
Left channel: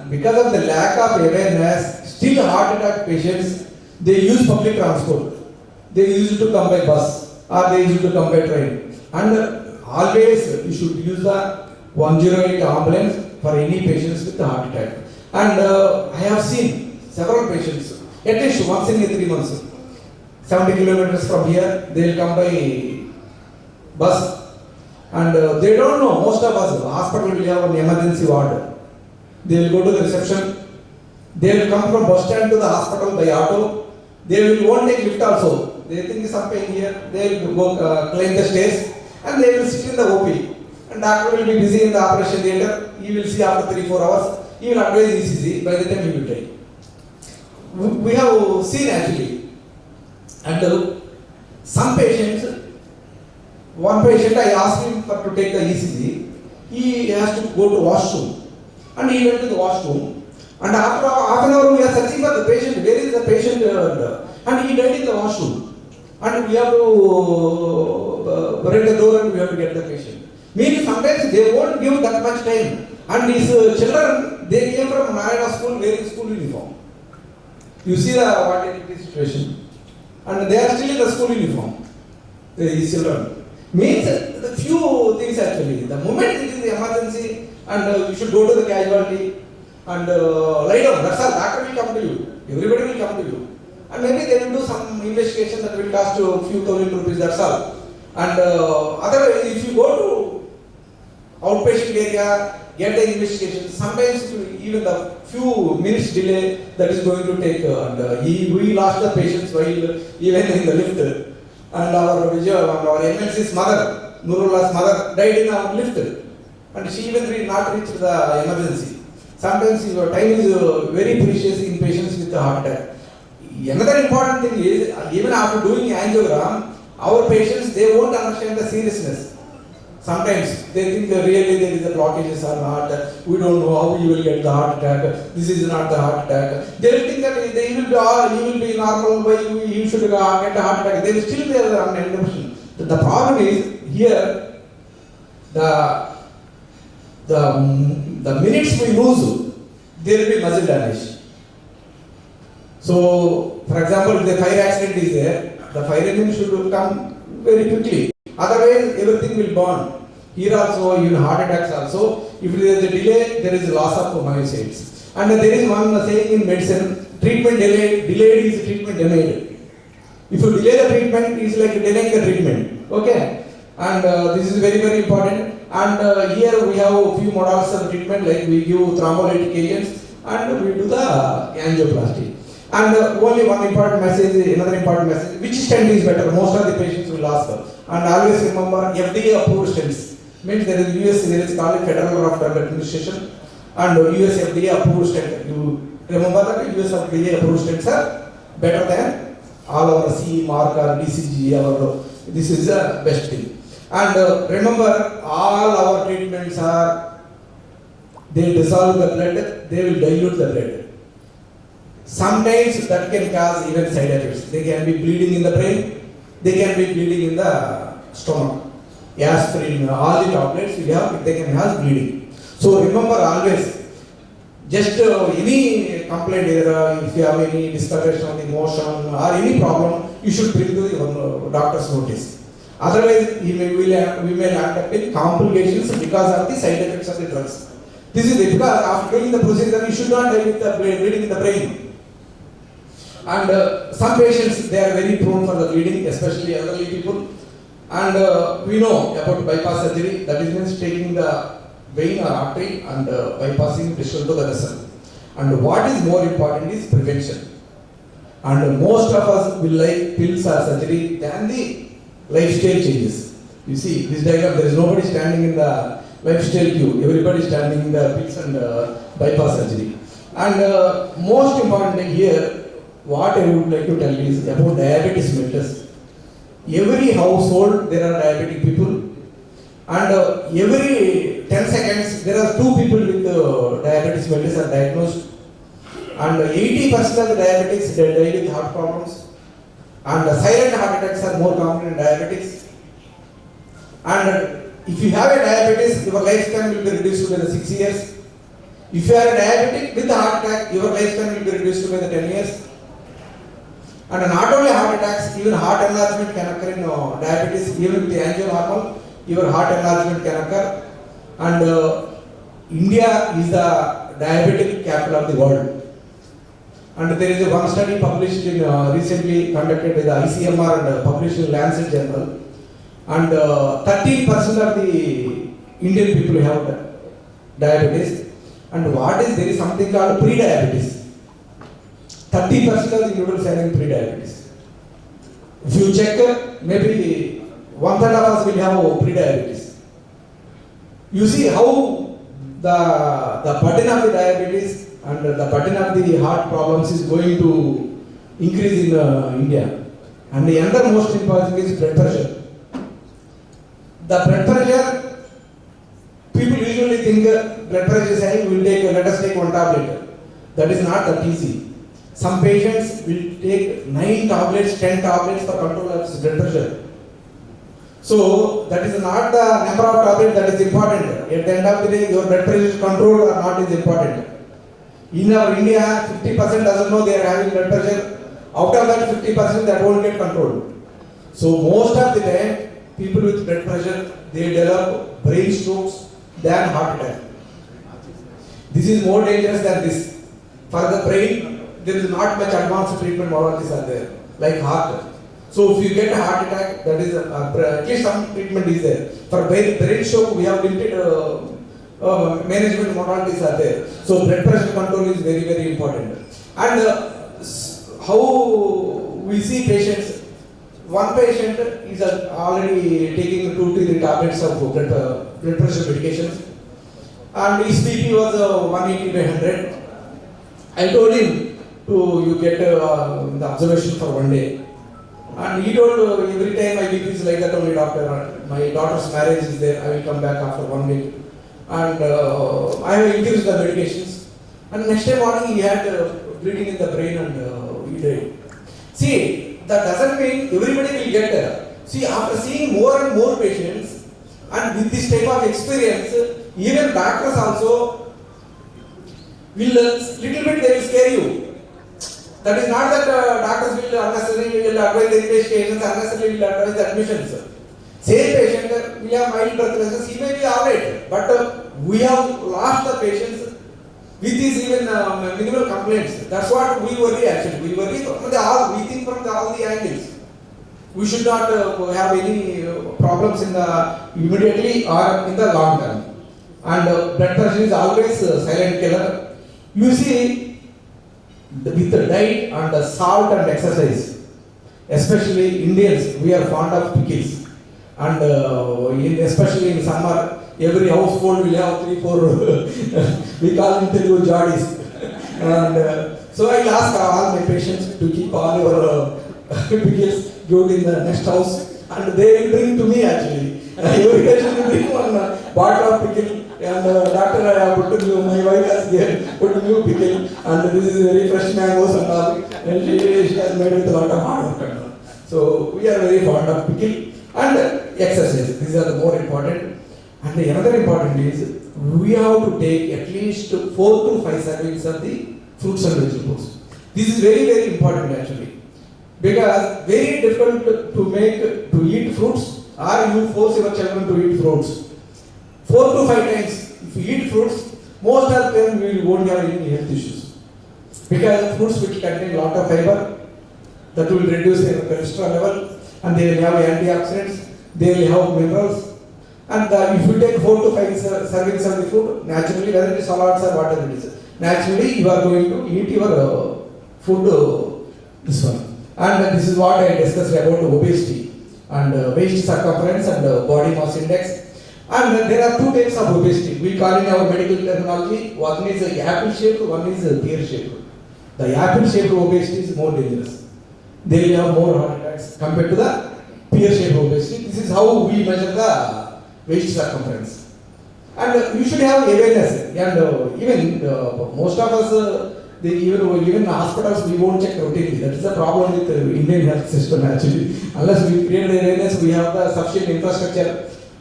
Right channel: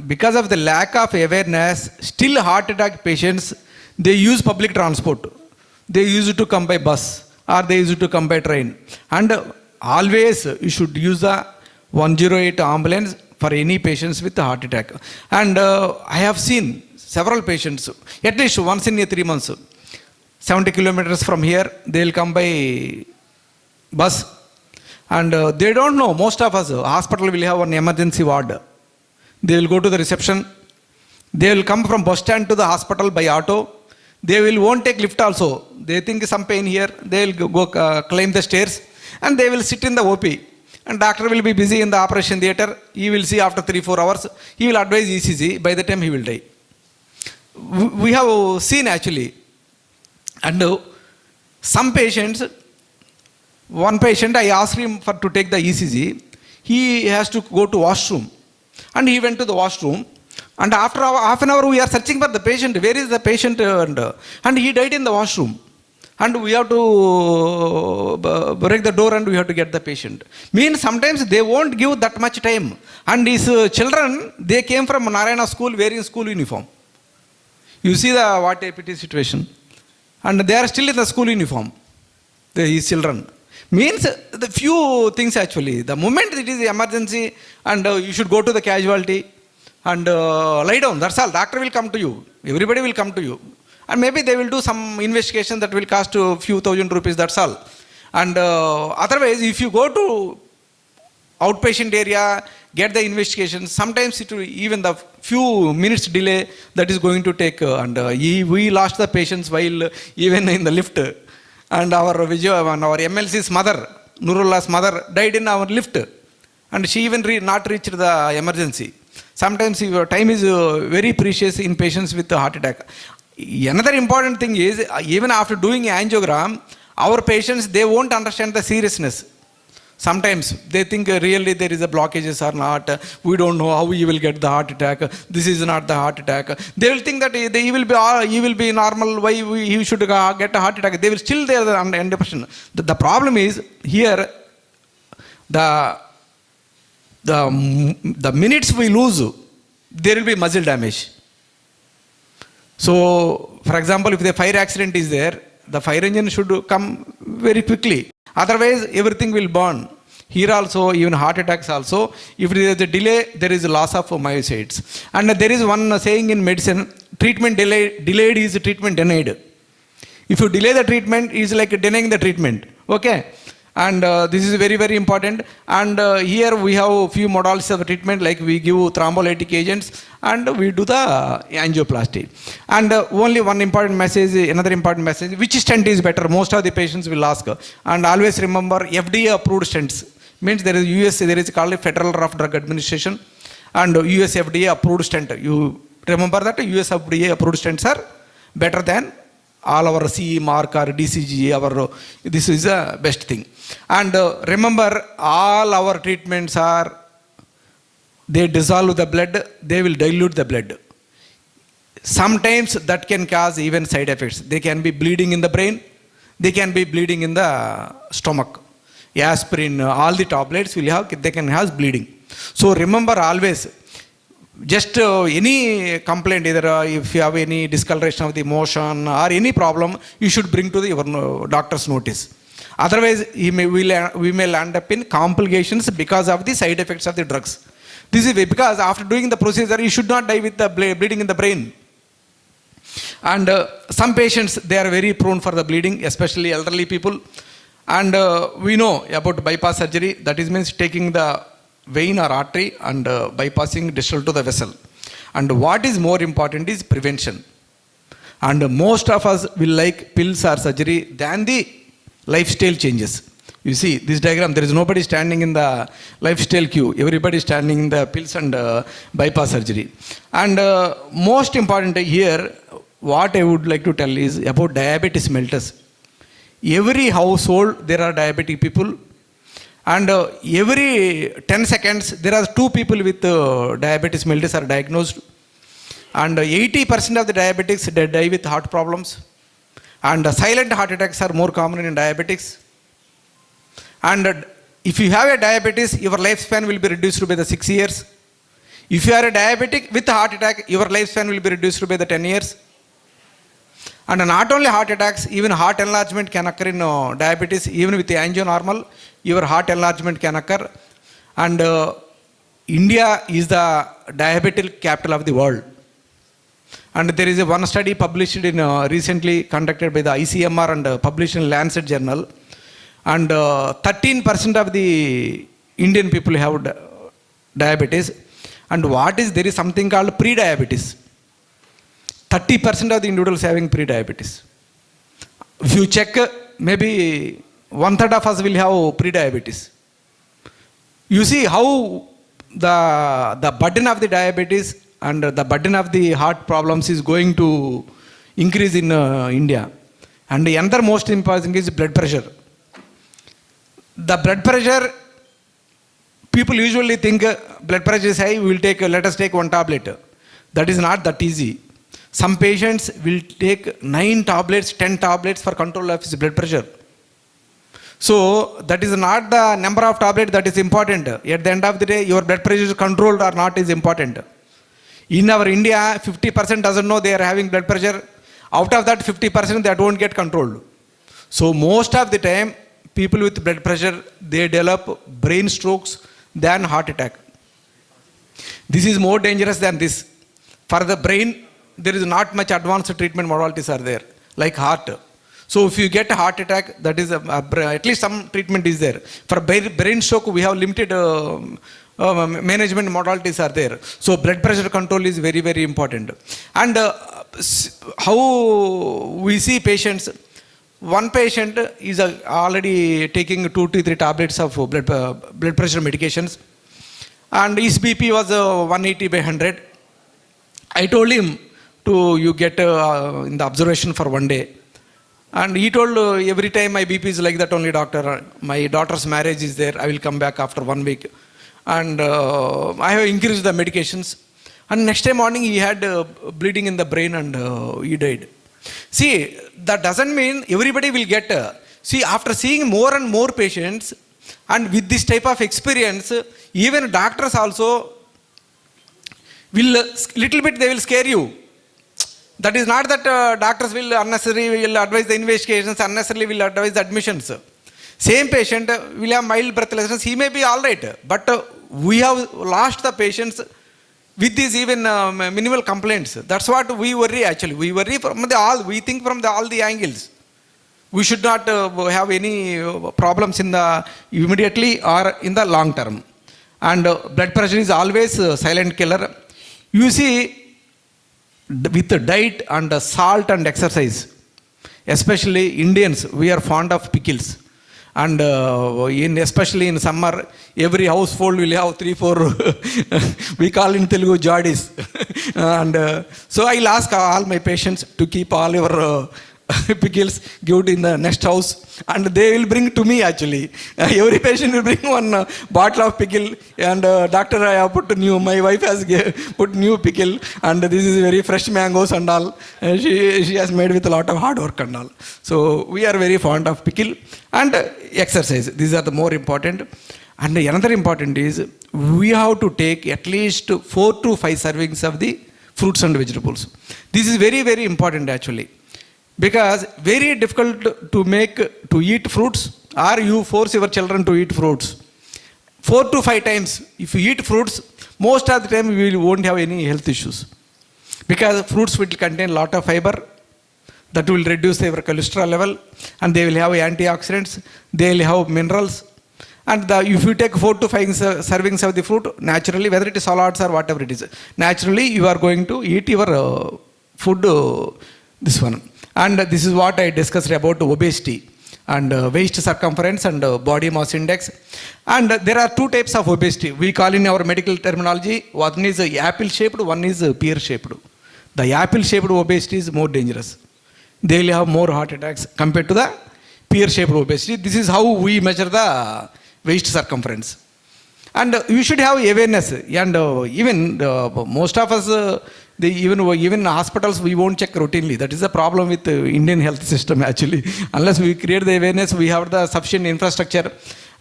because of the lack of awareness, still heart attack patients, they use public transport. They used to come by bus or they used to come by train. And always you should use the 108 ambulance for any patients with a heart attack. And I have seen several patients, at least once in 3 months, 70 kilometers from here, they will come by bus. And they don't know, most of us, hospital will have an emergency ward. They will go to the reception. They will come from bus stand to the hospital by auto. They won't take lift also. They think some pain here. They will go climb the stairs and they will sit in the OP. And doctor will be busy in the operation theatre. He will see after 3-4 hours. He will advise ECG. By the time he will die. We have seen actually. And some patients, one patient, I asked him to take the ECG. He has to go to washroom. And he went to the washroom. And after half an hour, we are searching for the patient. Where is the patient? And he died in the washroom. And we have to break the door and we have to get the patient. Means sometimes they won't give that much time. And his children, they came from Narayana school wearing school uniform. You see what a pity situation. And they are still in the school uniform. His children. Means the few things actually. The moment it is emergency and you should go to the casualty and lie down. That's all. Doctor will come to you. Everybody will come to you. And maybe they will do some investigation that will cost a few thousand rupees. That's all. And otherwise, if you go to outpatient area, get the investigation, sometimes it will even the few minutes delay that is going to take. We lost the patients while even in the lift. And our MLC's mother, Nurullah's mother, died in our lift. And she even not reached the emergency. Sometimes your time is very precious in patients with the heart attack. Another important thing is, even after doing angiogram, our patients, they won't understand the seriousness. Sometimes they think really there is a blockages or not. We don't know how he will get the heart attack. This is not the heart attack. They will think that he will be normal. Why he should get a heart attack? They will still there under impression. The problem is here. The minutes we lose, there will be muscle damage. So, for example, if the fire accident is there, the fire engine should come very quickly. Otherwise, everything will burn. Here also, even heart attacks also, if there is a delay, there is a loss of myocytes. And there is one saying in medicine, treatment delayed is treatment denied. If you delay the treatment, it is like denying the treatment. Okay? And this is very, very important. And here we have a few models of treatment, like we give thrombolytic agents and we do the angioplasty. And only one important message, another important message, which stent is better? Most of the patients will ask. And always remember, FDA approved stents. Means there is called Federal Drug Administration and US FDA approved stent. You remember that US FDA approved stents are better than all our CE mark or DCG. This is the best thing. And remember, all our treatments are, they dissolve the blood, they will dilute the blood. Sometimes that can cause even side effects. They can be bleeding in the brain, they can be bleeding in the stomach. Aspirin, all the tablets will have, they can have bleeding. So remember always, just any complaint, either if you have any discoloration of the motion or any problem, you should bring to your doctor's notice. Otherwise, we may land up in complications because of the side effects of the drugs. This is because after doing the procedure, you should not die with the bleeding in the brain. And some patients, they are very prone for the bleeding, especially elderly people. And we know about bypass surgery, that is means taking the vein or artery and bypassing distal to the vessel. And what is more important is prevention. And most of us will like pills or surgery than the lifestyle changes. You see this diagram, there is nobody standing in the lifestyle queue. Everybody standing in the pills and bypass surgery. And most important here, what I would like to tell is about diabetes mellitus. Every household there are diabetic people, and every 10 seconds there are 2 people with diabetes mellitus are diagnosed, and 80% of the diabetics they die with heart problems, and silent heart attacks are more common in diabetics. And if you have a diabetes, your lifespan will be reduced by the 6 years. If you are a diabetic with a heart attack, your lifespan will be reduced by the 10 years. And not only heart attacks, even heart enlargement can occur in diabetes. Even with the angionormal, your heart enlargement can occur. And India is the diabetic capital of the world. And there is one study published in recently conducted by the ICMR and published in Lancet Journal. And 13% of the Indian people have diabetes. And there is something called pre-diabetes. 30% of the individuals having pre-diabetes. If you check, maybe 1/3 of us will have pre-diabetes. You see how the burden of the diabetes and the burden of the heart problems is going to increase in India. And the other most important thing is blood pressure. The blood pressure, people usually think blood pressure is high, let us take one tablet. That is not that easy. Some patients will take 9 tablets, 10 tablets for control of his blood pressure. So that is not the number of tablets that is important. At the end of the day, your blood pressure is controlled or not is important. In our India, 50% doesn't know they are having blood pressure. Out of that 50%, that won't get controlled. So most of the time, people with blood pressure, they develop brain strokes than heart attack. This is more dangerous than this. For the brain, there is not much advanced treatment modalities are there, like heart. So if you get a heart attack, that is at least some treatment is there. For brain stroke, we have limited management modalities are there. So blood pressure control is very, very important. And how we see patients, one patient is already taking 2 to 3 tablets of blood pressure medications, and his BP was 180/100. I told him you get in the observation for 1 day. And he told, every time my BP is like that only, doctor. My daughter's marriage is there. I will come back after 1 week. And I have increased the medications. And next day morning he had bleeding in the brain and he died. See, that doesn't mean everybody will get. See, after seeing more and more patients and with this type of experience, even doctors also will little bit they will scare you. That is not that doctors will unnecessarily advise the investigations, unnecessarily will advise the admissions. Same patient will have mild breathlessness, he may be alright, but we have lost the patients with these even minimal complaints. That's what we worry actually. We worry we think from all the angles. We should not have any problems in the immediately or in the long term. And blood pressure is always a silent killer. You see, with the diet and the salt and exercise, especially Indians, we are fond of pickles. And especially in summer, every household will have 3-4 we call in Telugu jadis. And so I'll ask all my patients to keep all your pickles, give it in the next house, and they will bring to me actually. Every patient will bring one bottle of pickle, and doctor, I have put new, my wife has put new pickle, and this is very fresh mangoes and all. And she has made with a lot of hard work and all. So we are very fond of pickle and exercise. These are the more important. And another important is we have to take at least 4 to 5 servings of the fruits and vegetables. This is very, very important actually. Because very difficult to eat fruits, or you force your children to eat fruits 4 to 5 times. If you eat fruits, most of the time you won't have any health issues, because fruits will contain a lot of fiber that will reduce their cholesterol level, and they will have antioxidants, they will have minerals. And if you take 4 to 5 servings of the fruit, naturally, whether it is salads or whatever it is, naturally you are going to eat your food, this one. And this is what I discussed about obesity and waist circumference and body mass index. And there are 2 types of obesity. We call in our medical terminology, one is apple shaped, one is pear shaped. The apple shaped obesity is more dangerous. They will have more heart attacks compared to the pear shaped obesity. This is how we measure the waist circumference. And you should have awareness. And even most of us, even hospitals, we won't check routinely. That is the problem with the Indian health system actually. Unless we create the awareness, we have the sufficient infrastructure,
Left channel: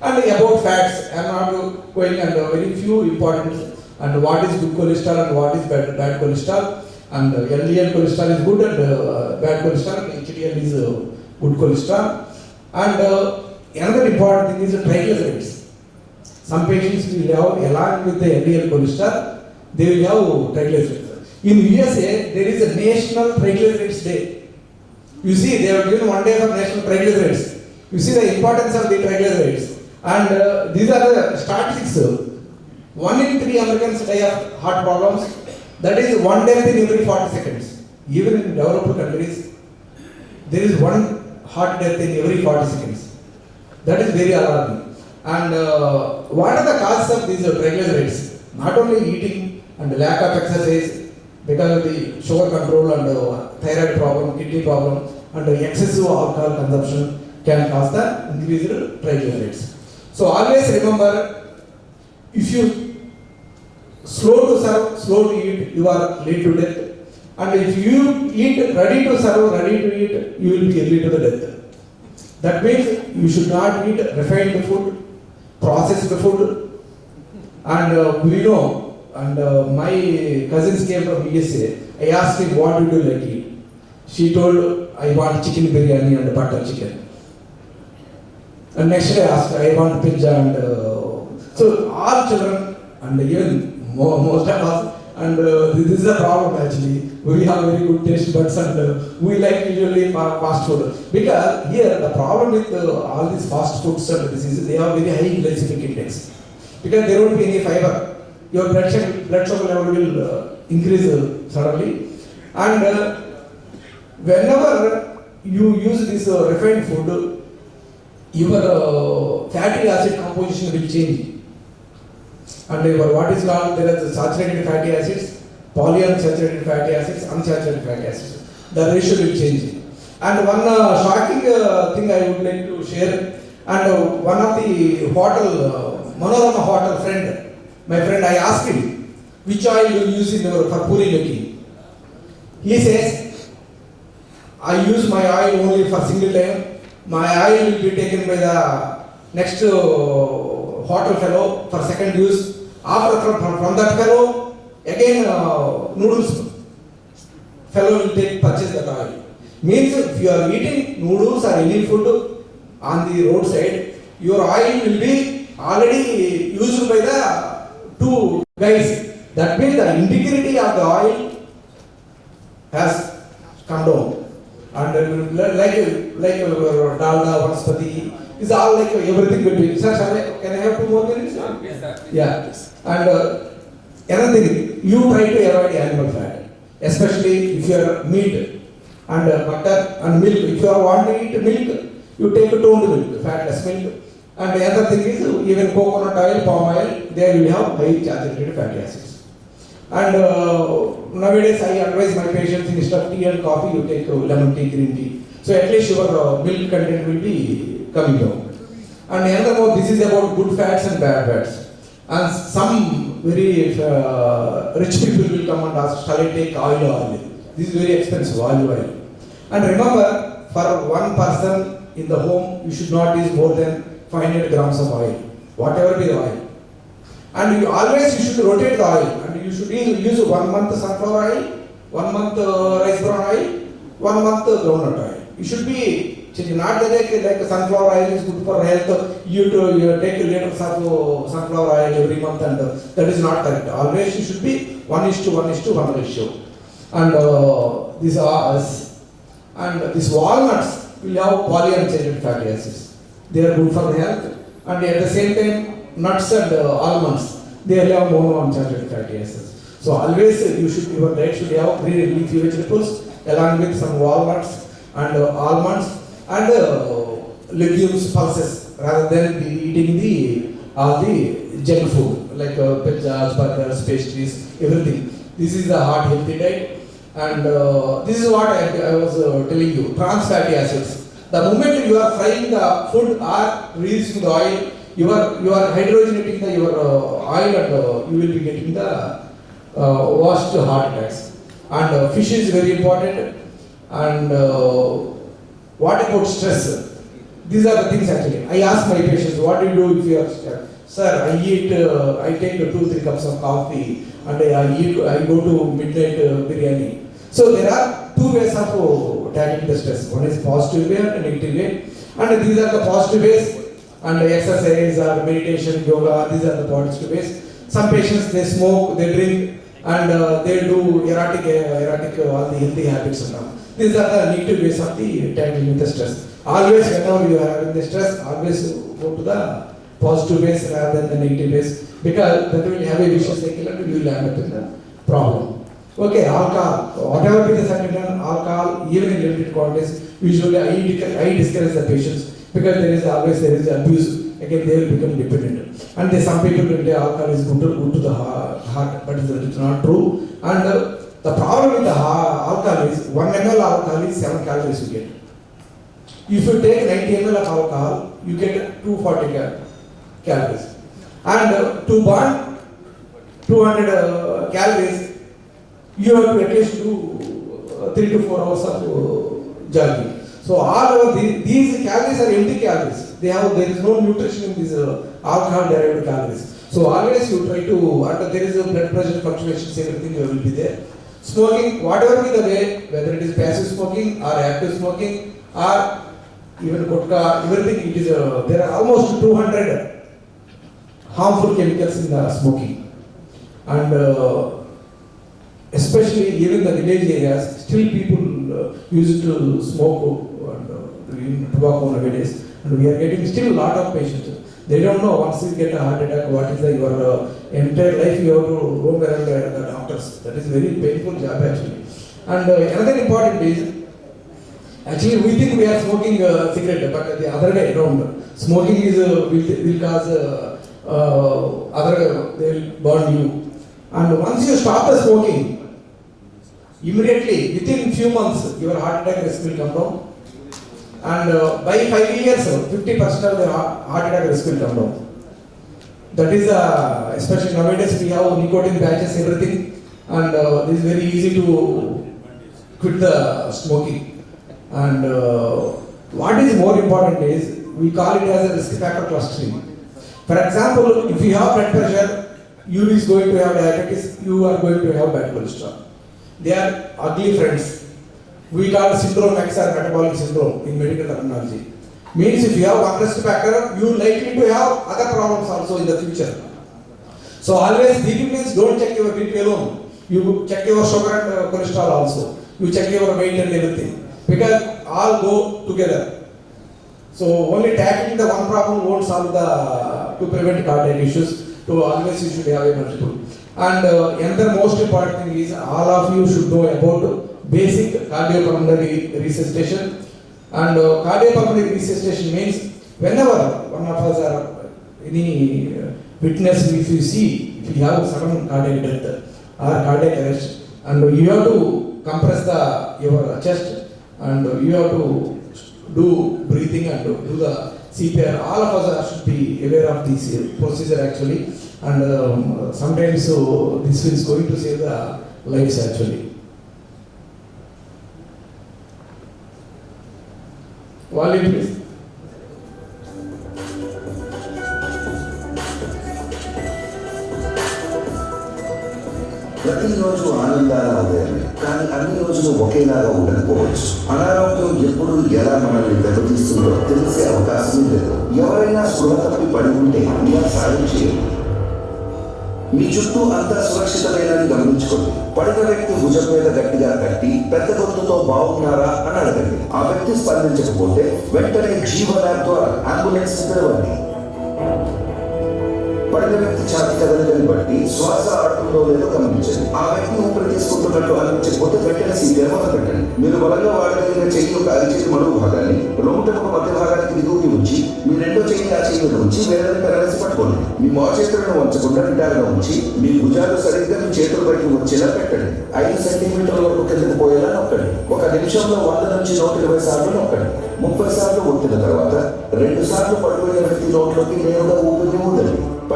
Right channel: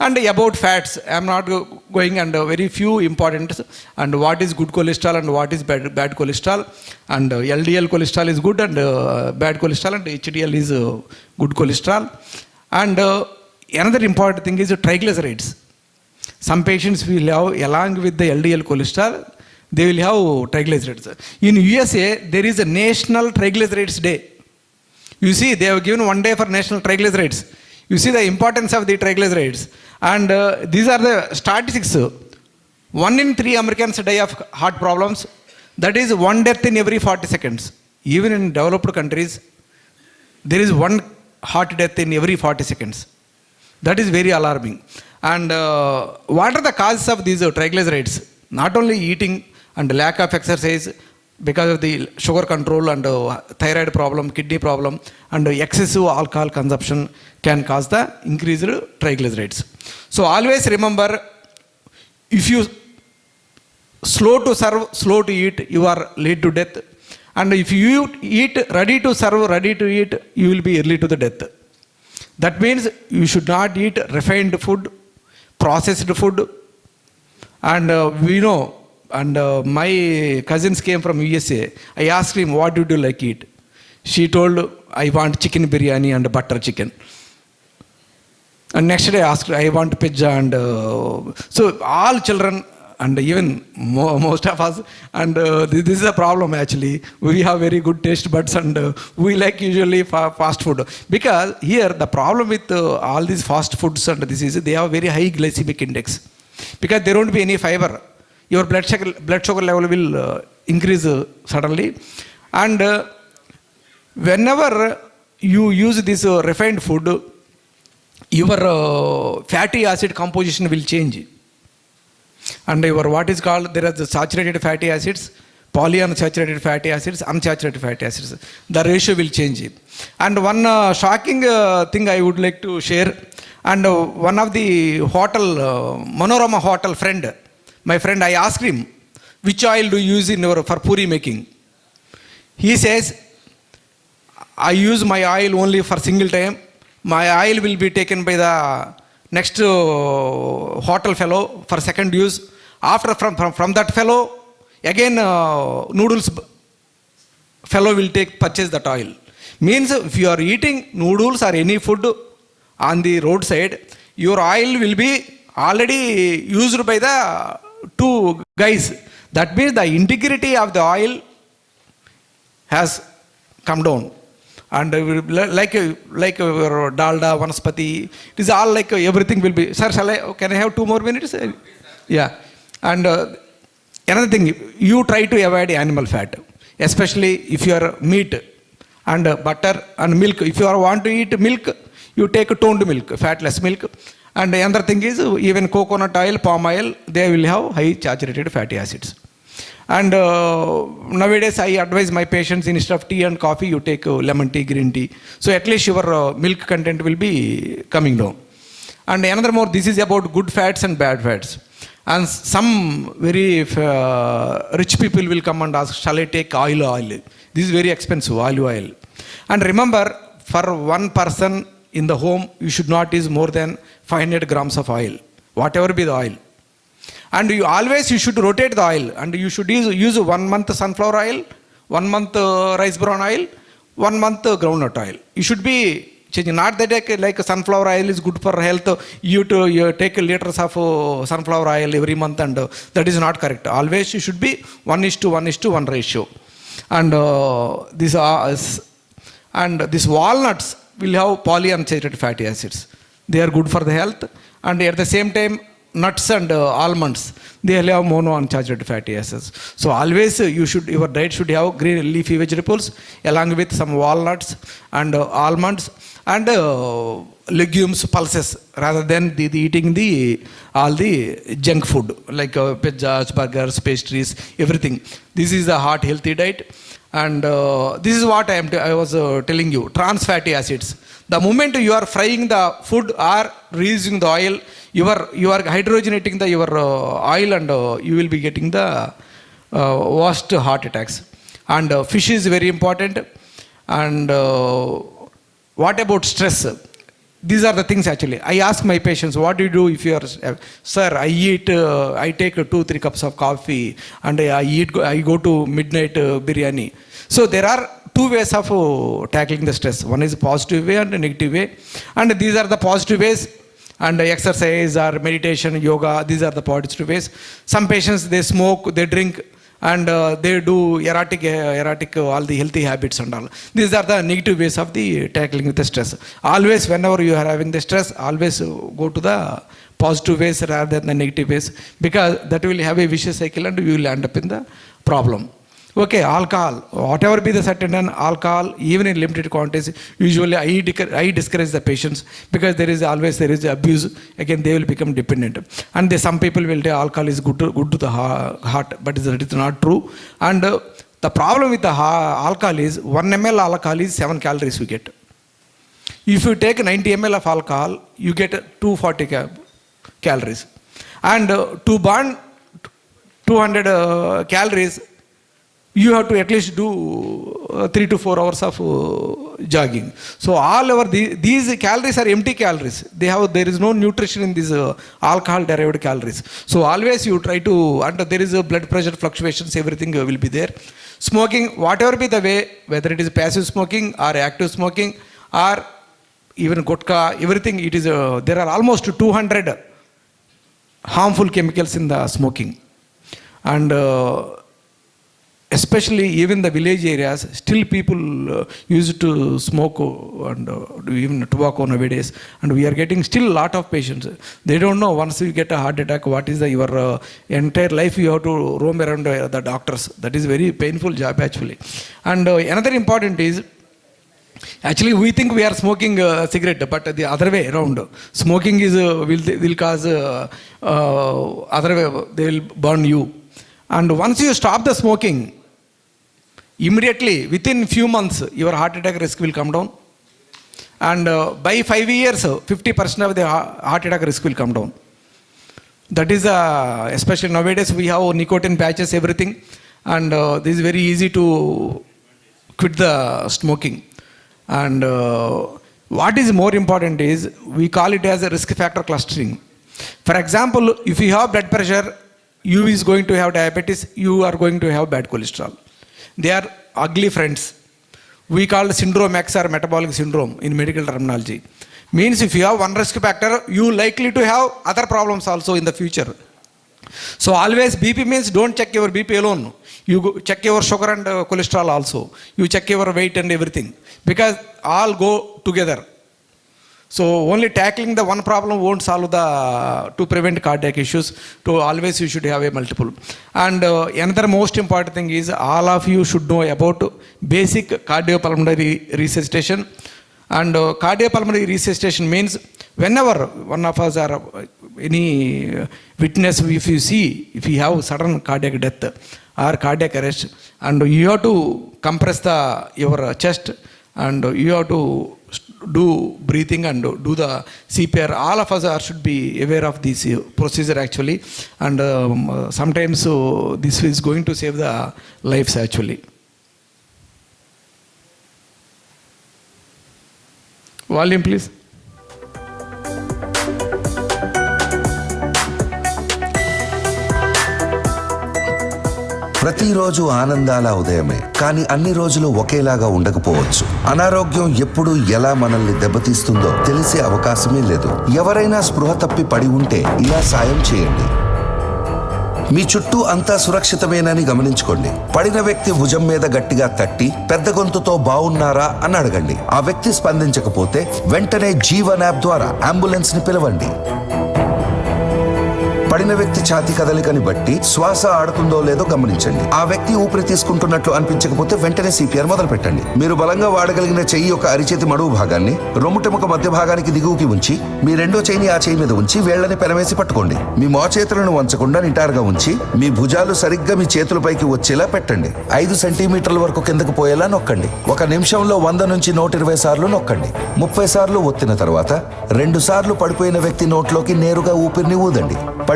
And about fats, I am not going, and very few important, and what is good cholesterol and what is bad cholesterol, and LDL cholesterol is good, and bad cholesterol, and HDL is good cholesterol. And another important thing is triglycerides. Some patients will have, along with the LDL cholesterol, they will have triglycerides. In USA, there is a National Triglycerides Day. You see, they have given one day for National Triglycerides. You see the importance of the triglycerides. And these are the statistics. 1 in 3 Americans die of heart problems. That is 1 death in every 40 seconds. Even in developed countries, there is 1 heart death in every 40 seconds. That is very alarming. And what are the causes of these triglycerides? Not only eating and lack of exercise, because of the sugar control and thyroid problem, kidney problem, and excessive alcohol consumption can cause the increased triglycerides. So always remember, if you slow to serve, slow to eat, you are late to death. And if you eat ready to serve, ready to eat, you will be early to the death. That means you should not eat refined food, processed food. And we know, and my cousins came from USA. I asked him, what do you like to eat? She told, I want chicken biryani and butter chicken. And next day I asked, I want pizza. And so all children, and even most of us, and this is a problem actually. We have very good taste buds, and we like usually fast food. Because here the problem with all these fast foods and this is, they have very high glycemic index. Because there won't be any fiber. Your blood sugar level will increase suddenly. And whenever you use this refined food, your fatty acid composition will change. And your what is called, there are the saturated fatty acids, polyunsaturated fatty acids, unsaturated fatty acids. The ratio will change. And one shocking thing I would like to share, and one of the hotel, Manorama hotel friend, my friend, I asked him, which oil do you use in your, for puri making? He says, I use my oil only for single time. My oil will be taken by the next hotel fellow for second use. After from that fellow, again noodles fellow will purchase that oil. Means if you are eating noodles or any food on the roadside, your oil will be already used by the 2 guys. That means the integrity of the oil has come down. And like dalda, vanaspati, it is all like everything will be. Sir, can I have 2 more minutes? Yeah. And another thing, you try to avoid animal fat, especially if you are meat and butter and milk. If you want to eat milk, you take toned milk, fatless milk. And another thing is, even coconut oil, palm oil, they will have high saturated fatty acids. And nowadays I advise my patients, instead of tea and coffee, you take lemon tea, green tea. So at least your milk content will be coming down. And another more, this is about good fats and bad fats. And some very rich people will come and ask, shall I take oil? This is very expensive, olive oil. And remember, for one person in the home, you should not use more than 500 grams of oil, whatever be the oil. And you should rotate the oil, and you should use 1 month sunflower oil, 1 month rice bran oil, 1 month groundnut oil. You should be changing. Not that like sunflower oil is good for health, you take liters of sunflower oil every month, and that is not correct. Always you should be 1:1:1 ratio. And these walnuts will have polyunsaturated fatty acids. They are good for the health, and at the same time, nuts and almonds, they have monounsaturated fatty acids. So always your diet should have green leafy vegetables along with some walnuts and almonds and legumes, pulses, rather than eating all the junk food like pizzas, burgers, pastries, everything. This is the heart healthy diet. And this is what I was telling you, trans fatty acids. The moment you are frying the food or reusing the oil, you are hydrogenating your oil, and you will be getting the worst heart attacks. And fish is very important. And what about stress? These are the things actually. I ask my patients, what do you do if you are, sir, I take 2-3 cups of coffee and I go to midnight biryani. So there are two ways of tackling the stress. One is positive way and a negative way. And these are the positive ways. And exercise or meditation, yoga, these are the positive ways. Some patients, they smoke, they drink, and they do erratic all the healthy habits and all. These are the negative ways of the tackling with the stress. Always whenever you are having the stress, always go to the positive ways rather than the negative ways, because that will have a vicious cycle and you will end up in the problem. Okay, alcohol, whatever be the certain alcohol, even in limited quantities, usually I discourage the patients, because there is abuse. Again, they will become dependent. And some people will say alcohol is good to the heart, but it is not true. And the problem with the alcohol is 1 ml alcohol is 7 calories you get. If you take 90 ml of alcohol, you get 240 calories. And to burn 200 calories, you have to at least do 3 to 4 hours of jogging. So these calories are empty calories. There is no nutrition in these alcohol derived calories. So always you try to, and there is a blood pressure fluctuations, everything will be there. Smoking, whatever be the way, whether it is passive smoking or active smoking or even gutka, everything, it is there are almost 200 harmful chemicals in the smoking. And especially even the village areas, still people used to smoke and do even tobacco nowadays, and we are getting still a lot of patients. They don't know, once you get a heart attack, what is your entire life you have to roam around the doctors. That is very painful job actually. And another important is, actually we think we are smoking cigarette, but the other way around. Smoking is will cause other way, they will burn you. And once you stop the smoking, immediately, within few months, your heart attack risk will come down. And by 5 years, 50% of the heart attack risk will come down. That is, especially nowadays, we have nicotine patches, everything. And this is very easy to quit the smoking. And what is more important is, we call it as a risk factor clustering. For example, if you have blood pressure, you is going to have diabetes, you are going to have bad cholesterol. They are ugly friends. We call it syndrome X or metabolic syndrome in medical terminology. Means if you have one risk factor, you likely to have other problems also in the future. So always BP means don't check your BP alone. You check your sugar and cholesterol also. You check your weight and everything. Because all go together. So only tackling the one problem won't solve to prevent cardiac issues. To always you should have a multiple. And another most important thing is, all of you should know about basic cardiopulmonary resuscitation. And cardiopulmonary resuscitation means whenever one of us or any witness, if you have sudden cardiac death or cardiac arrest, and you have to compress your chest, and you have to do breathing and do the CPR. All of us should be aware of this procedure actually, and sometimes this is going to save the lives actually. Volume please. ప్రతిరోజు ఆనందాల ఉదయమే, కానీ అన్ని రోజులు ఒకేలాగా ఉండకపోవచ్చు. అనారోగ్యం ఎప్పుడు ఎలా మనల్ని దెబ్బతీస్తుందో తెలిసే అవకాశమే లేదు. ఎవరైనా స్పృహ తప్పి పడి ఉంటే ఇలా సాయం చేయండి. మీ చుట్టూ అంతా సురక్షితమేనని గమనించుకోండి. పడిన వ్యక్తి భుజం మీద గట్టిగా తట్టి పెద్ద గొంతుతో బాగున్నారా అని అడగండి. ఆ వ్యక్తి స్పందించకపోతే వెంటనే జీవన్ యాప్ ద్వారా అంబులెన్స్ ని పిలవండి. పడిన వ్యక్తి ఛాతీ కదలికని బట్టి శ్వాస ఆడుతుందో లేదో గమనించండి. ఆ వ్యక్తి ఊపిరి తీసుకుంటున్నట్లు అనిపించకపోతే వెంటనే CPR మొదలు పెట్టండి. మీరు బలంగా వాడగలిగిన చెయ్యి యొక్క అరిచేతి మడువు భాగాన్ని రొమ్ముటెముక మధ్య భాగానికి దిగువకి ఉంచి, మీ రెండో చెయ్యిని ఆ చెయ్యి మీద ఉంచి వేళ్లని పెనవేసి పట్టుకోండి. మీ మోచేతులను వంచకుండా నిటారుగా ఉంచి, మీ భుజాలు సరిగ్గా మీ చేతులపైకి వచ్చేలా పెట్టండి. 5 సెంటీమీటర్ల వరకు కిందకు పోయేలా నొక్కండి. 1 నిమిషంలో 100 నుంచి 120 సార్లు నొక్కండి. 30 సార్లు ఒత్తిన తర్వాత 2 సార్లు పడిపోయిన వ్యక్తి నోట్లోకి నేరుగా ఊపిరిని ఊదండి.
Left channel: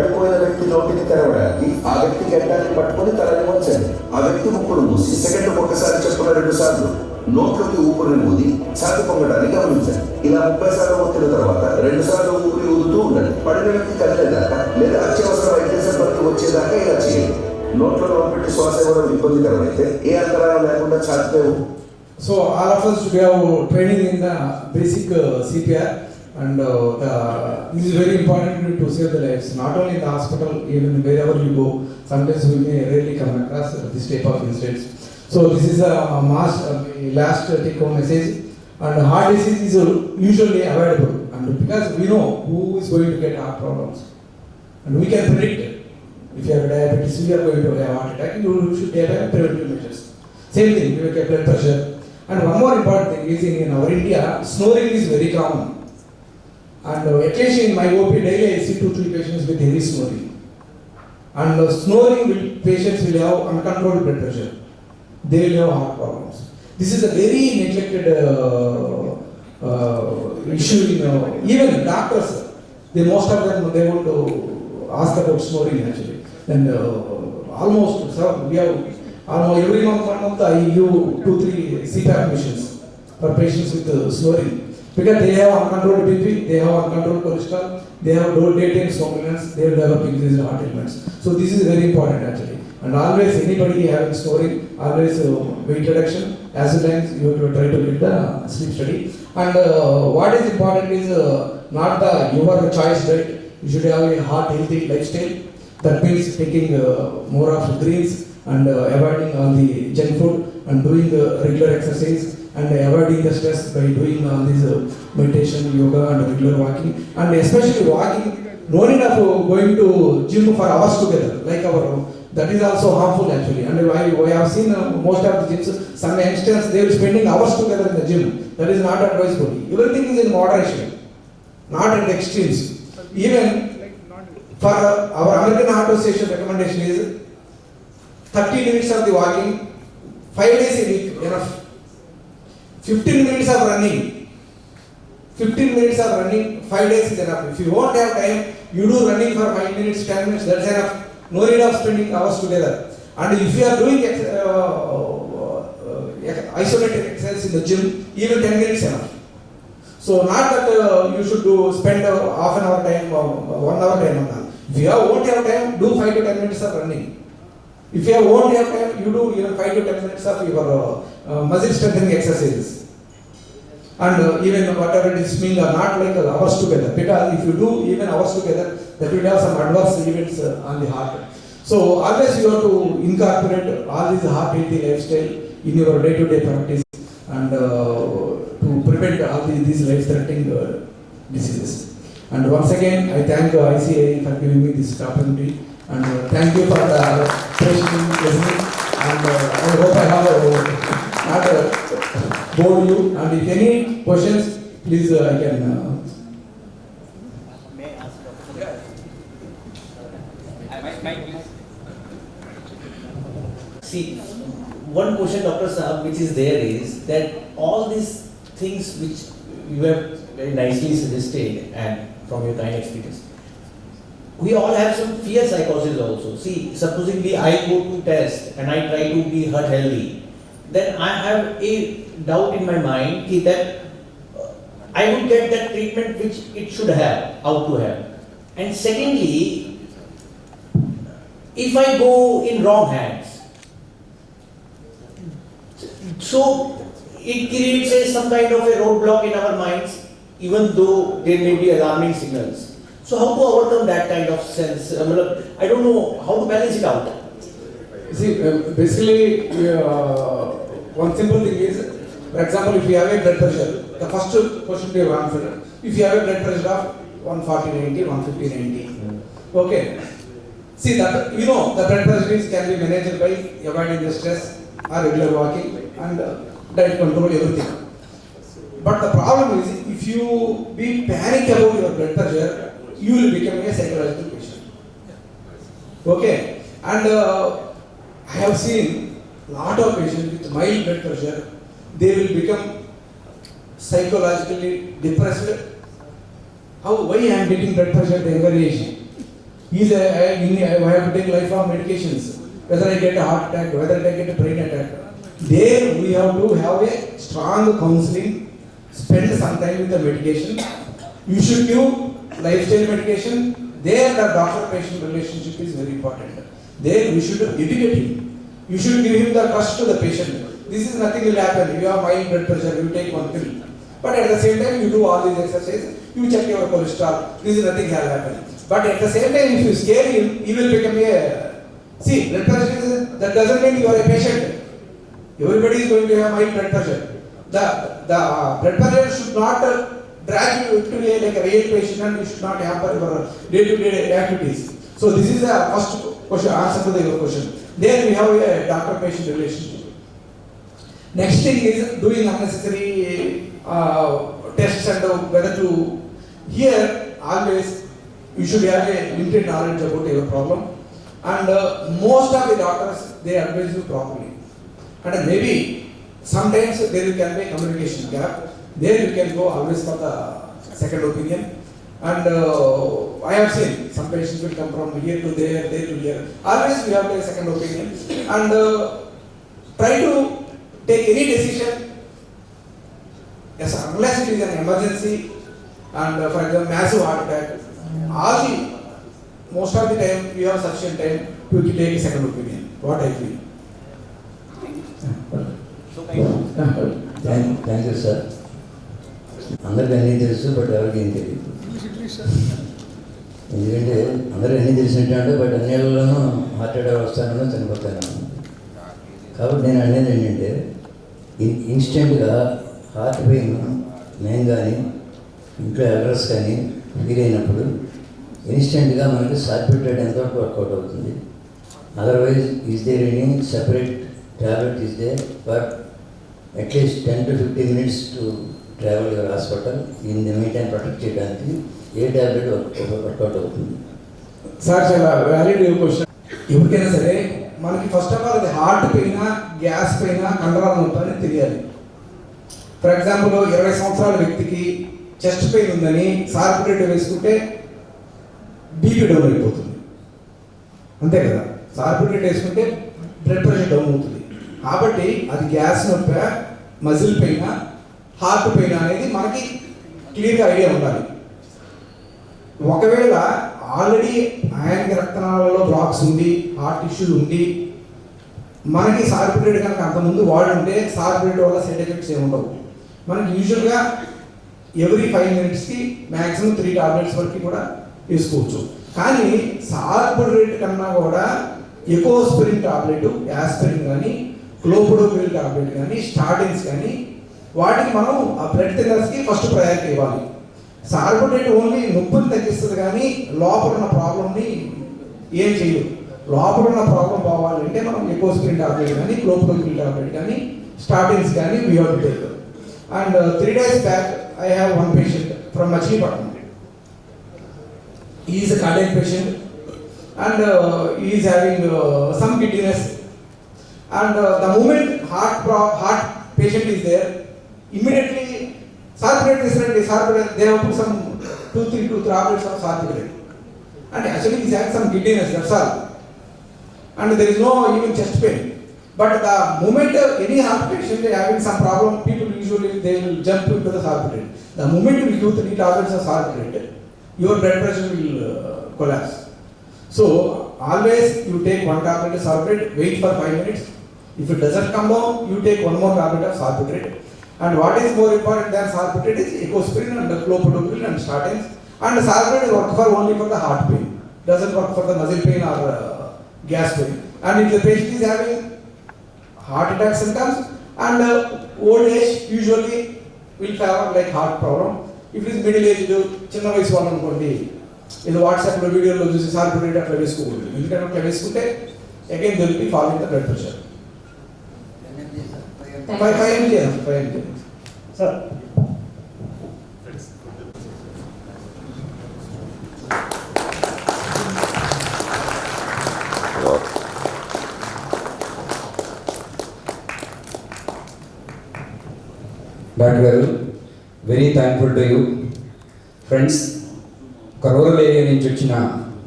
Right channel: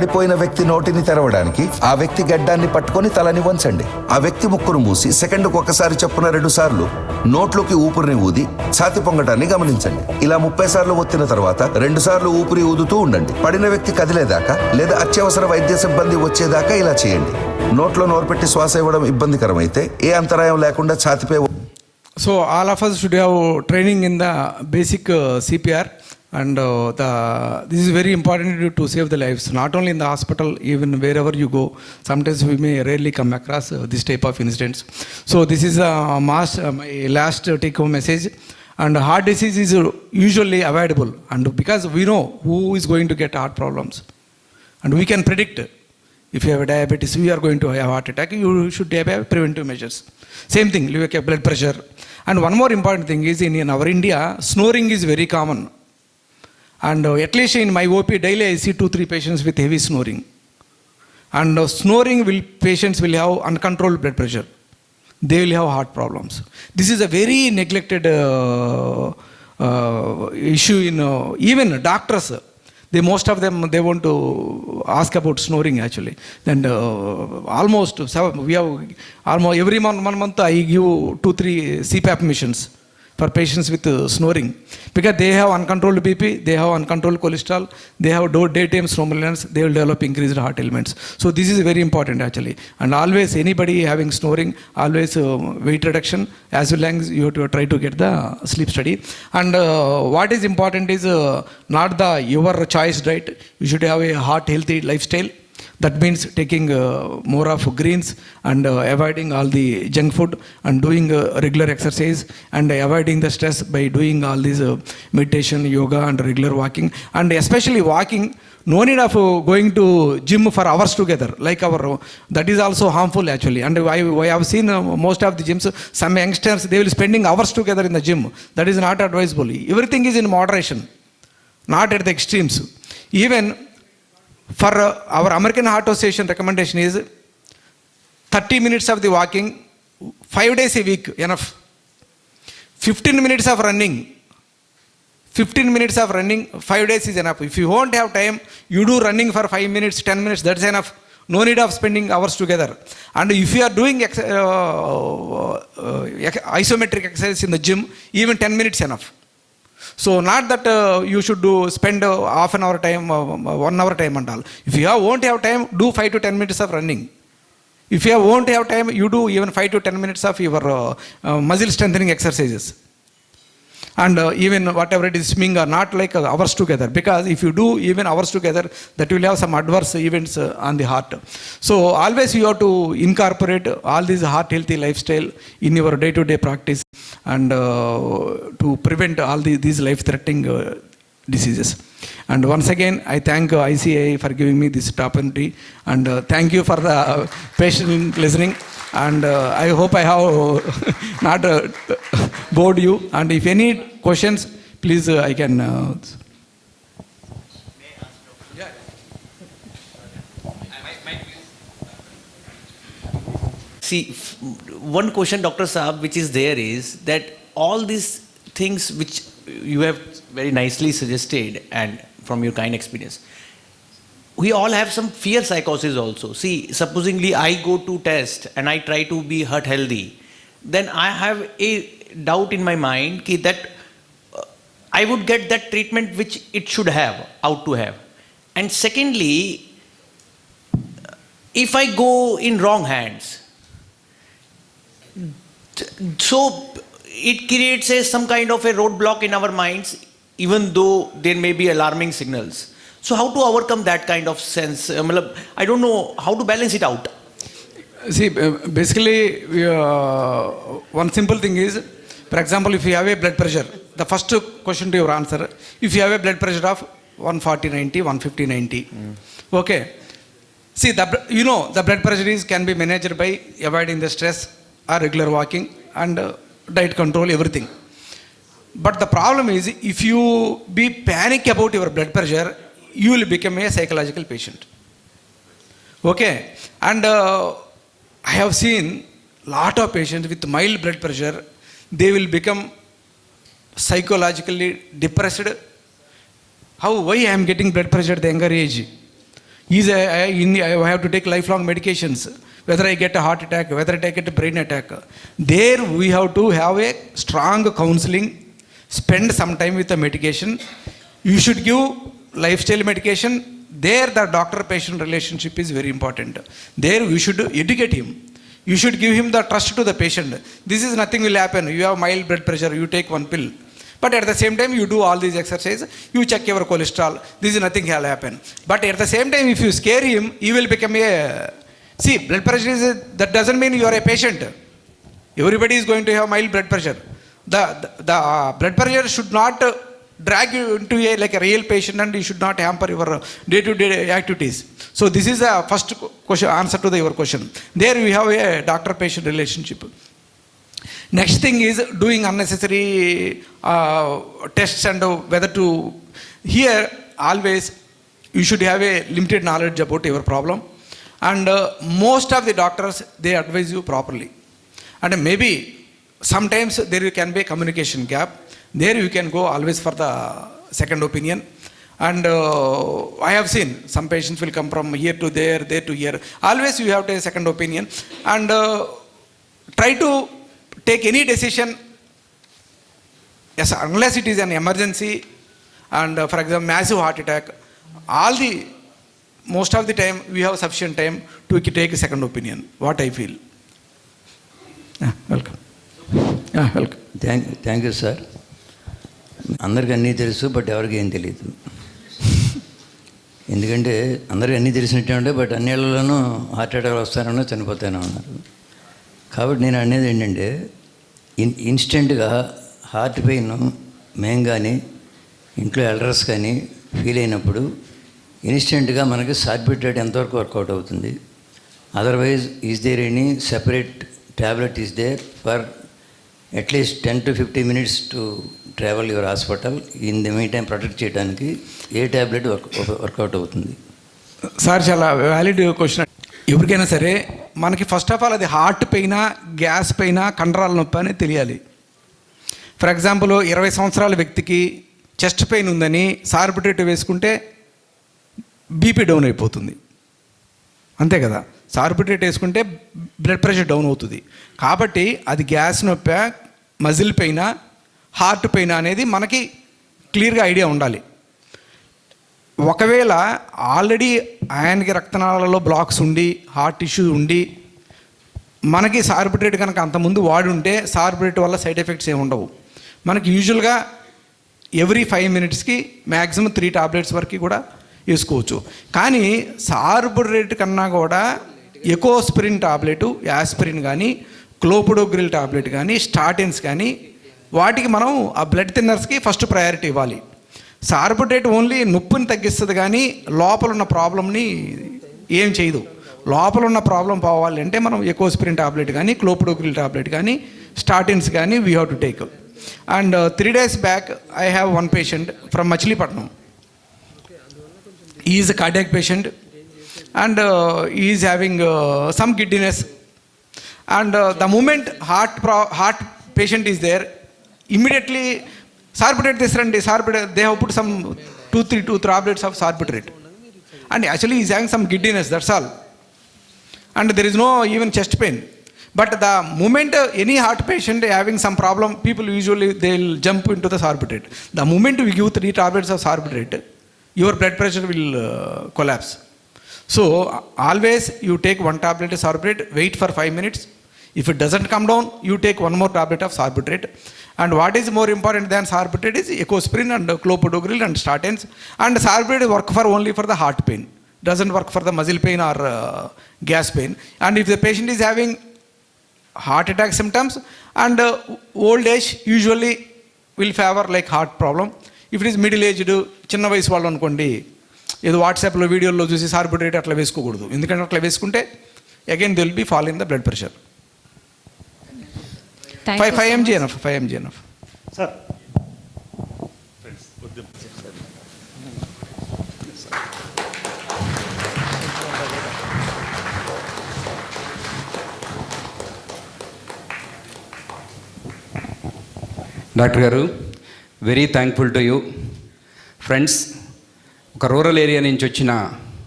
పడిపోయిన వ్యక్తి నోటిని తెరవడానికి ఆ వ్యక్తి గడ్డాన్ని పట్టుకొని తలని వంచండి. ఆ వ్యక్తి ముక్కును మూసి సెకండ్కు ఒకసారి చొప్పున 2 సార్లు నోట్లోకి ఊపిరిని ఊది ఛాతి పొంగటాన్ని గమనించండి. ఇలా 30 సార్లు ఒత్తిన తర్వాత 2 సార్లు ఊపిరి ఊదుతూ ఉండండి. పడిన వ్యక్తి కదిలేదాకా లేదా అత్యవసర వైద్య సిబ్బంది వచ్చేదాకా ఇలా చేయండి. నోట్లో నోరు పెట్టి శ్వాస ఇవ్వడం ఇబ్బందికరమైతే ఏ అంతరాయం లేకుండా ఛాతిపై. So all of us should have training in the basic CPR, and this is very important to save the lives, not only in the hospital, even wherever you go. Sometimes we may rarely come across this type of incidents. So this is a last take home message. And heart disease is usually avoidable, and because we know who is going to get heart problems, and we can predict. If you have diabetes, we are going to have heart attack. You should have preventive measures. Same thing, you have blood pressure. And one more important thing is in our India, snoring is very common. And at least in my OP daily, I see 2-3 patients with heavy snoring. And snoring patients will have uncontrolled blood pressure. They will have heart problems. This is a very neglected issue in even doctors. Most of them, they want to ask about snoring actually. And almost every month I give 2-3 CPAP missions for patients with snoring, because they have uncontrolled BP, they have uncontrolled cholesterol, they have daytime somnolence, they will develop increased heart ailments. So this is very important actually. And always anybody having snoring, always weight reduction, as well as you have to try to get the sleep study. And what is important is not your choice diet. You should have a heart healthy lifestyle. That means taking more of greens and avoiding all the junk food and doing regular exercise and avoiding the stress by doing all these meditation, yoga and regular walking. And especially walking, no need of going to gym for hours together like that is also harmful actually. And I have seen most of the gyms, some youngsters, they will spending hours together in the gym. That is not advisable. Everything is in moderation, not at the extremes. Even for our American Heart Association recommendation is 30 minutes of the walking, 5 days a week, enough. 15 minutes of running, 5 days is enough. If you won't have time, you do running for 5 minutes, 10 minutes, that's enough. No need of spending hours together. And if you are doing isometric exercise in the gym, even 10 minutes enough. So not that you should spend half an hour time, 1 hour time and all. If you won't have time, do 5 to 10 minutes of running. If you won't have time, you do even 5 to 10 minutes of your muscle strengthening exercises. And even whatever it is, swimming or not like hours together, because if you do even hours together, that will have some adverse events on the heart. So always you have to incorporate all this heart healthy lifestyle in your day-to-day practice, and to prevent all these life-threatening diseases. And once again, I thank ICI for giving me this opportunity, and thank you for patiently listening. And I hope I have not bored you. And if any questions, please I can. See, one question, Dr. Saab, which is there is that all these things which you have very nicely suggested and from your kind experience, we all have some fear psychosis also. See, supposingly I go to test and I try to be heart healthy, then I have a doubt in my mind that I would get that treatment which it should have, out to have. And secondly, if I go in wrong hands, so it creates some kind of a roadblock in our minds, even though there may be alarming signals. So how to overcome that kind of sense? I don't know how to balance it out. See, basically, one simple thing is, for example, if you have a blood pressure, the first question to your answer, if you have a blood pressure of 140/90, 150/90, okay. See, the blood pressure can be managed by avoiding the stress or regular walking and diet control, everything. But the problem is, if you be panic about your blood pressure, you will become a psychological patient. Okay, and I have seen lot of patients with mild blood pressure, they will become psychologically depressed. Why I am getting blood pressure at the younger age? I have to take lifelong medications, whether I get a heart attack, whether I get a brain attack. There we have to have a strong counseling, spend some time with the medication. You should give lifestyle medication. There the doctor-patient relationship is very important. There we should educate him. You should give him the trust to the patient. This is nothing will happen. You have mild blood pressure, you take one pill. But at the same time, you do all these exercises, you check your cholesterol, this is nothing has happened. But at the same time, if you scare him, he will become a... See, blood pressure that doesn't mean you are a patient. Everybody is going to have mild blood pressure. The blood pressure should not drag you to like a real patient, and you should not hamper your day-to-day activities. So this is the first question, answer to your question. There we have a doctor-patient relationship. Next thing is doing unnecessary tests and whether to... Here always you should have a limited knowledge about your problem, and most of the doctors, they advise you properly. And maybe sometimes there can be a communication gap. There you can go always for the second opinion. And I have seen some patients will come from here to there, there to here. Always you have a second opinion, and try to take any decision, yes, unless it is an emergency and for example massive heart attack. Most of the time we have sufficient time to take a second opinion. What I feel. Welcome. Welcome. Thank you, sir. అందరికి అన్నీ తెలుసు, but ఎవరికి ఏం తెలియదు. ఎందుకంటే అందరికి అన్నీ తెలిసినట్టే ఉంటాయి, బట్ అన్నిళ్ళలోనూ హార్ట్ అటాక్ వస్తానో చనిపోతానో. కాబట్టి నేను అనేది ఏంటంటే ఇన్స్టెంట్గా హార్ట్ పెయిన్ మేము కానీ ఇంట్లో ఎల్డర్స్ కానీ ఫీల్ అయినప్పుడు ఇన్స్టెంట్గా మనకి సార్బిట్రేట్ ఎంతవరకు వర్కౌట్ అవుతుంది. Otherwise is there any separate tablet is there for at least 10 to 15 minutes to travel your hospital in the mean time protect చేయడానికి ఏ ట్యాబ్లెట్ వర్కౌట్ అవుతుంది? సార్ చాలా వ్యాలిడ్ క్వశ్చన్. ఎవరికైనా సరే మనకి ఫస్ట్ ఆఫ్ ఆల్ అది హార్ట్ పెయినా, గ్యాస్ పెయినా, కండరాల నొప్పి అని తెలియాలి. ఫర్ ఎగ్జాంపుల్ 20 సంవత్సరాల వ్యక్తికి చెస్ట్ పెయిన్ ఉందని సార్బిట్రేట్ వేసుకుంటే బీపీ డౌన్ అయిపోతుంది, అంతే కదా. సార్బిట్రేట్ వేసుకుంటే బ్లడ్ ప్రెషర్ డౌన్ అవుతుంది. కాబట్టి అది గ్యాస్ నొప్పి, మజిల్ పెయినా, హార్ట్ పెయిన్ అనేది మనకి క్లియర్గా ఐడియా ఉండాలి. ఒకవేళ ఆల్రెడీ ఆయనకి రక్తనాళాలలో బ్లాక్స్ ఉండి, హార్ట్ ఇష్యూ ఉండి, మనకి సార్బిట్రేట్ కనుక అంతకుముందు వాడుంటే సార్బిట్రేట్ వల్ల సైడ్ ఎఫెక్ట్స్ ఏమి ఉండవు. మనకి యూజువల్గా ఎవ్రీ 5 minutesకి మ్యాక్సిమం 3 tablets వరకు కూడా వేసుకోవచ్చు. కానీ సార్బిట్రేట్ కన్నా కూడా ఎకోస్ప్రిన్ టాబ్లెట్, యాస్ప్రిన్ కానీ, క్లోపిడోగ్రిల్ టాబ్లెట్ కానీ, స్టాటిన్స్ కానీ, వాటికి మనం ఆ బ్లడ్ థిన్నర్స్కి ఫస్ట్ ప్రయారిటీ ఇవ్వాలి. సార్బిట్రేట్ ఓన్లీ నొప్పిని తగ్గిస్తుంది కానీ లోపల ఉన్న ప్రాబ్లమ్ని ఏం చేయదు. లోపల ఉన్న ప్రాబ్లం పోవాలంటే మనం ఎకోస్ప్రిన్ టాబ్లెట్ కానీ, క్లోపిడోగ్రిల్ టాబ్లెట్ కానీ, స్టాటిన్స్ కానీ we have to take. And 3 days back I have one patient from Machilipatnam. He is a cardiac patient and he is having some giddiness. And the moment heart patient is there, immediately Sorbitrate తీసుకురండి, Sorbitrate, they have put some 2 tablets of Sorbitrate. And actually he is having some giddiness, that's all. And there is no even chest pain. But the moment any heart patient having some problem, people usually they'll jump into the saarbitrate. The moment we give 3 tablets of saarbitrate, your blood pressure will collapse. So always you take 1 tablet of saarbitrate, wait for 5 minutes. If it doesn't come down, you take 1 more tablet of saarbitrate. And what is more important than saarbitrate is ecosprin and clopidogrel and statins. And saarbitrate work for only for the heart pain, doesn't work for the muscle pain or gas pain. And if the patient is having heart attack symptoms and old age, usually will favor like heart problem. If it is middle aged, చిన్న వయసు వాళ్ళు అనుకోండి, ఏదో వాట్సాప్లో వీడియోలో చూసి సార్బిట్రేట్ అట్లా వేసుకోకూడదు. ఎందుకంటే అట్లా వేసుకుంటే again they will be fall in the blood pressure. 5 mg enough. 5 mg enough. Sir. Doctor గారు, very thankful to you. Friends, ఒక రూరల్ ఏరియా నుంచి వచ్చిన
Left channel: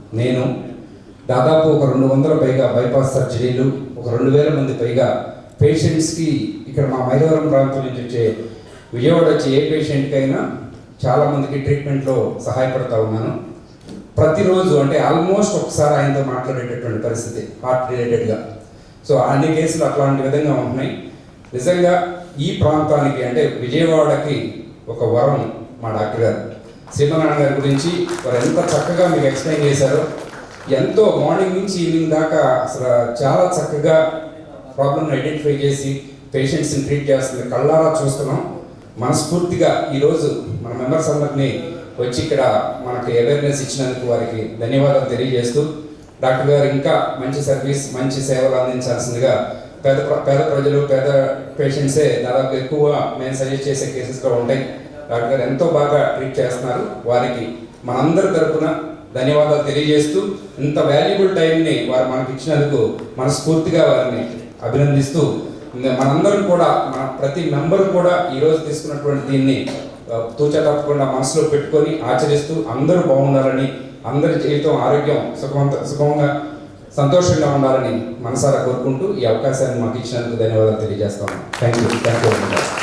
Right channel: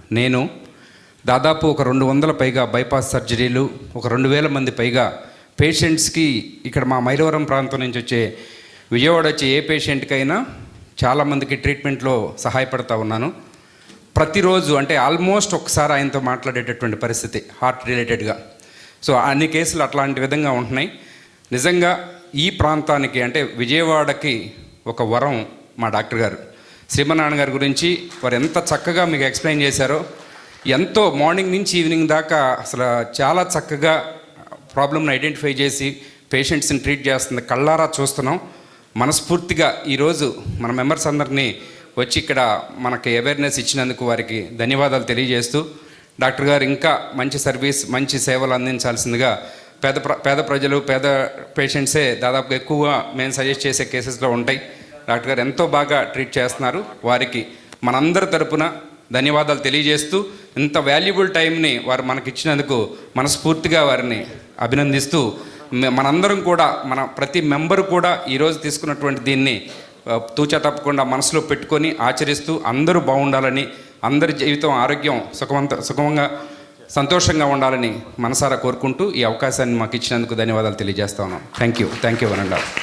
నేను దాదాపు ఒక 200 పైగా బైపాస్ సర్జరీలు, ఒక 2000 మంది పైగా పేషెంట్స్కి ఇక్కడ మా మైలవరం ప్రాంతం నుంచి వచ్చే విజయవాడ వచ్చే ఏ పేషెంట్కైనా చాలామందికి ట్రీట్మెంట్లో సహాయపడతా ఉన్నాను. ప్రతిరోజు అంటే ఆల్మోస్ట్ ఒకసారి ఆయనతో మాట్లాడేటటువంటి పరిస్థితి హార్ట్ రిలేటెడ్గా. సో అన్ని కేసులు అట్లాంటి విధంగా ఉంటున్నాయి. నిజంగా ఈ ప్రాంతానికి అంటే విజయవాడకి ఒక వరం మా డాక్టర్ గారు. శ్రీమన్నారాయణ గారి గురించి వారు ఎంత చక్కగా మీకు ఎక్స్ప్లెయిన్ చేశారో, ఎంతో మార్నింగ్ నుంచి ఈవినింగ్ దాకా అసలు చాలా చక్కగా ప్రాబ్లమ్ని ఐడెంటిఫై చేసి పేషెంట్స్ని ట్రీట్ చేస్తుంది. కళ్ళారా చూస్తున్నాం. మనస్ఫూర్తిగా ఈరోజు మన మెంబర్స్ అందరినీ వచ్చి ఇక్కడ మనకి అవేర్నెస్ ఇచ్చినందుకు వారికి ధన్యవాదాలు తెలియజేస్తూ, డాక్టర్ గారు ఇంకా మంచి సర్వీస్, మంచి సేవలు అందించాల్సిందిగా పేద ప్రజలు, పేద పేషెంట్సే దాదాపు ఎక్కువగా మేము సజెస్ట్ చేసే కేసెస్లో ఉంటాయి. డాక్టర్ గారు ఎంతో బాగా ట్రీట్ చేస్తున్నారు. వారికి మనందరి తరపున ధన్యవాదాలు తెలియజేస్తూ, ఇంత వాల్యుబుల్ టైంని వారు మనకి ఇచ్చినందుకు మనస్ఫూర్తిగా వారిని అభినందిస్తూ, మనందరం కూడా మన ప్రతి మెంబరు కూడా ఈరోజు తీసుకున్నటువంటి దీన్ని తూచా తప్పకుండా మనసులో పెట్టుకొని ఆచరిస్తూ అందరూ బాగుండాలని, అందరి జీవితం ఆరోగ్యం సుఖంగా సంతోషంగా ఉండాలని మనసారా కోరుకుంటూ ఈ అవకాశాన్ని మాకు ఇచ్చినందుకు ధన్యవాదాలు తెలియజేస్తా ఉన్నాం. Thank you.